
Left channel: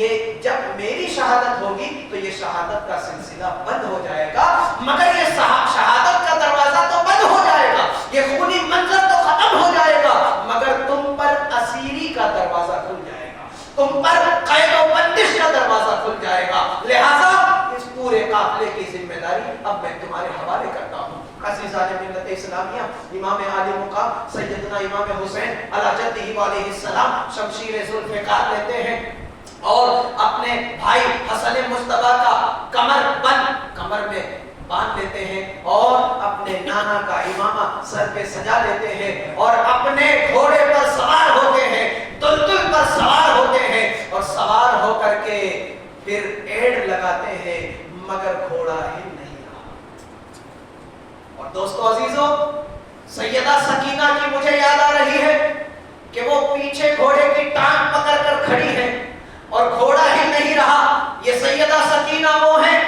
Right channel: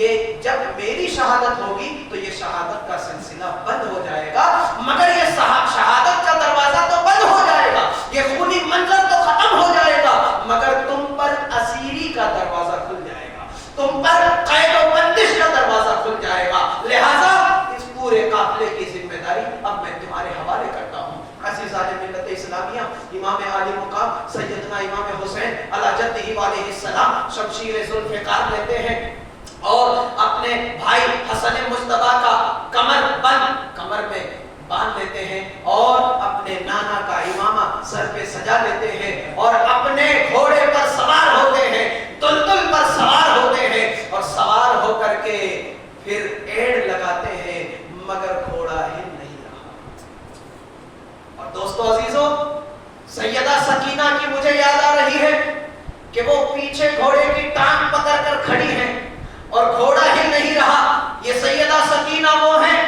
یہ جب میری شہادت ہوگی تو یہ شہادت کا سلسلہ بند ہو جائے گا، مگر یہ شہادت کا دروازہ تو بند ہو جائے گا، یہ خونی منظر تو ختم ہو جائے گا، مگر تم پر اسیری کا دروازہ کھل جائے گا، تم پر قید و بندش کا دروازہ کھل جائے گا، لہذا اس پورے قافلے کی ذمہ داری اب میں تمہارے حوالے کرتا ہوں۔ عزیزان ملت اسلامیہ، امام علی مقام سیدنا امام حسین علی جدہ علیہ السلام شمشیر ذوالفقار لیتے ہیں اور اپنے بھائی حسن مجتبیٰ کا کمر میں باندھ لیتے ہیں، اور اپنے نانا کا امامہ سر پہ سجا لیتے ہیں، اور اپنے گھوڑے پر سوار ہوتے ہیں، دلدل پر سوار ہوتے ہیں، اور سوار ہو کر کے پھر ایڑ لگاتے ہیں، مگر گھوڑا ہل نہیں رہا۔ اور دوستو عزیزو سیدہ سکینہ کی مجھے یاد آ رہی ہے کہ وہ پیچھے گھوڑے کی ٹانگ پکڑ کر کھڑی ہے اور گھوڑا ہل نہیں رہا۔ یہ سیدہ سکینہ وہ ہیں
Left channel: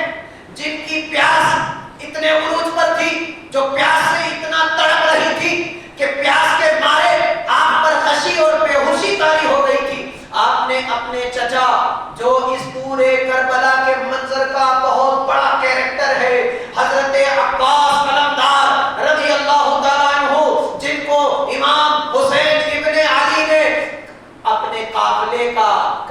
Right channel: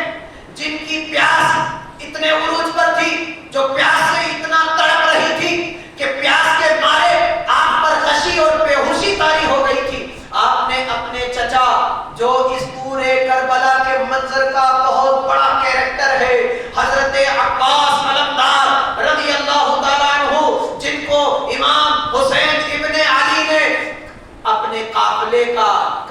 جن کی پیاس اتنے عروج پر تھی، جو پیاس سے اتنا تڑپ رہی تھی کہ پیاس کے مارے آپ پر غشی اور بے ہوشی طاری ہو گئی تھی۔ آپ نے اپنے چچا جو اس پورے کربلا کے منظر کا بہت بڑا کیریکٹر ہے، حضرت عباس علمدار رضی اللہ تعالیٰ عنہ، جن کو امام حسین ابن علی نے اپنے قافلے کا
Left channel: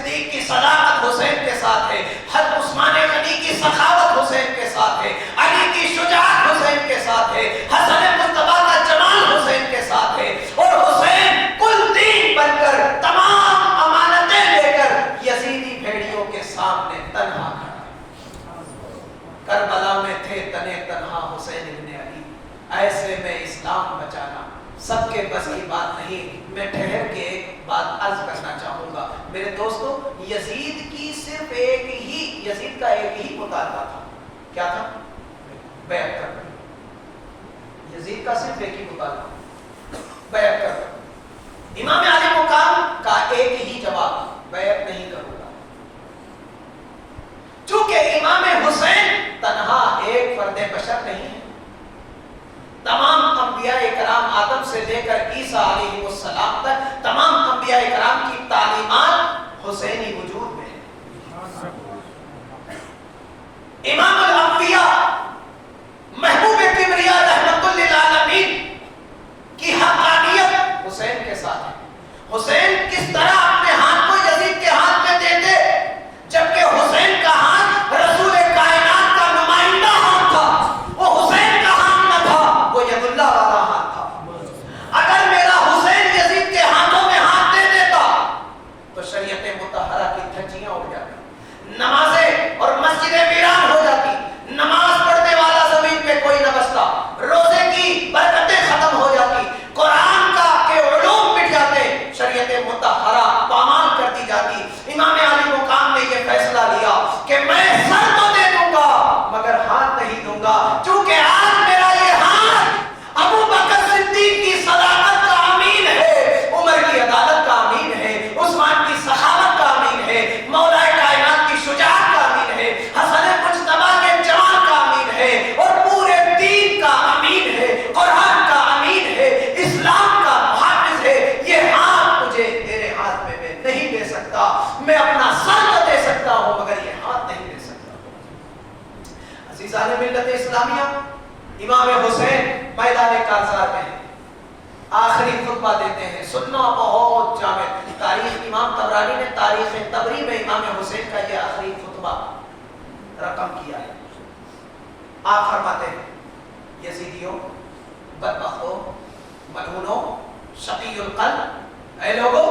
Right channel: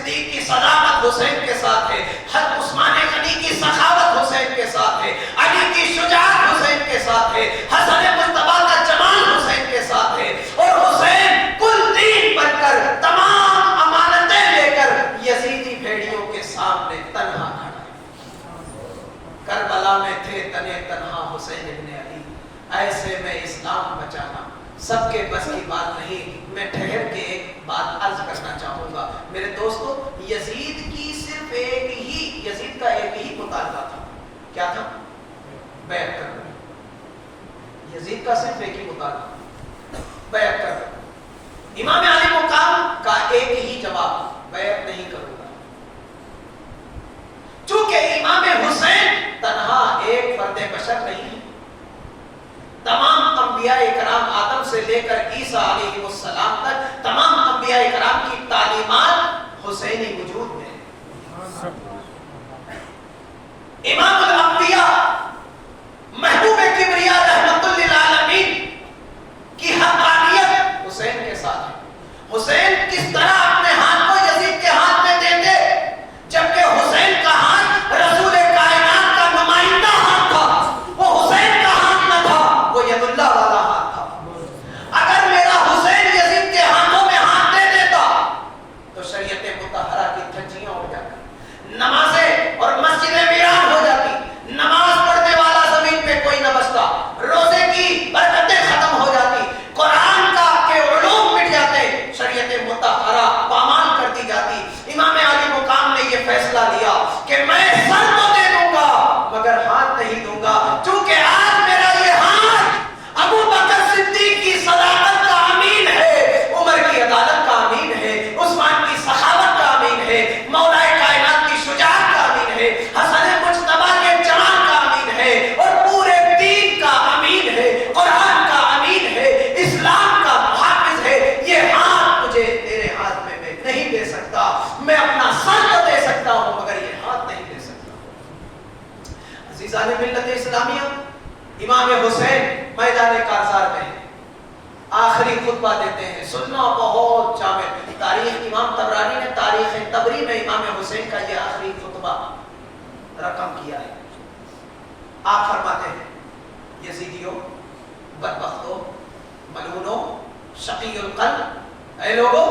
صدیق کی صداقت حسین کے ساتھ ہے، حضرت عثمان غنی کی سخاوت حسین کے ساتھ ہے، علی کی شجاعت حسین کے ساتھ ہے، حسن مصطفیٰ کا جمال حسین کے ساتھ ہے، اور حسین کل دین بن کر تمام امانتیں لے کر یزیدی بھیڑیوں کے سامنے تنہا کھڑا۔ کربلا میں تھے تنے تنہا حسین ابن علی، ایسے میں اسلام بچانا سب کے بس کی بات نہیں۔ میں ٹھہر کے ایک بات عرض کرنا چاہوں گا میرے دوستو، یزید کی صرف یزید کا ایک ہی مطالبہ تھا، کیا تھا؟ بیعت کرنا۔ یزید کا صرف ایک ہی مطالبہ، بیعت کرنا۔ امام علی مقام کا ایک ہی جواب، بیعت نہیں کروں گا۔ چونکہ امام حسین تنہا ایک فرد بشر نہیں ہے، تمام انبیاء اکرام آدم سے لے کر عیسیٰ علیہ السلام تک تمام انبیاء اکرام کی تعلیمات حسینی وجود میں ہے۔ امام الانبیاء محبوب کبریاء رحمت للعالمین کی حقانیت حسین کے ساتھ ہے۔ حسین کس طرح اپنے ہاتھ کو یزید کے ہاتھ میں دیتے، جبکہ حسین کا ہاتھ رسول کائنات کا نمائندہ ہاتھ تھا، وہ حسین کا ہاتھ نہ تھا، وہ ید اللہ والا ہاتھ تھا۔ اگر میرا حسین یزید کے ہاتھوں میں ہاتھ دے دیتا تو شریعت مطہرہ کی دھجیاں اڑ جاتی، نمازیں اور مسجدیں ویران ہو جاتی، نماز پڑھنے والا زمین پہ کوئی نہ بچتا، روزے کی برکتیں ختم ہو جاتی، قرآن کا کے علوم مٹ جاتے، شریعت مطہرہ پامال کر دی جاتی۔ امام علی مقام نے یہ فیصلہ لیا کہ میں سر تو دے دوں گا مگر ہاتھ نہیں دوں گا، چونکہ آج میرا یہ ہاتھ ابو بکر صدیق کی صداقت کا امین ہے، عمر کی عدالت کا امین ہے، عثمان کی سخاوت کا امین ہے، مولا کائنات کی شجاعت کا امین ہے، حسن مجتبیٰ کے جمال کا امین ہے، اور پورے دین کا امین ہے، قرآن کا امین ہے، اسلام کا محافظ ہے۔ یہ ہاتھ مجھے تیرے ہاتھ میں میں نہیں دے سکتا، میں اپنا سر تو دے سکتا ہوں مگر یہ ہاتھ نہیں دے سکتا۔ عزیزان ملت اسلامیہ، امام حسین میدان کارزار میں ہیں، آخری خطبہ دیتے ہیں، سننا بہت جامع۔ تاریخ امام طبرانی نے تاریخ طبری میں امام حسین کا یہ آخری خطبہ رقم کیا ہے۔ آپ فرماتے ہیں، یزیدیوں، بدبختوں، ملعونوں، شقی القلب، اے لوگوں،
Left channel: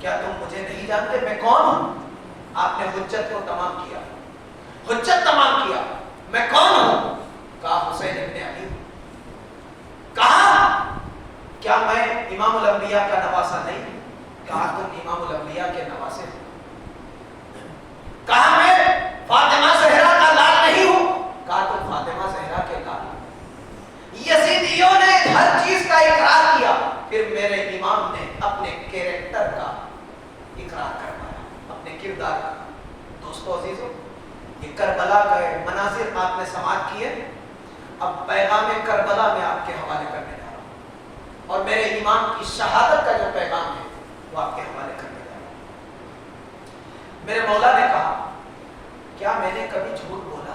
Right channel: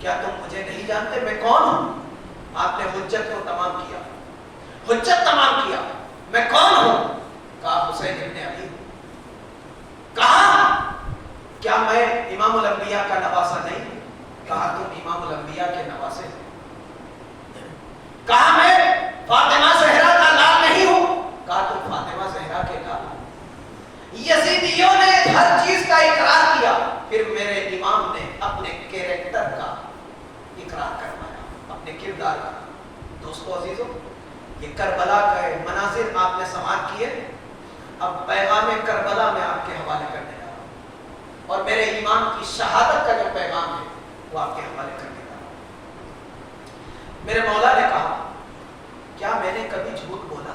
کیا تم مجھے نہیں جانتے میں کون ہوں؟ آپ نے حجت کو تمام کیا، حجت تمام کیا، میں کون ہوں؟ کہا حسین ابن علی۔ کہا کیا میں امام الانبیاء کا نواسہ نہیں؟ کہا تم امام الانبیاء کے نواسے ہیں۔ کہا میں فاطمہ زہرا کا لال نہیں ہوں؟ کہا تم فاطمہ زہرا کے لال ہو۔ یزیدیوں نے ہر چیز کا اقرار کیا، پھر میرے امام نے اپنے کیریکٹر کا اقرار کروایا، اپنے کردار کا۔ دوستو عزیزو، یہ کربلا کا مناظر آپ نے سماعت کیے، اب پیغام کربلا میں آپ کے حوالے کرنے جا رہا ہوں، اور میرے امام کی شہادت کا جو پیغام ہے وہ آپ کے حوالے کرنے جا رہا ہوں۔ میرے مولا نے کہا، کیا میں نے کبھی جھوٹ بولا؟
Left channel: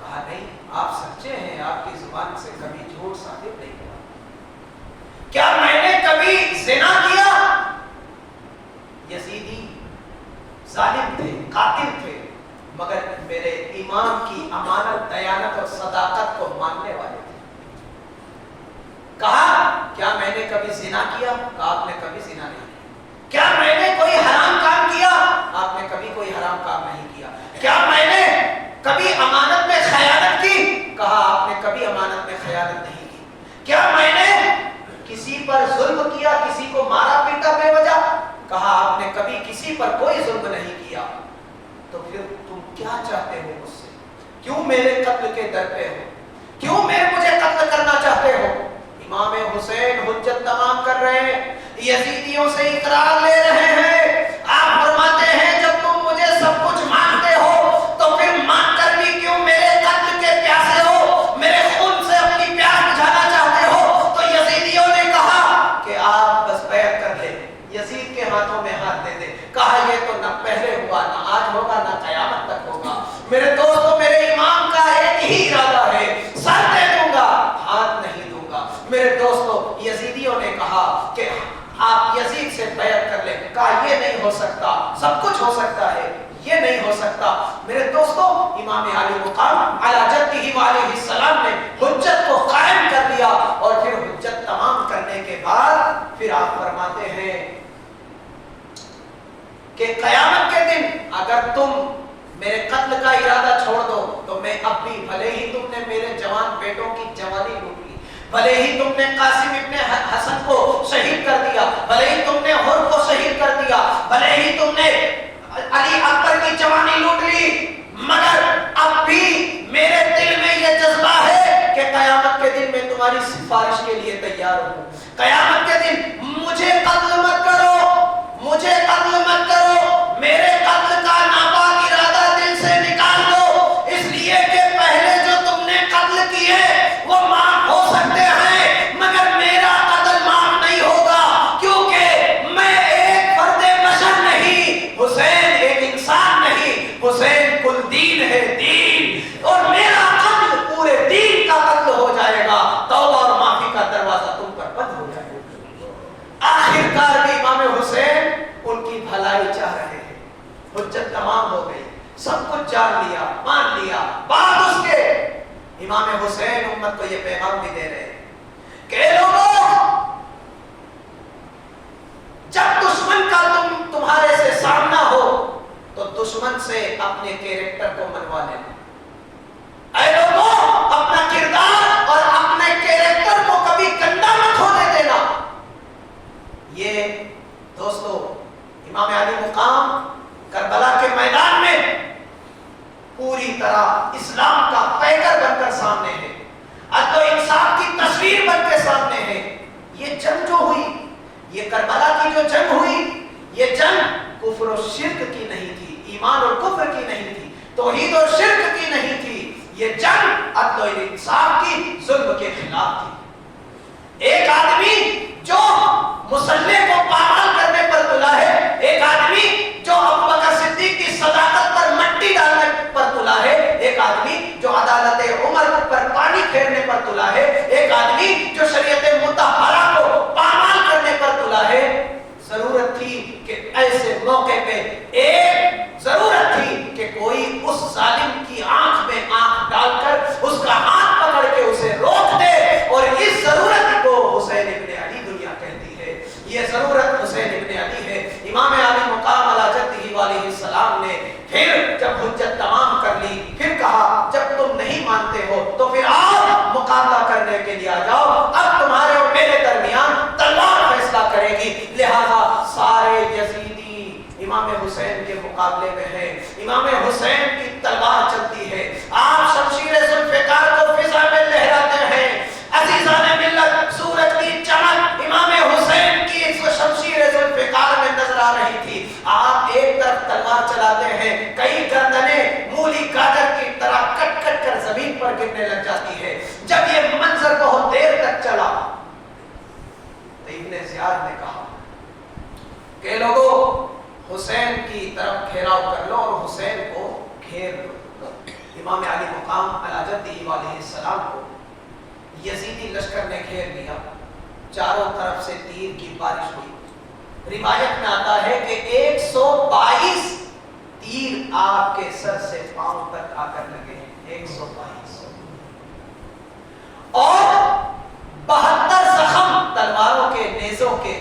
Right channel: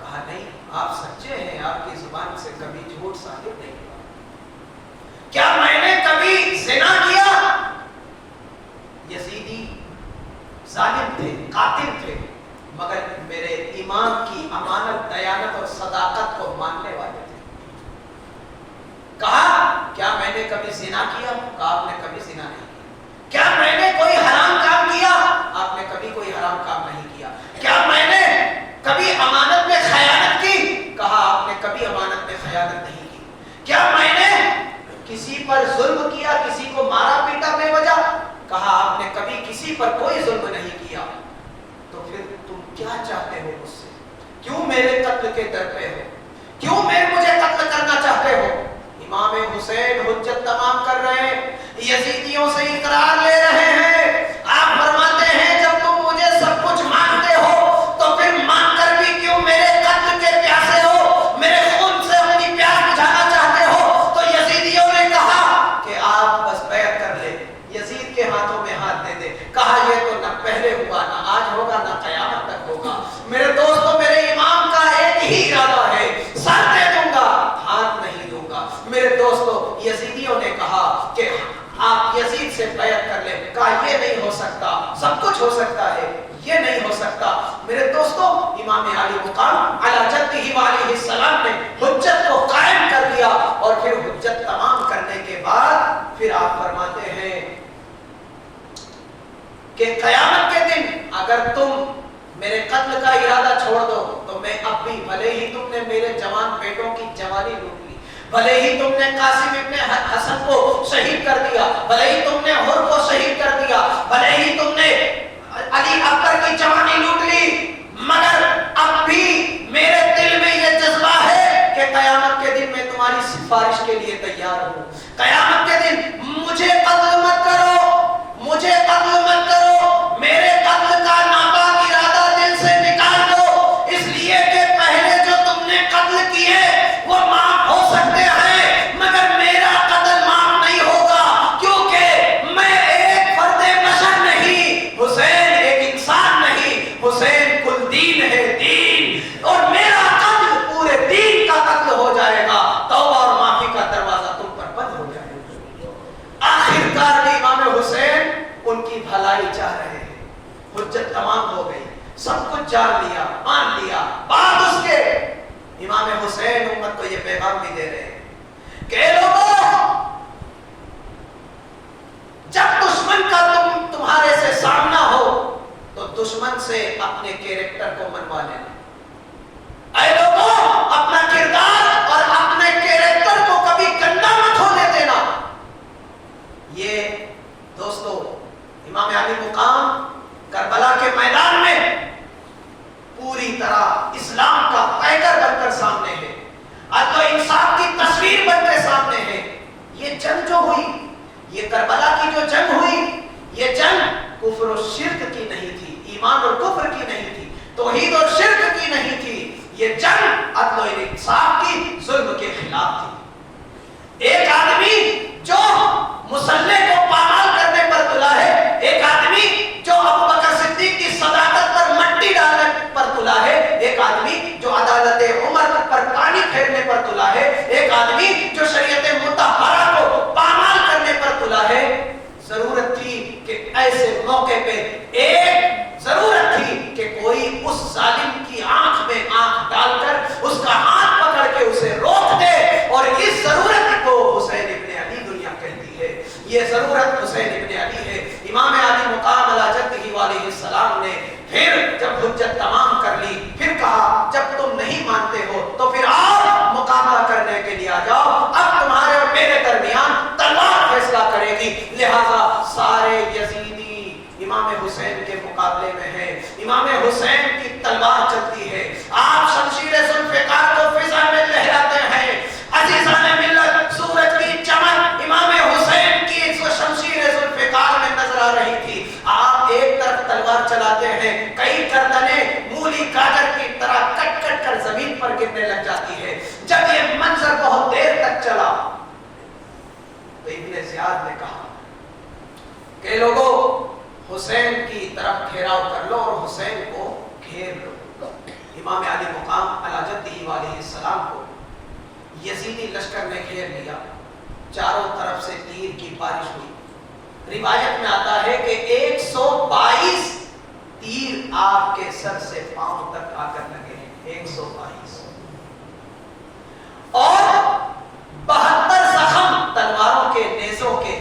کہا نہیں، آپ سچے ہیں، آپ کی زبان سے کبھی جھوٹ ثابت نہیں ہوا۔ کیا میں نے کبھی زنا کیا؟ یزیدی ظالم تھے، قاتل تھے، مگر میرے امام کی امانت، دیانت اور صداقت کو ماننے والے تھے۔ کہا کیا میں نے کبھی زنا کیا؟ کہا آپ نے کبھی زنا نہیں کیا۔ کیا میں نے کوئی حرام کام کیا؟ آپ نے کبھی کوئی حرام کام نہیں کیا۔ کیا میں نے کبھی امانت میں خیانت کی؟ کہا آپ نے کبھی امانت میں خیانت نہیں کی۔ کیا میں نے کسی پر ظلم کیا، کسی کو مارا پیٹا بے وجہ؟ کہا آپ نے کبھی کسی پر کوئی ظلم نہیں کیا۔ تو پھر تم کیا چاہتے ہو مجھ سے؟ کیوں میرے قتل کے در پہ ہو؟ کیوں مجھے قتل کرنا چاہتے ہو؟ امام حسین حجت تمام کر رہے ہیں، یزیدیوں سے اقرار لے رہے ہیں۔ آپ فرماتے ہیں جب تم مجھے سب کچھ مانگتے ہو تو پھر مانگ کر بھی کیوں میرے قتل کے پیاسے ہو، میرے خون سے اپنی پیاس بجھانا چاہتے ہو؟ تو یزیدیوں نے کہا کہ آپ بس بیعت کر لیں، یزید کے ہاتھوں میں ہاتھ دے دے۔ کہا یہ تو نہ پہلے ہوا، نہ آج ہوگا، نہ قیامت تک ہوگا۔ میرے دوستوں، میرے امام کا ایک ہی ارادہ ہے، سر دے دوں گا، ہاتھ نہیں دوں گا۔ میرے دوستوں، یزیدیوں نے کہا کہ آپ یزید سے بیعت کر لیں، کہا یہ نہیں ہو سکتا، سب کچھ ہو سکتا ہے، یہ نہیں ہو سکتا۔ میرے دوستو، امام علی مقام علی جدہ وعلیہ السلام نے حجت کو قائم کر دیا، اور پھر حجت تمام کرنے کے بعد پھر آپ فرماتے ہیں کہ قیامت کے دن اگر تم میرے قتل کا ارادہ چھوڑ دو تو میں اب بھی، بھلے ہی تم نے میرے جوان بیٹوں کی جوانی لوٹ لی، بھلے ہی تم نے قاسم ابن حسن کو شہید کر دیا، بھلے ہی تم نے حر کو شہید کر دیا، بھلے ہی تم نے علی اکبر کی جوانی لوٹ لی، مگر اب بھی میرے دل میں یہ جذبہ ہے کہ قیامت کے دن میں تمہاری سفارش کے لیے تیار ہوں۔ قیامت کے دن مجھے قتل مت کرو، مجھے قتل مت کرو، میرے قتل کا ناپاک ارادہ دل سے نکال دو، اس لیے کہ پہلے جو تم نے قتل کیے وہ معاف ہو سکتے ہیں، مگر میرا قتل معاف نہیں ہوگا، کیونکہ میں ایک فرد بشر نہیں، حسین ایک انسان نہیں، حسین کل دین ہے، دین، اور میرا قتل پورے دین کا قتل ہو جائے گا، توبہ اور معافی کا دروازہ تم پر بند ہو جائے گا۔ آخرکار بھی امام حسین ان کی بھلائی چاہ رہے ہیں، حجت تمام ہو گئی، سب کچھ جان لیا، مان لیا، بعد اس کے امام حسین امت کو یہ پیغام بھی دے رہے ہیں کہ لوگوں، جب دشمن کا تمہارے سے سامنا ہو تو دشمن سے اپنے کیریکٹر کو منوا لینا۔ اے لوگوں، اپنا کردار اور اپنے کیریکٹر کو کبھی گندا مت ہونے دینا۔ یہ دوستو، امام علی مقام کربلا کے میدان میں پوری طرح اسلام کا پیکر بن کر سامنے ہے، عدل و انصاف کی تصویر بن کے سامنے ہے۔ یہ جنگ جو ہوئی، یہ کربلا کی جو جنگ ہوئی، یہ جنگ کفر و شرک کی نہیں تھی، ایمان اور کفر کی نہیں تھی، توحید اور شرک کی نہیں تھی، یہ جنگ عدل و انصاف کی، ظلم کے خلاف تھی۔ ایک آدمی جو مسلح کو پامال کرنے پر تلا ہے، ایک آدمی جو ابوبکر صدیق کی صداقت پر مٹی ڈالنے پر تلا ہے، ایک آدمی جو عدالت عمر پر پانی پھیرنے پر تلا ہے، ایک آدمی جو شریعت مطہرہ کو پامال کرنے پر تلا ہے۔ ضرورت تھی کہ ایسے موقع پہ ضرورت تھی کہ کوئی اس ظالم کی آنکھ میں آنکھ ڈال کر اس کا ہاتھ پکڑ کے اسے روک دے، اور اس ضرورت کو حسین ابن علی دنیا کہتی ہے۔ یہ ضرورت حسین ابن علی ہے۔ امام علی مقام علی جدہ وعلیہ السلام نے پھر جب حجت تمام کر لی، پھر کہا جب تم نہیں مانتے ہو تو پھر آؤ مقابلہ کرنے کے لیے آ جاؤ، اب تمہارے اور میرے درمیان تلوار فیصلہ کرے گی۔ لہذا سارے یزیدی امام حسین کے مقابلے میں ہے، امام حسین کی تلوار چلتی ہے، آپ شمشیر ذوالفقار کو فضا میں لہراتے ہیں۔ عزیزان ملت، سورج کی چمک امام حسین کی شمشیر ذوالفقار میں نظر آ رہی تھی۔ آپ ایک طرف تلوار چلاتے ہیں، کئی گردنیں مولی گاجر کی طرح کٹ کٹ کر زمین پر گرنے لگ جاتی ہے۔ جب یہ منظر بہت دیر تک چلا تو ابن زیاد نے کہا کہ لوگوں، حسین کی طرف گھیراؤ کر لو اور حسین کو گھیر لو۔ امام علی مقام علی جدہ وعلیہ السلام کو یزیدی لشکر نے گھیر لیا، چاروں طرف سے تیر کی بارش ہوئی۔ روایت میں آتا ہے کہ 122 تیر آپ کے سر سے پاؤں تک آ کر لگے ہیں، 122، اور 72 زخم تلواروں کے، نیزوں کے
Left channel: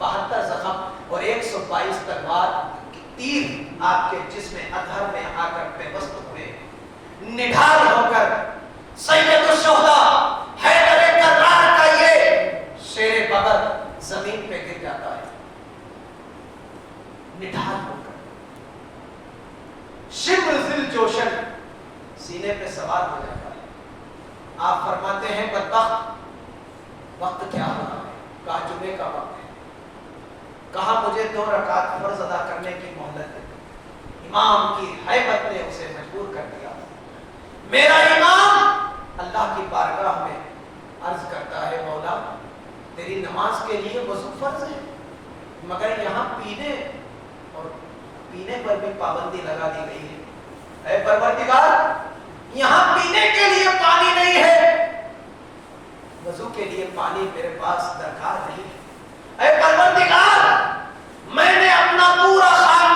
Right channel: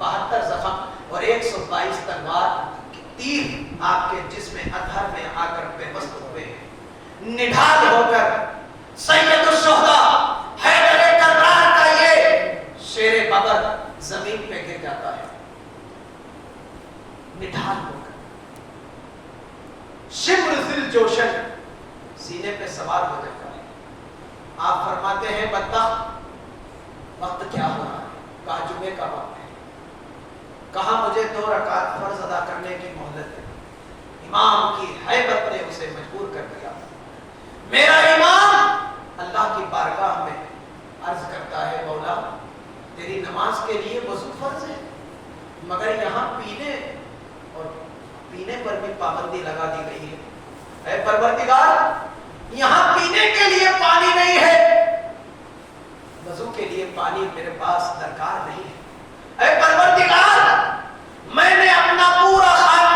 72 زخم، اور 122 تلوار تیر آپ کے جسم اطہر میں آ کر پیوست ہوئے۔ نڈھال ہو کر سید الشہداء حیدر کرار کا یہ شیر بدر زمین پہ گر جاتا ہے، نڈھال ہو کر، شبر ذل جوشن سینے پہ سوار ہو جاتا ہے۔ آپ فرماتے ہیں بدبخت، وقت کیا ہو رہا ہے؟ کہا جمعے کا وقت ہے، کہا مجھے 2 رکعت فرض ادا کرنے کی مہلت ہے۔ امام کی ہیبت نے اسے مجبور کر دیا۔ میرا امام اللہ کی بارگاہ میں عرض کرتا ہے، مولا تیری نماز کے لیے وضو فرض ہے، مگر یہاں پینے پر بھی پابندی لگا دی گئی ہے۔ اے پروردگار، یہاں پینے کے لیے پانی نہیں ہے، وضو کے لیے پانی میرے پاس درکار نہیں ہے۔ اے پروردگار، میں نے اپنا پورا خاندان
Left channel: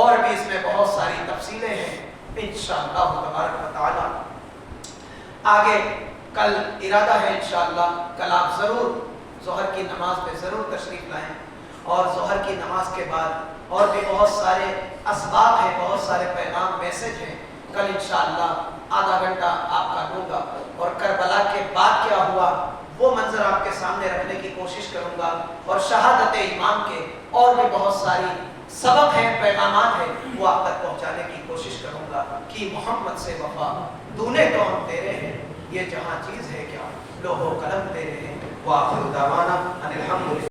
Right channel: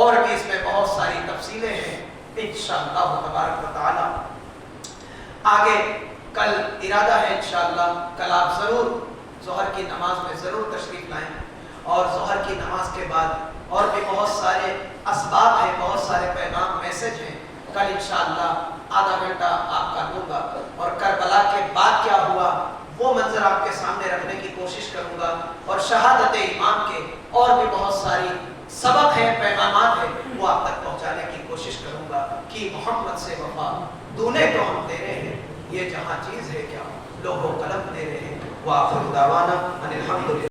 اور بھی اس میں بہت ساری تفصیلیں ہیں انشاءاللہ تبارک و تعالی. آگے کل ارادہ ہے انشاءاللہ کل آپ ضرور ظہر کی نماز میں ضرور تشریف لائیں، اور ظہر کی نماز کے بعد اور بھی بہت سارے اسباب ہیں، بہت سارے پیغام میسج ہیں. کل انشاءاللہ آدھا گھنٹہ آپ کا لوں گا اور کربلا کے بعد کیا ہوا وہ منظر آپ کے سامنے رکھنے کی کوشش کروں گا، اور شہادت امام کے اور بھی بہت ساری سبق ہیں، پیغامات ہیں، وہ آپ تک پہنچانے کی کوشش کروں گا کہ محمد سے وفا دونے تو ہم تیرے ہیں، یہ جہاں چیز ہے کیا لوح و قلم تیرے ہیں. وآخر دعوانا ان الحمد للہ.